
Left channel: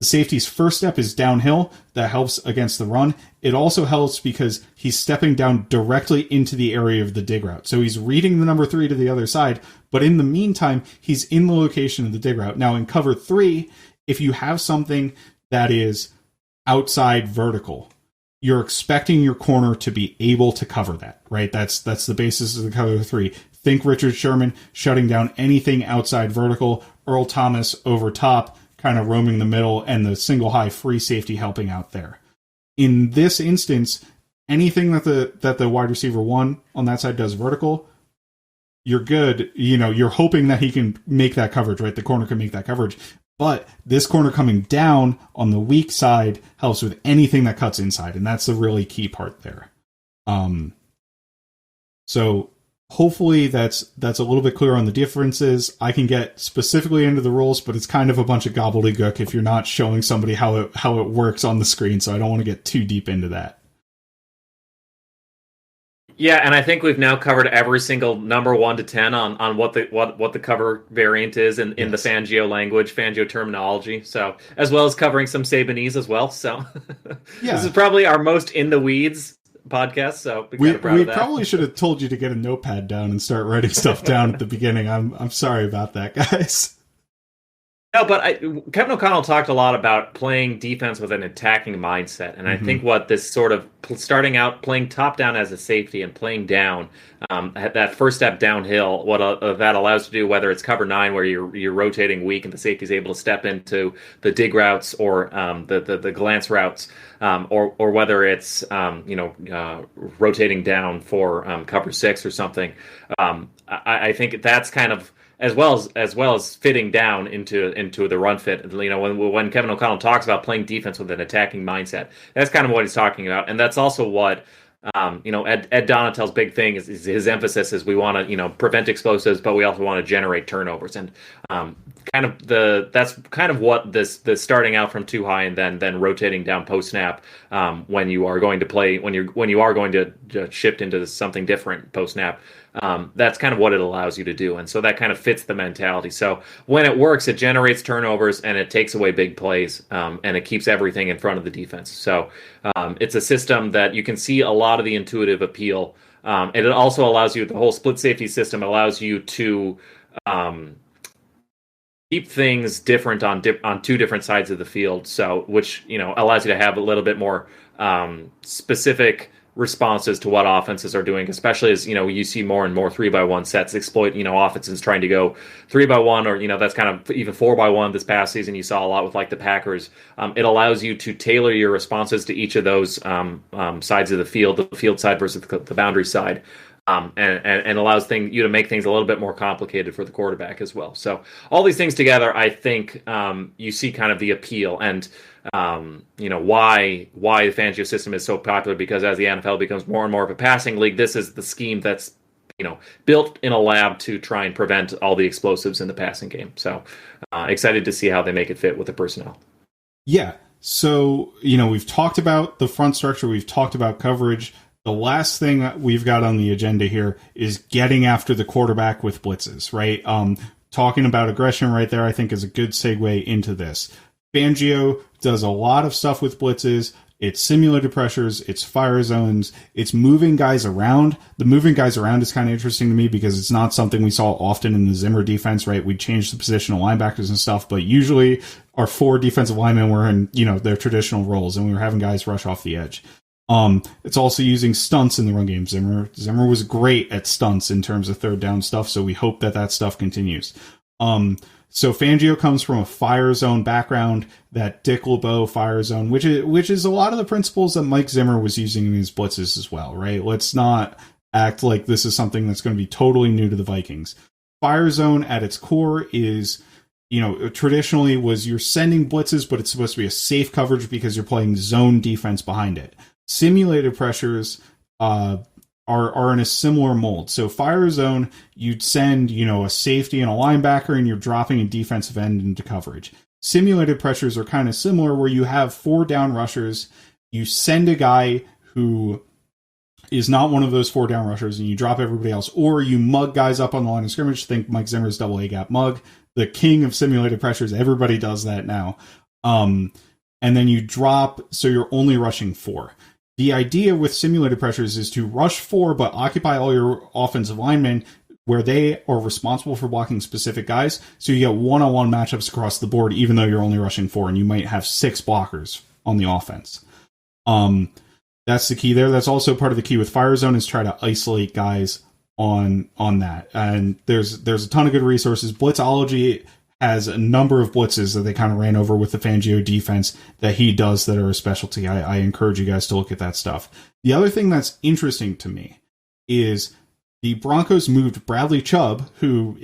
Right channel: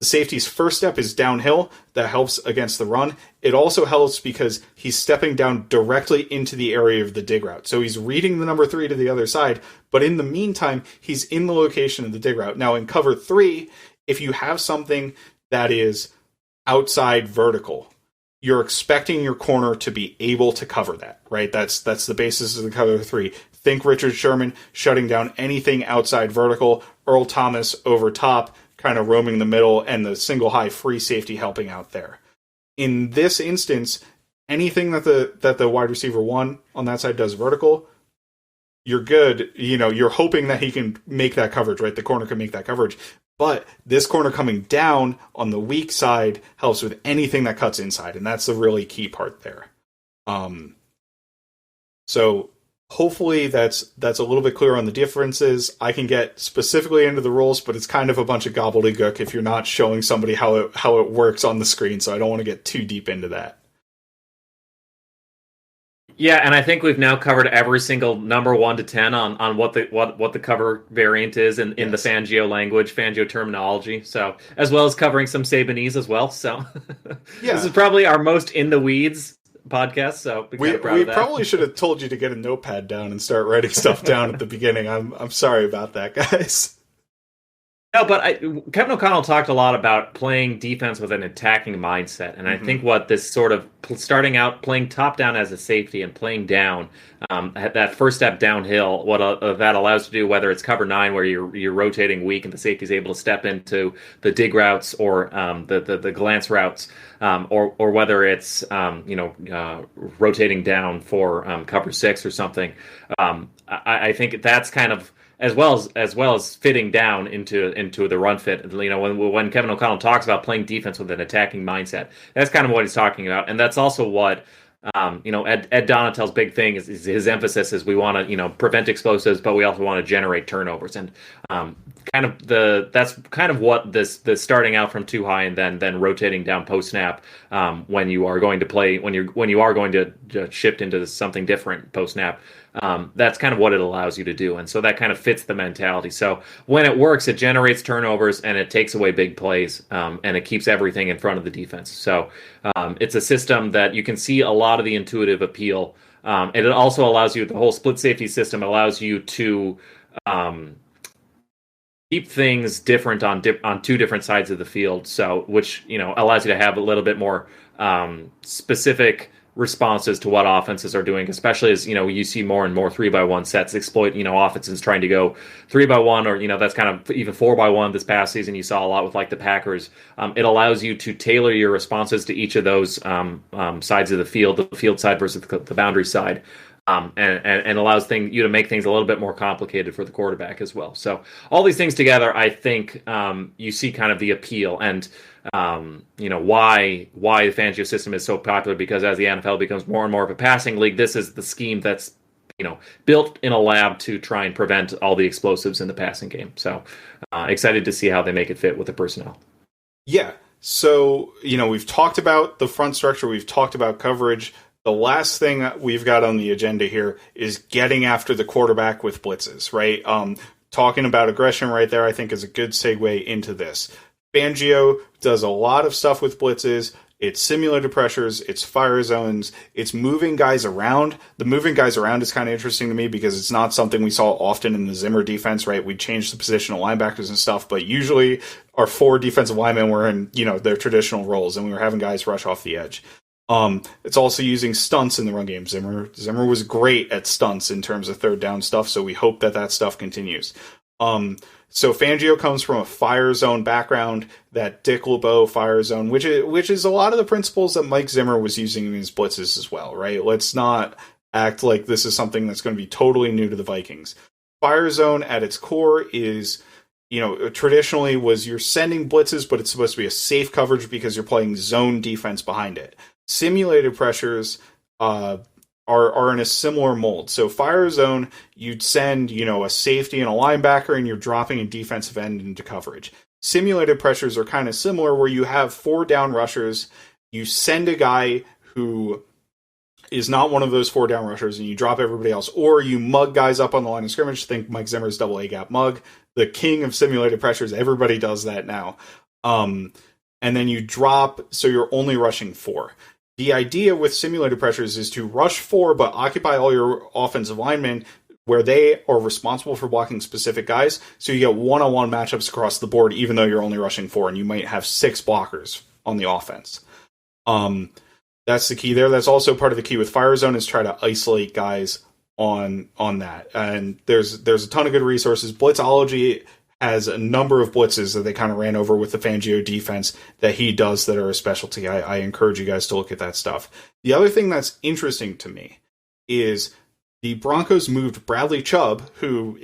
The safety's first step is downhill. That helps against the run. It also helps because he's stepping down directly into the area of the dig route. So he's reading the number 3 to the other side, but in the meantime, he's in the location of the dig route. Now, in cover 3, if you have something that is outside vertical, you're expecting your corner to be able to cover that, right? That's the basis of the cover 3. Think Richard Sherman shutting down anything outside vertical, Earl Thomas over top, kind of roaming the middle, and the single high free safety helping out there. In this instance, anything that the wide receiver 1 on that side does vertical, you're good. You're hoping that he can make that coverage, right? The corner can make that coverage. But this corner coming down on the weak side helps with anything that cuts inside, and that's the really key part there. So hopefully that's a little bit clear on the differences. I can get specifically into the rules, but it's kind of a bunch of gobbledygook if you're not showing somebody how it works on the screen, so I don't want to get too deep into that. Yeah, and I think we've now covered every single number 1 to 10 on what the cover variant is in the Fangio language, Fangio terminology. So as well as covering some Sabanese as well. So this is probably our most in the weeds podcast. So we're kind of proud of that. We probably should have told you to get a notepad down and start writing stuff down at the beginning. I'm sorry about that, guys. No, but Kevin O'Connell talked a lot about playing defense with an attacking mindset, and I think what this sort of starting out playing top down as a safety and playing down, that first step downhill, what that allows you to do, whether it's cover 9 where you're rotating weak and the safety is able to step into the dig routes or the glance routes, or whether it's rotating down for cover 6 or something. I think that's kind of as well as fitting down into the run fit. When Kevin O'Connell talks about playing defense with an attacking mindset, that's kind of what he's talking about, and that's also what Ed Donatel's big thing is his emphasis is we want to prevent explosives, but we also want to generate turnovers, and that's kind of what this starting out from too high and then rotating down post snap when you are going to play when you are going to shift into something different post snap. That's kind of what it allows you to do. And so that kind of fits the mentality. So when it works, it generates turnovers and it takes away big plays, and it keeps everything in front of the defense. So it's a system that you can see a lot of the intuitive appeal. And it also allows you, the whole split safety system allows you to keep things different on 2 different sides of the field. So which, allows you to have a little bit more specific responses to what offenses are doing, especially as you see more and more 3x1 sets exploit offenses trying to go 3x1 or that's kind of even 4x1 this past season. You saw a lot with like the Packers. It allows you to tailor your responses to each of those sides of the field side versus the boundary side. And allows you to make things a little bit more complicated for the quarterback as well. So all these things together, I think you see kind of the appeal and why the Fangio system is so popular, because as the NFL becomes more and more of a passing league, this is the scheme that's built in a lab to try and prevent all the explosives in the passing game. So excited to see how they make it fit with the personnel. Yeah. So, we've talked about the front structure. We've talked about coverage. The last thing that we've got on the agenda here is getting after the quarterback with blitzes, right? Talking about aggression right there, I think, is a good segue into this. Fangio does a lot of stuff with blitzes. It's simulated pressures, it's fire zones, it's moving guys around. The moving guys around is kind of interesting to me because it's not something we saw often in the Zimmer defense, right? We changed the position of linebackers and stuff, but usually our 4 defensive linemen were in, their traditional roles, and we were having guys rush off the edge. It's also using stunts in the run game. Zimmer was great at stunts in terms of third down stuff, so we hope that stuff continues. So Fangio comes from a fire zone background, that Dick LeBeau fire zone, which is a lot of the principles that Mike Zimmer was using in his blitzes as well, right? Let's not act like this is something that's going to be totally new to the Vikings. Fire zone at its core is, traditionally was you're sending blitzes, but it's supposed to be a safe coverage because you're playing zone defense behind it. Simulated pressures are in a similar mold. So fire zone, you'd send, a safety and a linebacker, and you're dropping a defensive end into coverage. Simulated pressures are kind of similar, where you have 4 down rushers. You send a guy who is not one of those 4 down rushers, and you drop everybody else. Or you mug guys up on the line of scrimmage. Think Mike Zimmer's double A gap mug, the king of simulated pressures. Everybody does that now. And then you drop, so you're only rushing 4. The idea with simulated pressures is to rush 4, but occupy all your offensive linemen where they are responsible for blocking specific guys. So you get one-on-one matchups across the board, even though you're only rushing 4, and you might have 6 blockers on the offense. That's the key there. That's also part of the key with fire zone, is try to isolate guys on that. And there's a ton of good resources. Blitzology has a number of blitzes that they kind of ran over with the Fangio defense that he does that are a specialty. I encourage you guys to look at that stuff. The other thing that's interesting to me is the Broncos moved Bradley Chubb, who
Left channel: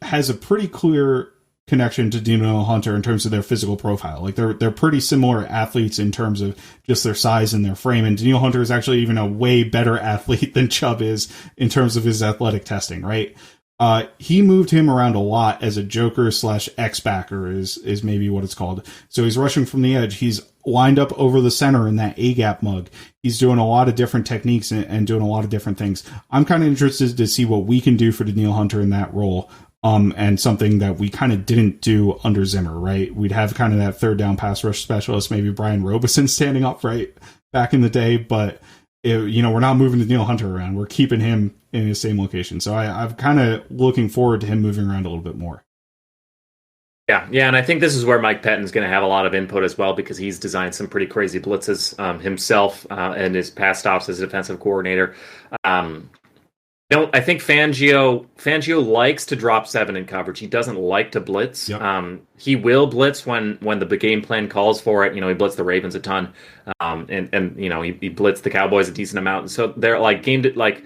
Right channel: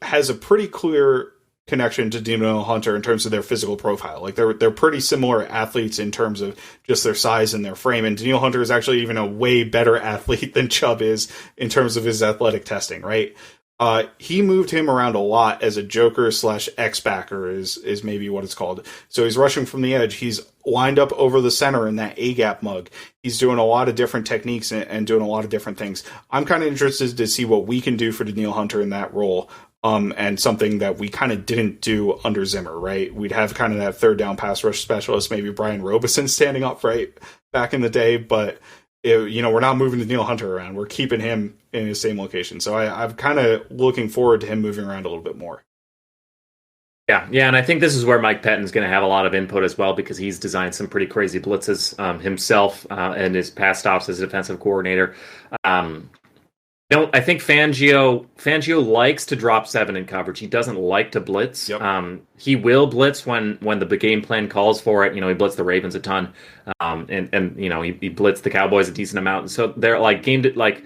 has a pretty clear connection to Danielle Hunter in terms of their physical profile. Like they're pretty similar athletes in terms of just their size and their frame. And Danielle Hunter is actually even a way better athlete than Chubb is in terms of his athletic testing, right? He moved him around a lot as a joker / X-backer is maybe what it's called. So he's rushing from the edge. He's lined up over the center in that A-gap mug. He's doing a lot of different techniques and doing a lot of different things. I'm kind of interested to see what we can do for Daniil Hunter in that role. And something that we kind of didn't do under Zimmer, right? We'd have kind of that third down pass rush specialist, maybe Brian Robeson standing up right back in the day, but we're not moving Daniil Hunter around. We're keeping him in the same location. So I'm kind of looking forward to him moving around a little bit more. Yeah, and I think this is where Mike Pettine's going to have a lot of input as well, because he's designed some pretty crazy blitzes himself and his past stops as a defensive coordinator. I think Fangio likes to drop 7 in coverage. He doesn't like to blitz. Yep. He will blitz when the game plan calls for it. He blitzed the Ravens a ton, and he blitzed the Cowboys a decent amount. And so they're like gamed it like.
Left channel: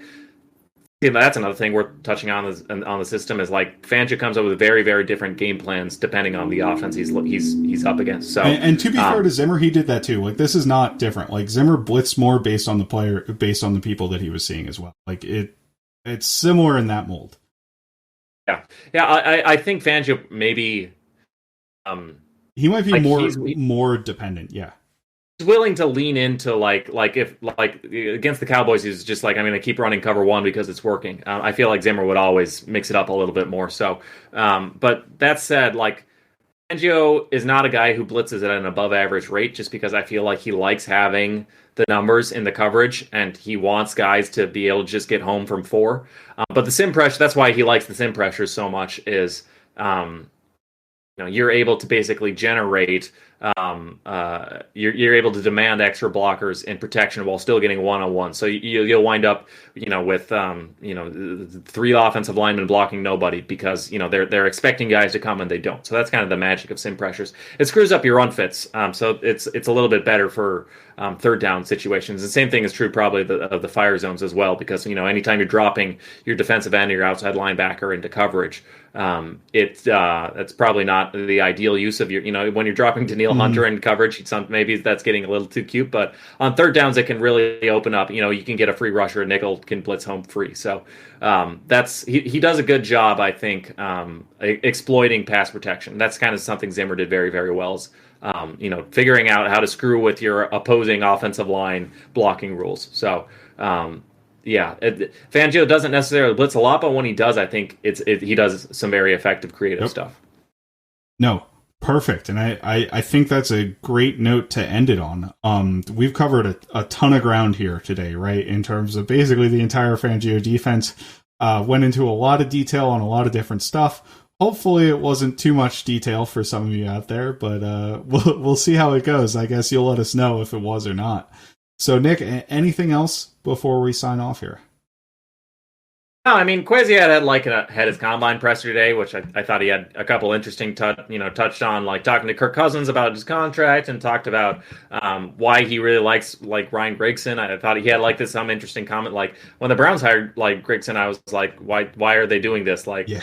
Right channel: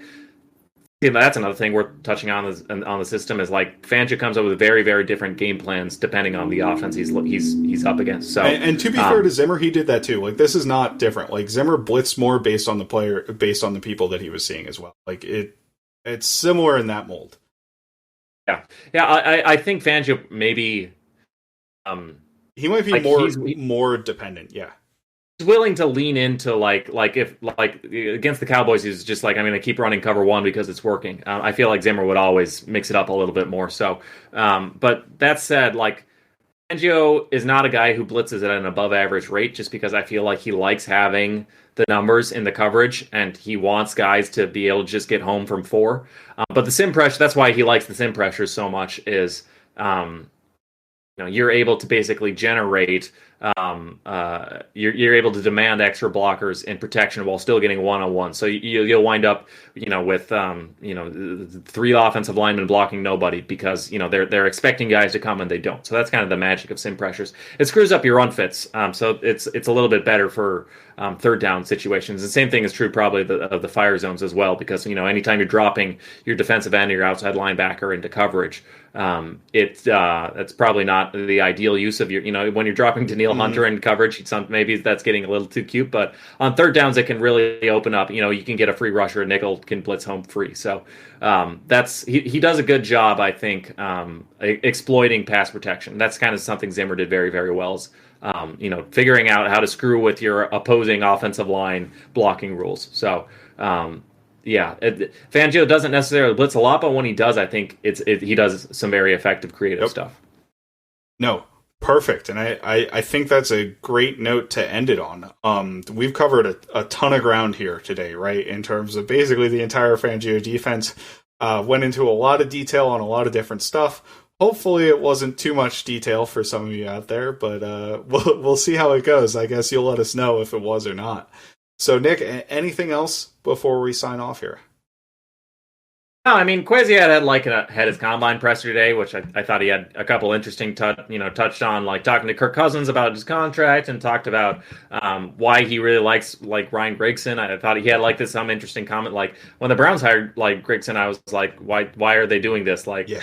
That's another thing we're touching on the system is like Fangio comes up with very, very different game plans depending on the offense he's up against. So and to be fair to Zimmer, he did that too. Like this is not different. Like Zimmer blitzed more based on the people that he was seeing as well. Like it's similar in that mold. Yeah. I think Fangio maybe he might be more dependent. Yeah. Willing to lean into like if against the Cowboys, he's just like, I'm going to keep running cover 1 because it's working. I feel like Zimmer would always mix it up a little bit more. So, but that said, like Fangio is not a guy who blitzes at an above average rate, just because I feel like he likes having the numbers in the coverage and he wants guys to be able to just get home from 4. But the sim pressure, that's why he likes the sim pressure so much is, you're able to basically generate you're able to demand extra blockers and protection while still getting one-on-one. So you'll wind up, with 3 offensive linemen blocking nobody because they're expecting guys to come and they don't. So that's kind of the magic of sim pressures. It screws up your run fits, so it's a little bit better for third down situations. The same thing is true probably of the fire zones as well, because anytime you're dropping your defensive end or your outside linebacker into coverage, it's probably not the ideal use of your when you're dropping Daniil Hunter in coverage. Maybe that's getting a little too cute, but on third downs it can really open up. You can get a free rusher, a nickel can blitz home free. So he does a good job, I think, exploiting pass protection. That's kind of something Zimmer did very, very well. Is, figuring out how to screw with your opposing offensive line blocking rules. So. Fangio doesn't necessarily blitz a lot, but when he does, I think he does some very effective creative stuff. No, perfect. And I think that's a great note to end it on. We've covered a ton of ground here today, right? In terms of basically the entire Fangio defense, went into a lot of detail on a lot of different stuff. Hopefully it wasn't too much detail for some of you out there, but we'll see how it goes. I guess you'll let us know if it was or not. So, Nick, anything else before we sign off here? No, I mean, Kwesi had his combine presser today, which I thought he had a couple interesting touched on, like talking to Kirk Cousins about his contract and talked about why he really likes Ryan Grigson. I thought he had some interesting comment, like when the Browns hired Grigson, I was like, why are they doing this? Like he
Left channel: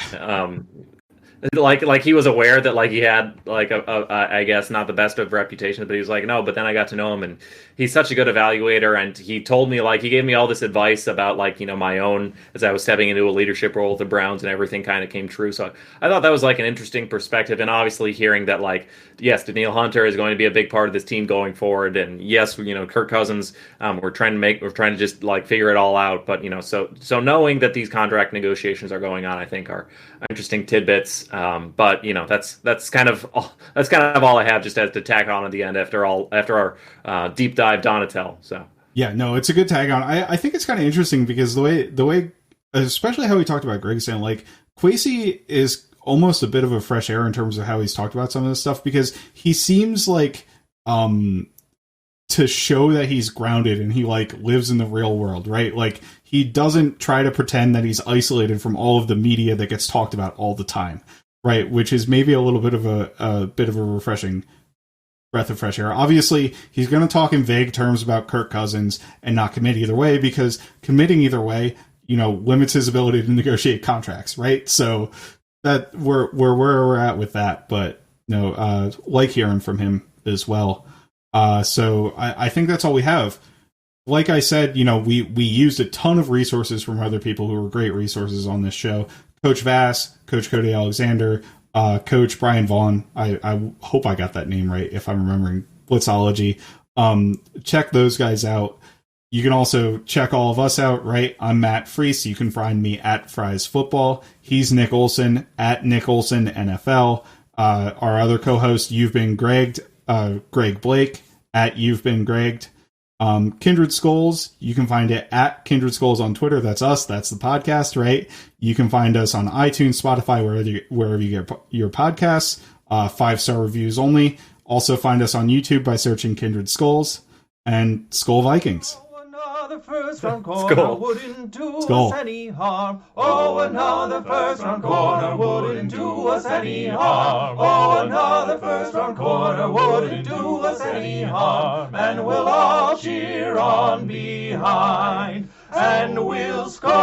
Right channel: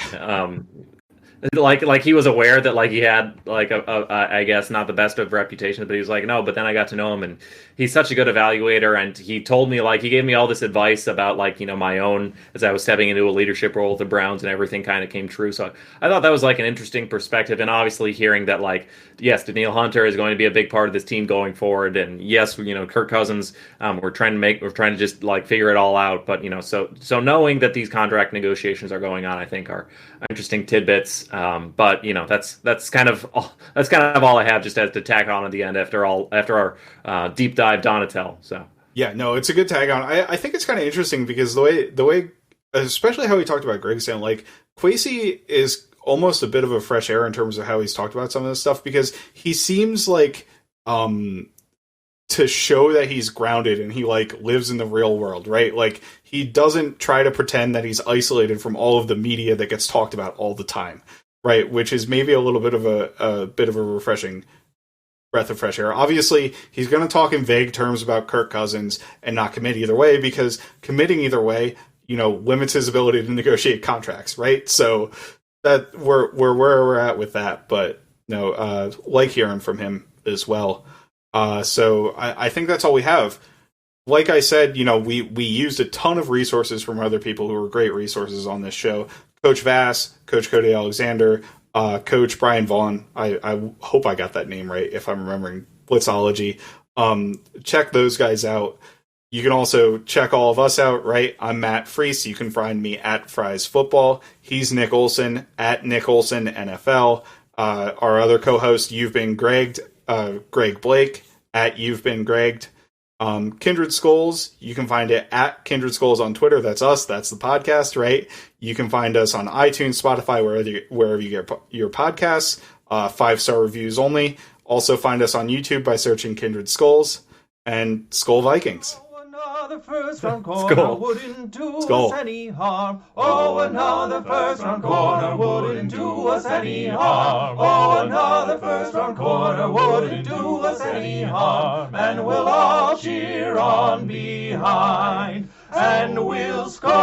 was aware that he had I guess not the best of reputations, but he was like, no, but then I got to know him and he's such a good evaluator, and he told me he gave me all this advice about my own as I was stepping into a leadership role with the Browns, and everything kind of came true. So I thought that was an interesting perspective, and obviously hearing that yes, Daniil Hunter is going to be a big part of this team going forward, and yes, Kirk Cousins, we're trying to just figure it all out, but so knowing that these contract negotiations are going on, I think are interesting tidbits. But that's kind of all I have just as to tack on at the end after our deep dive Donatel. So yeah, no, it's a good tag on. I think it's kind of interesting because the way, especially how he talked about Grigson, Kwesi is almost a bit of a fresh air in terms of how he's talked about some of this stuff, because he seems to show that he's grounded and he lives in the real world, right? He doesn't try to pretend that he's isolated from all of the media that gets talked about all the time, right? Which is maybe a little bit of a refreshing breath of fresh air. Obviously, he's going to talk in vague terms about Kirk Cousins and not commit either way, because committing either way, limits his ability to negotiate contracts, right? So that we're where we're at with that, but no, hearing from him as well. So I think that's all we have. Like I said, we used a ton of resources from other people who were great resources on this show. Coach Vass, Coach Cody Alexander, Coach Brian Vaughn. I hope I got that name right, if I'm remembering Blitzology. Check those guys out. You can also check all of us out, right? I'm Matt Freese. You can find me at Fries Football. He's Nick Olson at Nick Olson NFL. Our other co-host, You've Been Gregged, Greg Blake at You've Been Gregged. Kindred Skulls, you can find it at Kindred Skulls on Twitter. That's us. That's the podcast, right? You can find us on iTunes, Spotify, wherever you get your podcasts. 5-star reviews only. Also find us on YouTube by searching Kindred Skulls and Skull Vikings. Another first round corner wouldn't do us any harm. Oh, another first round corner wouldn't do us any harm. Oh, another first round corner wouldn't do us any harm. And we'll all cheer on behind, and we'll score the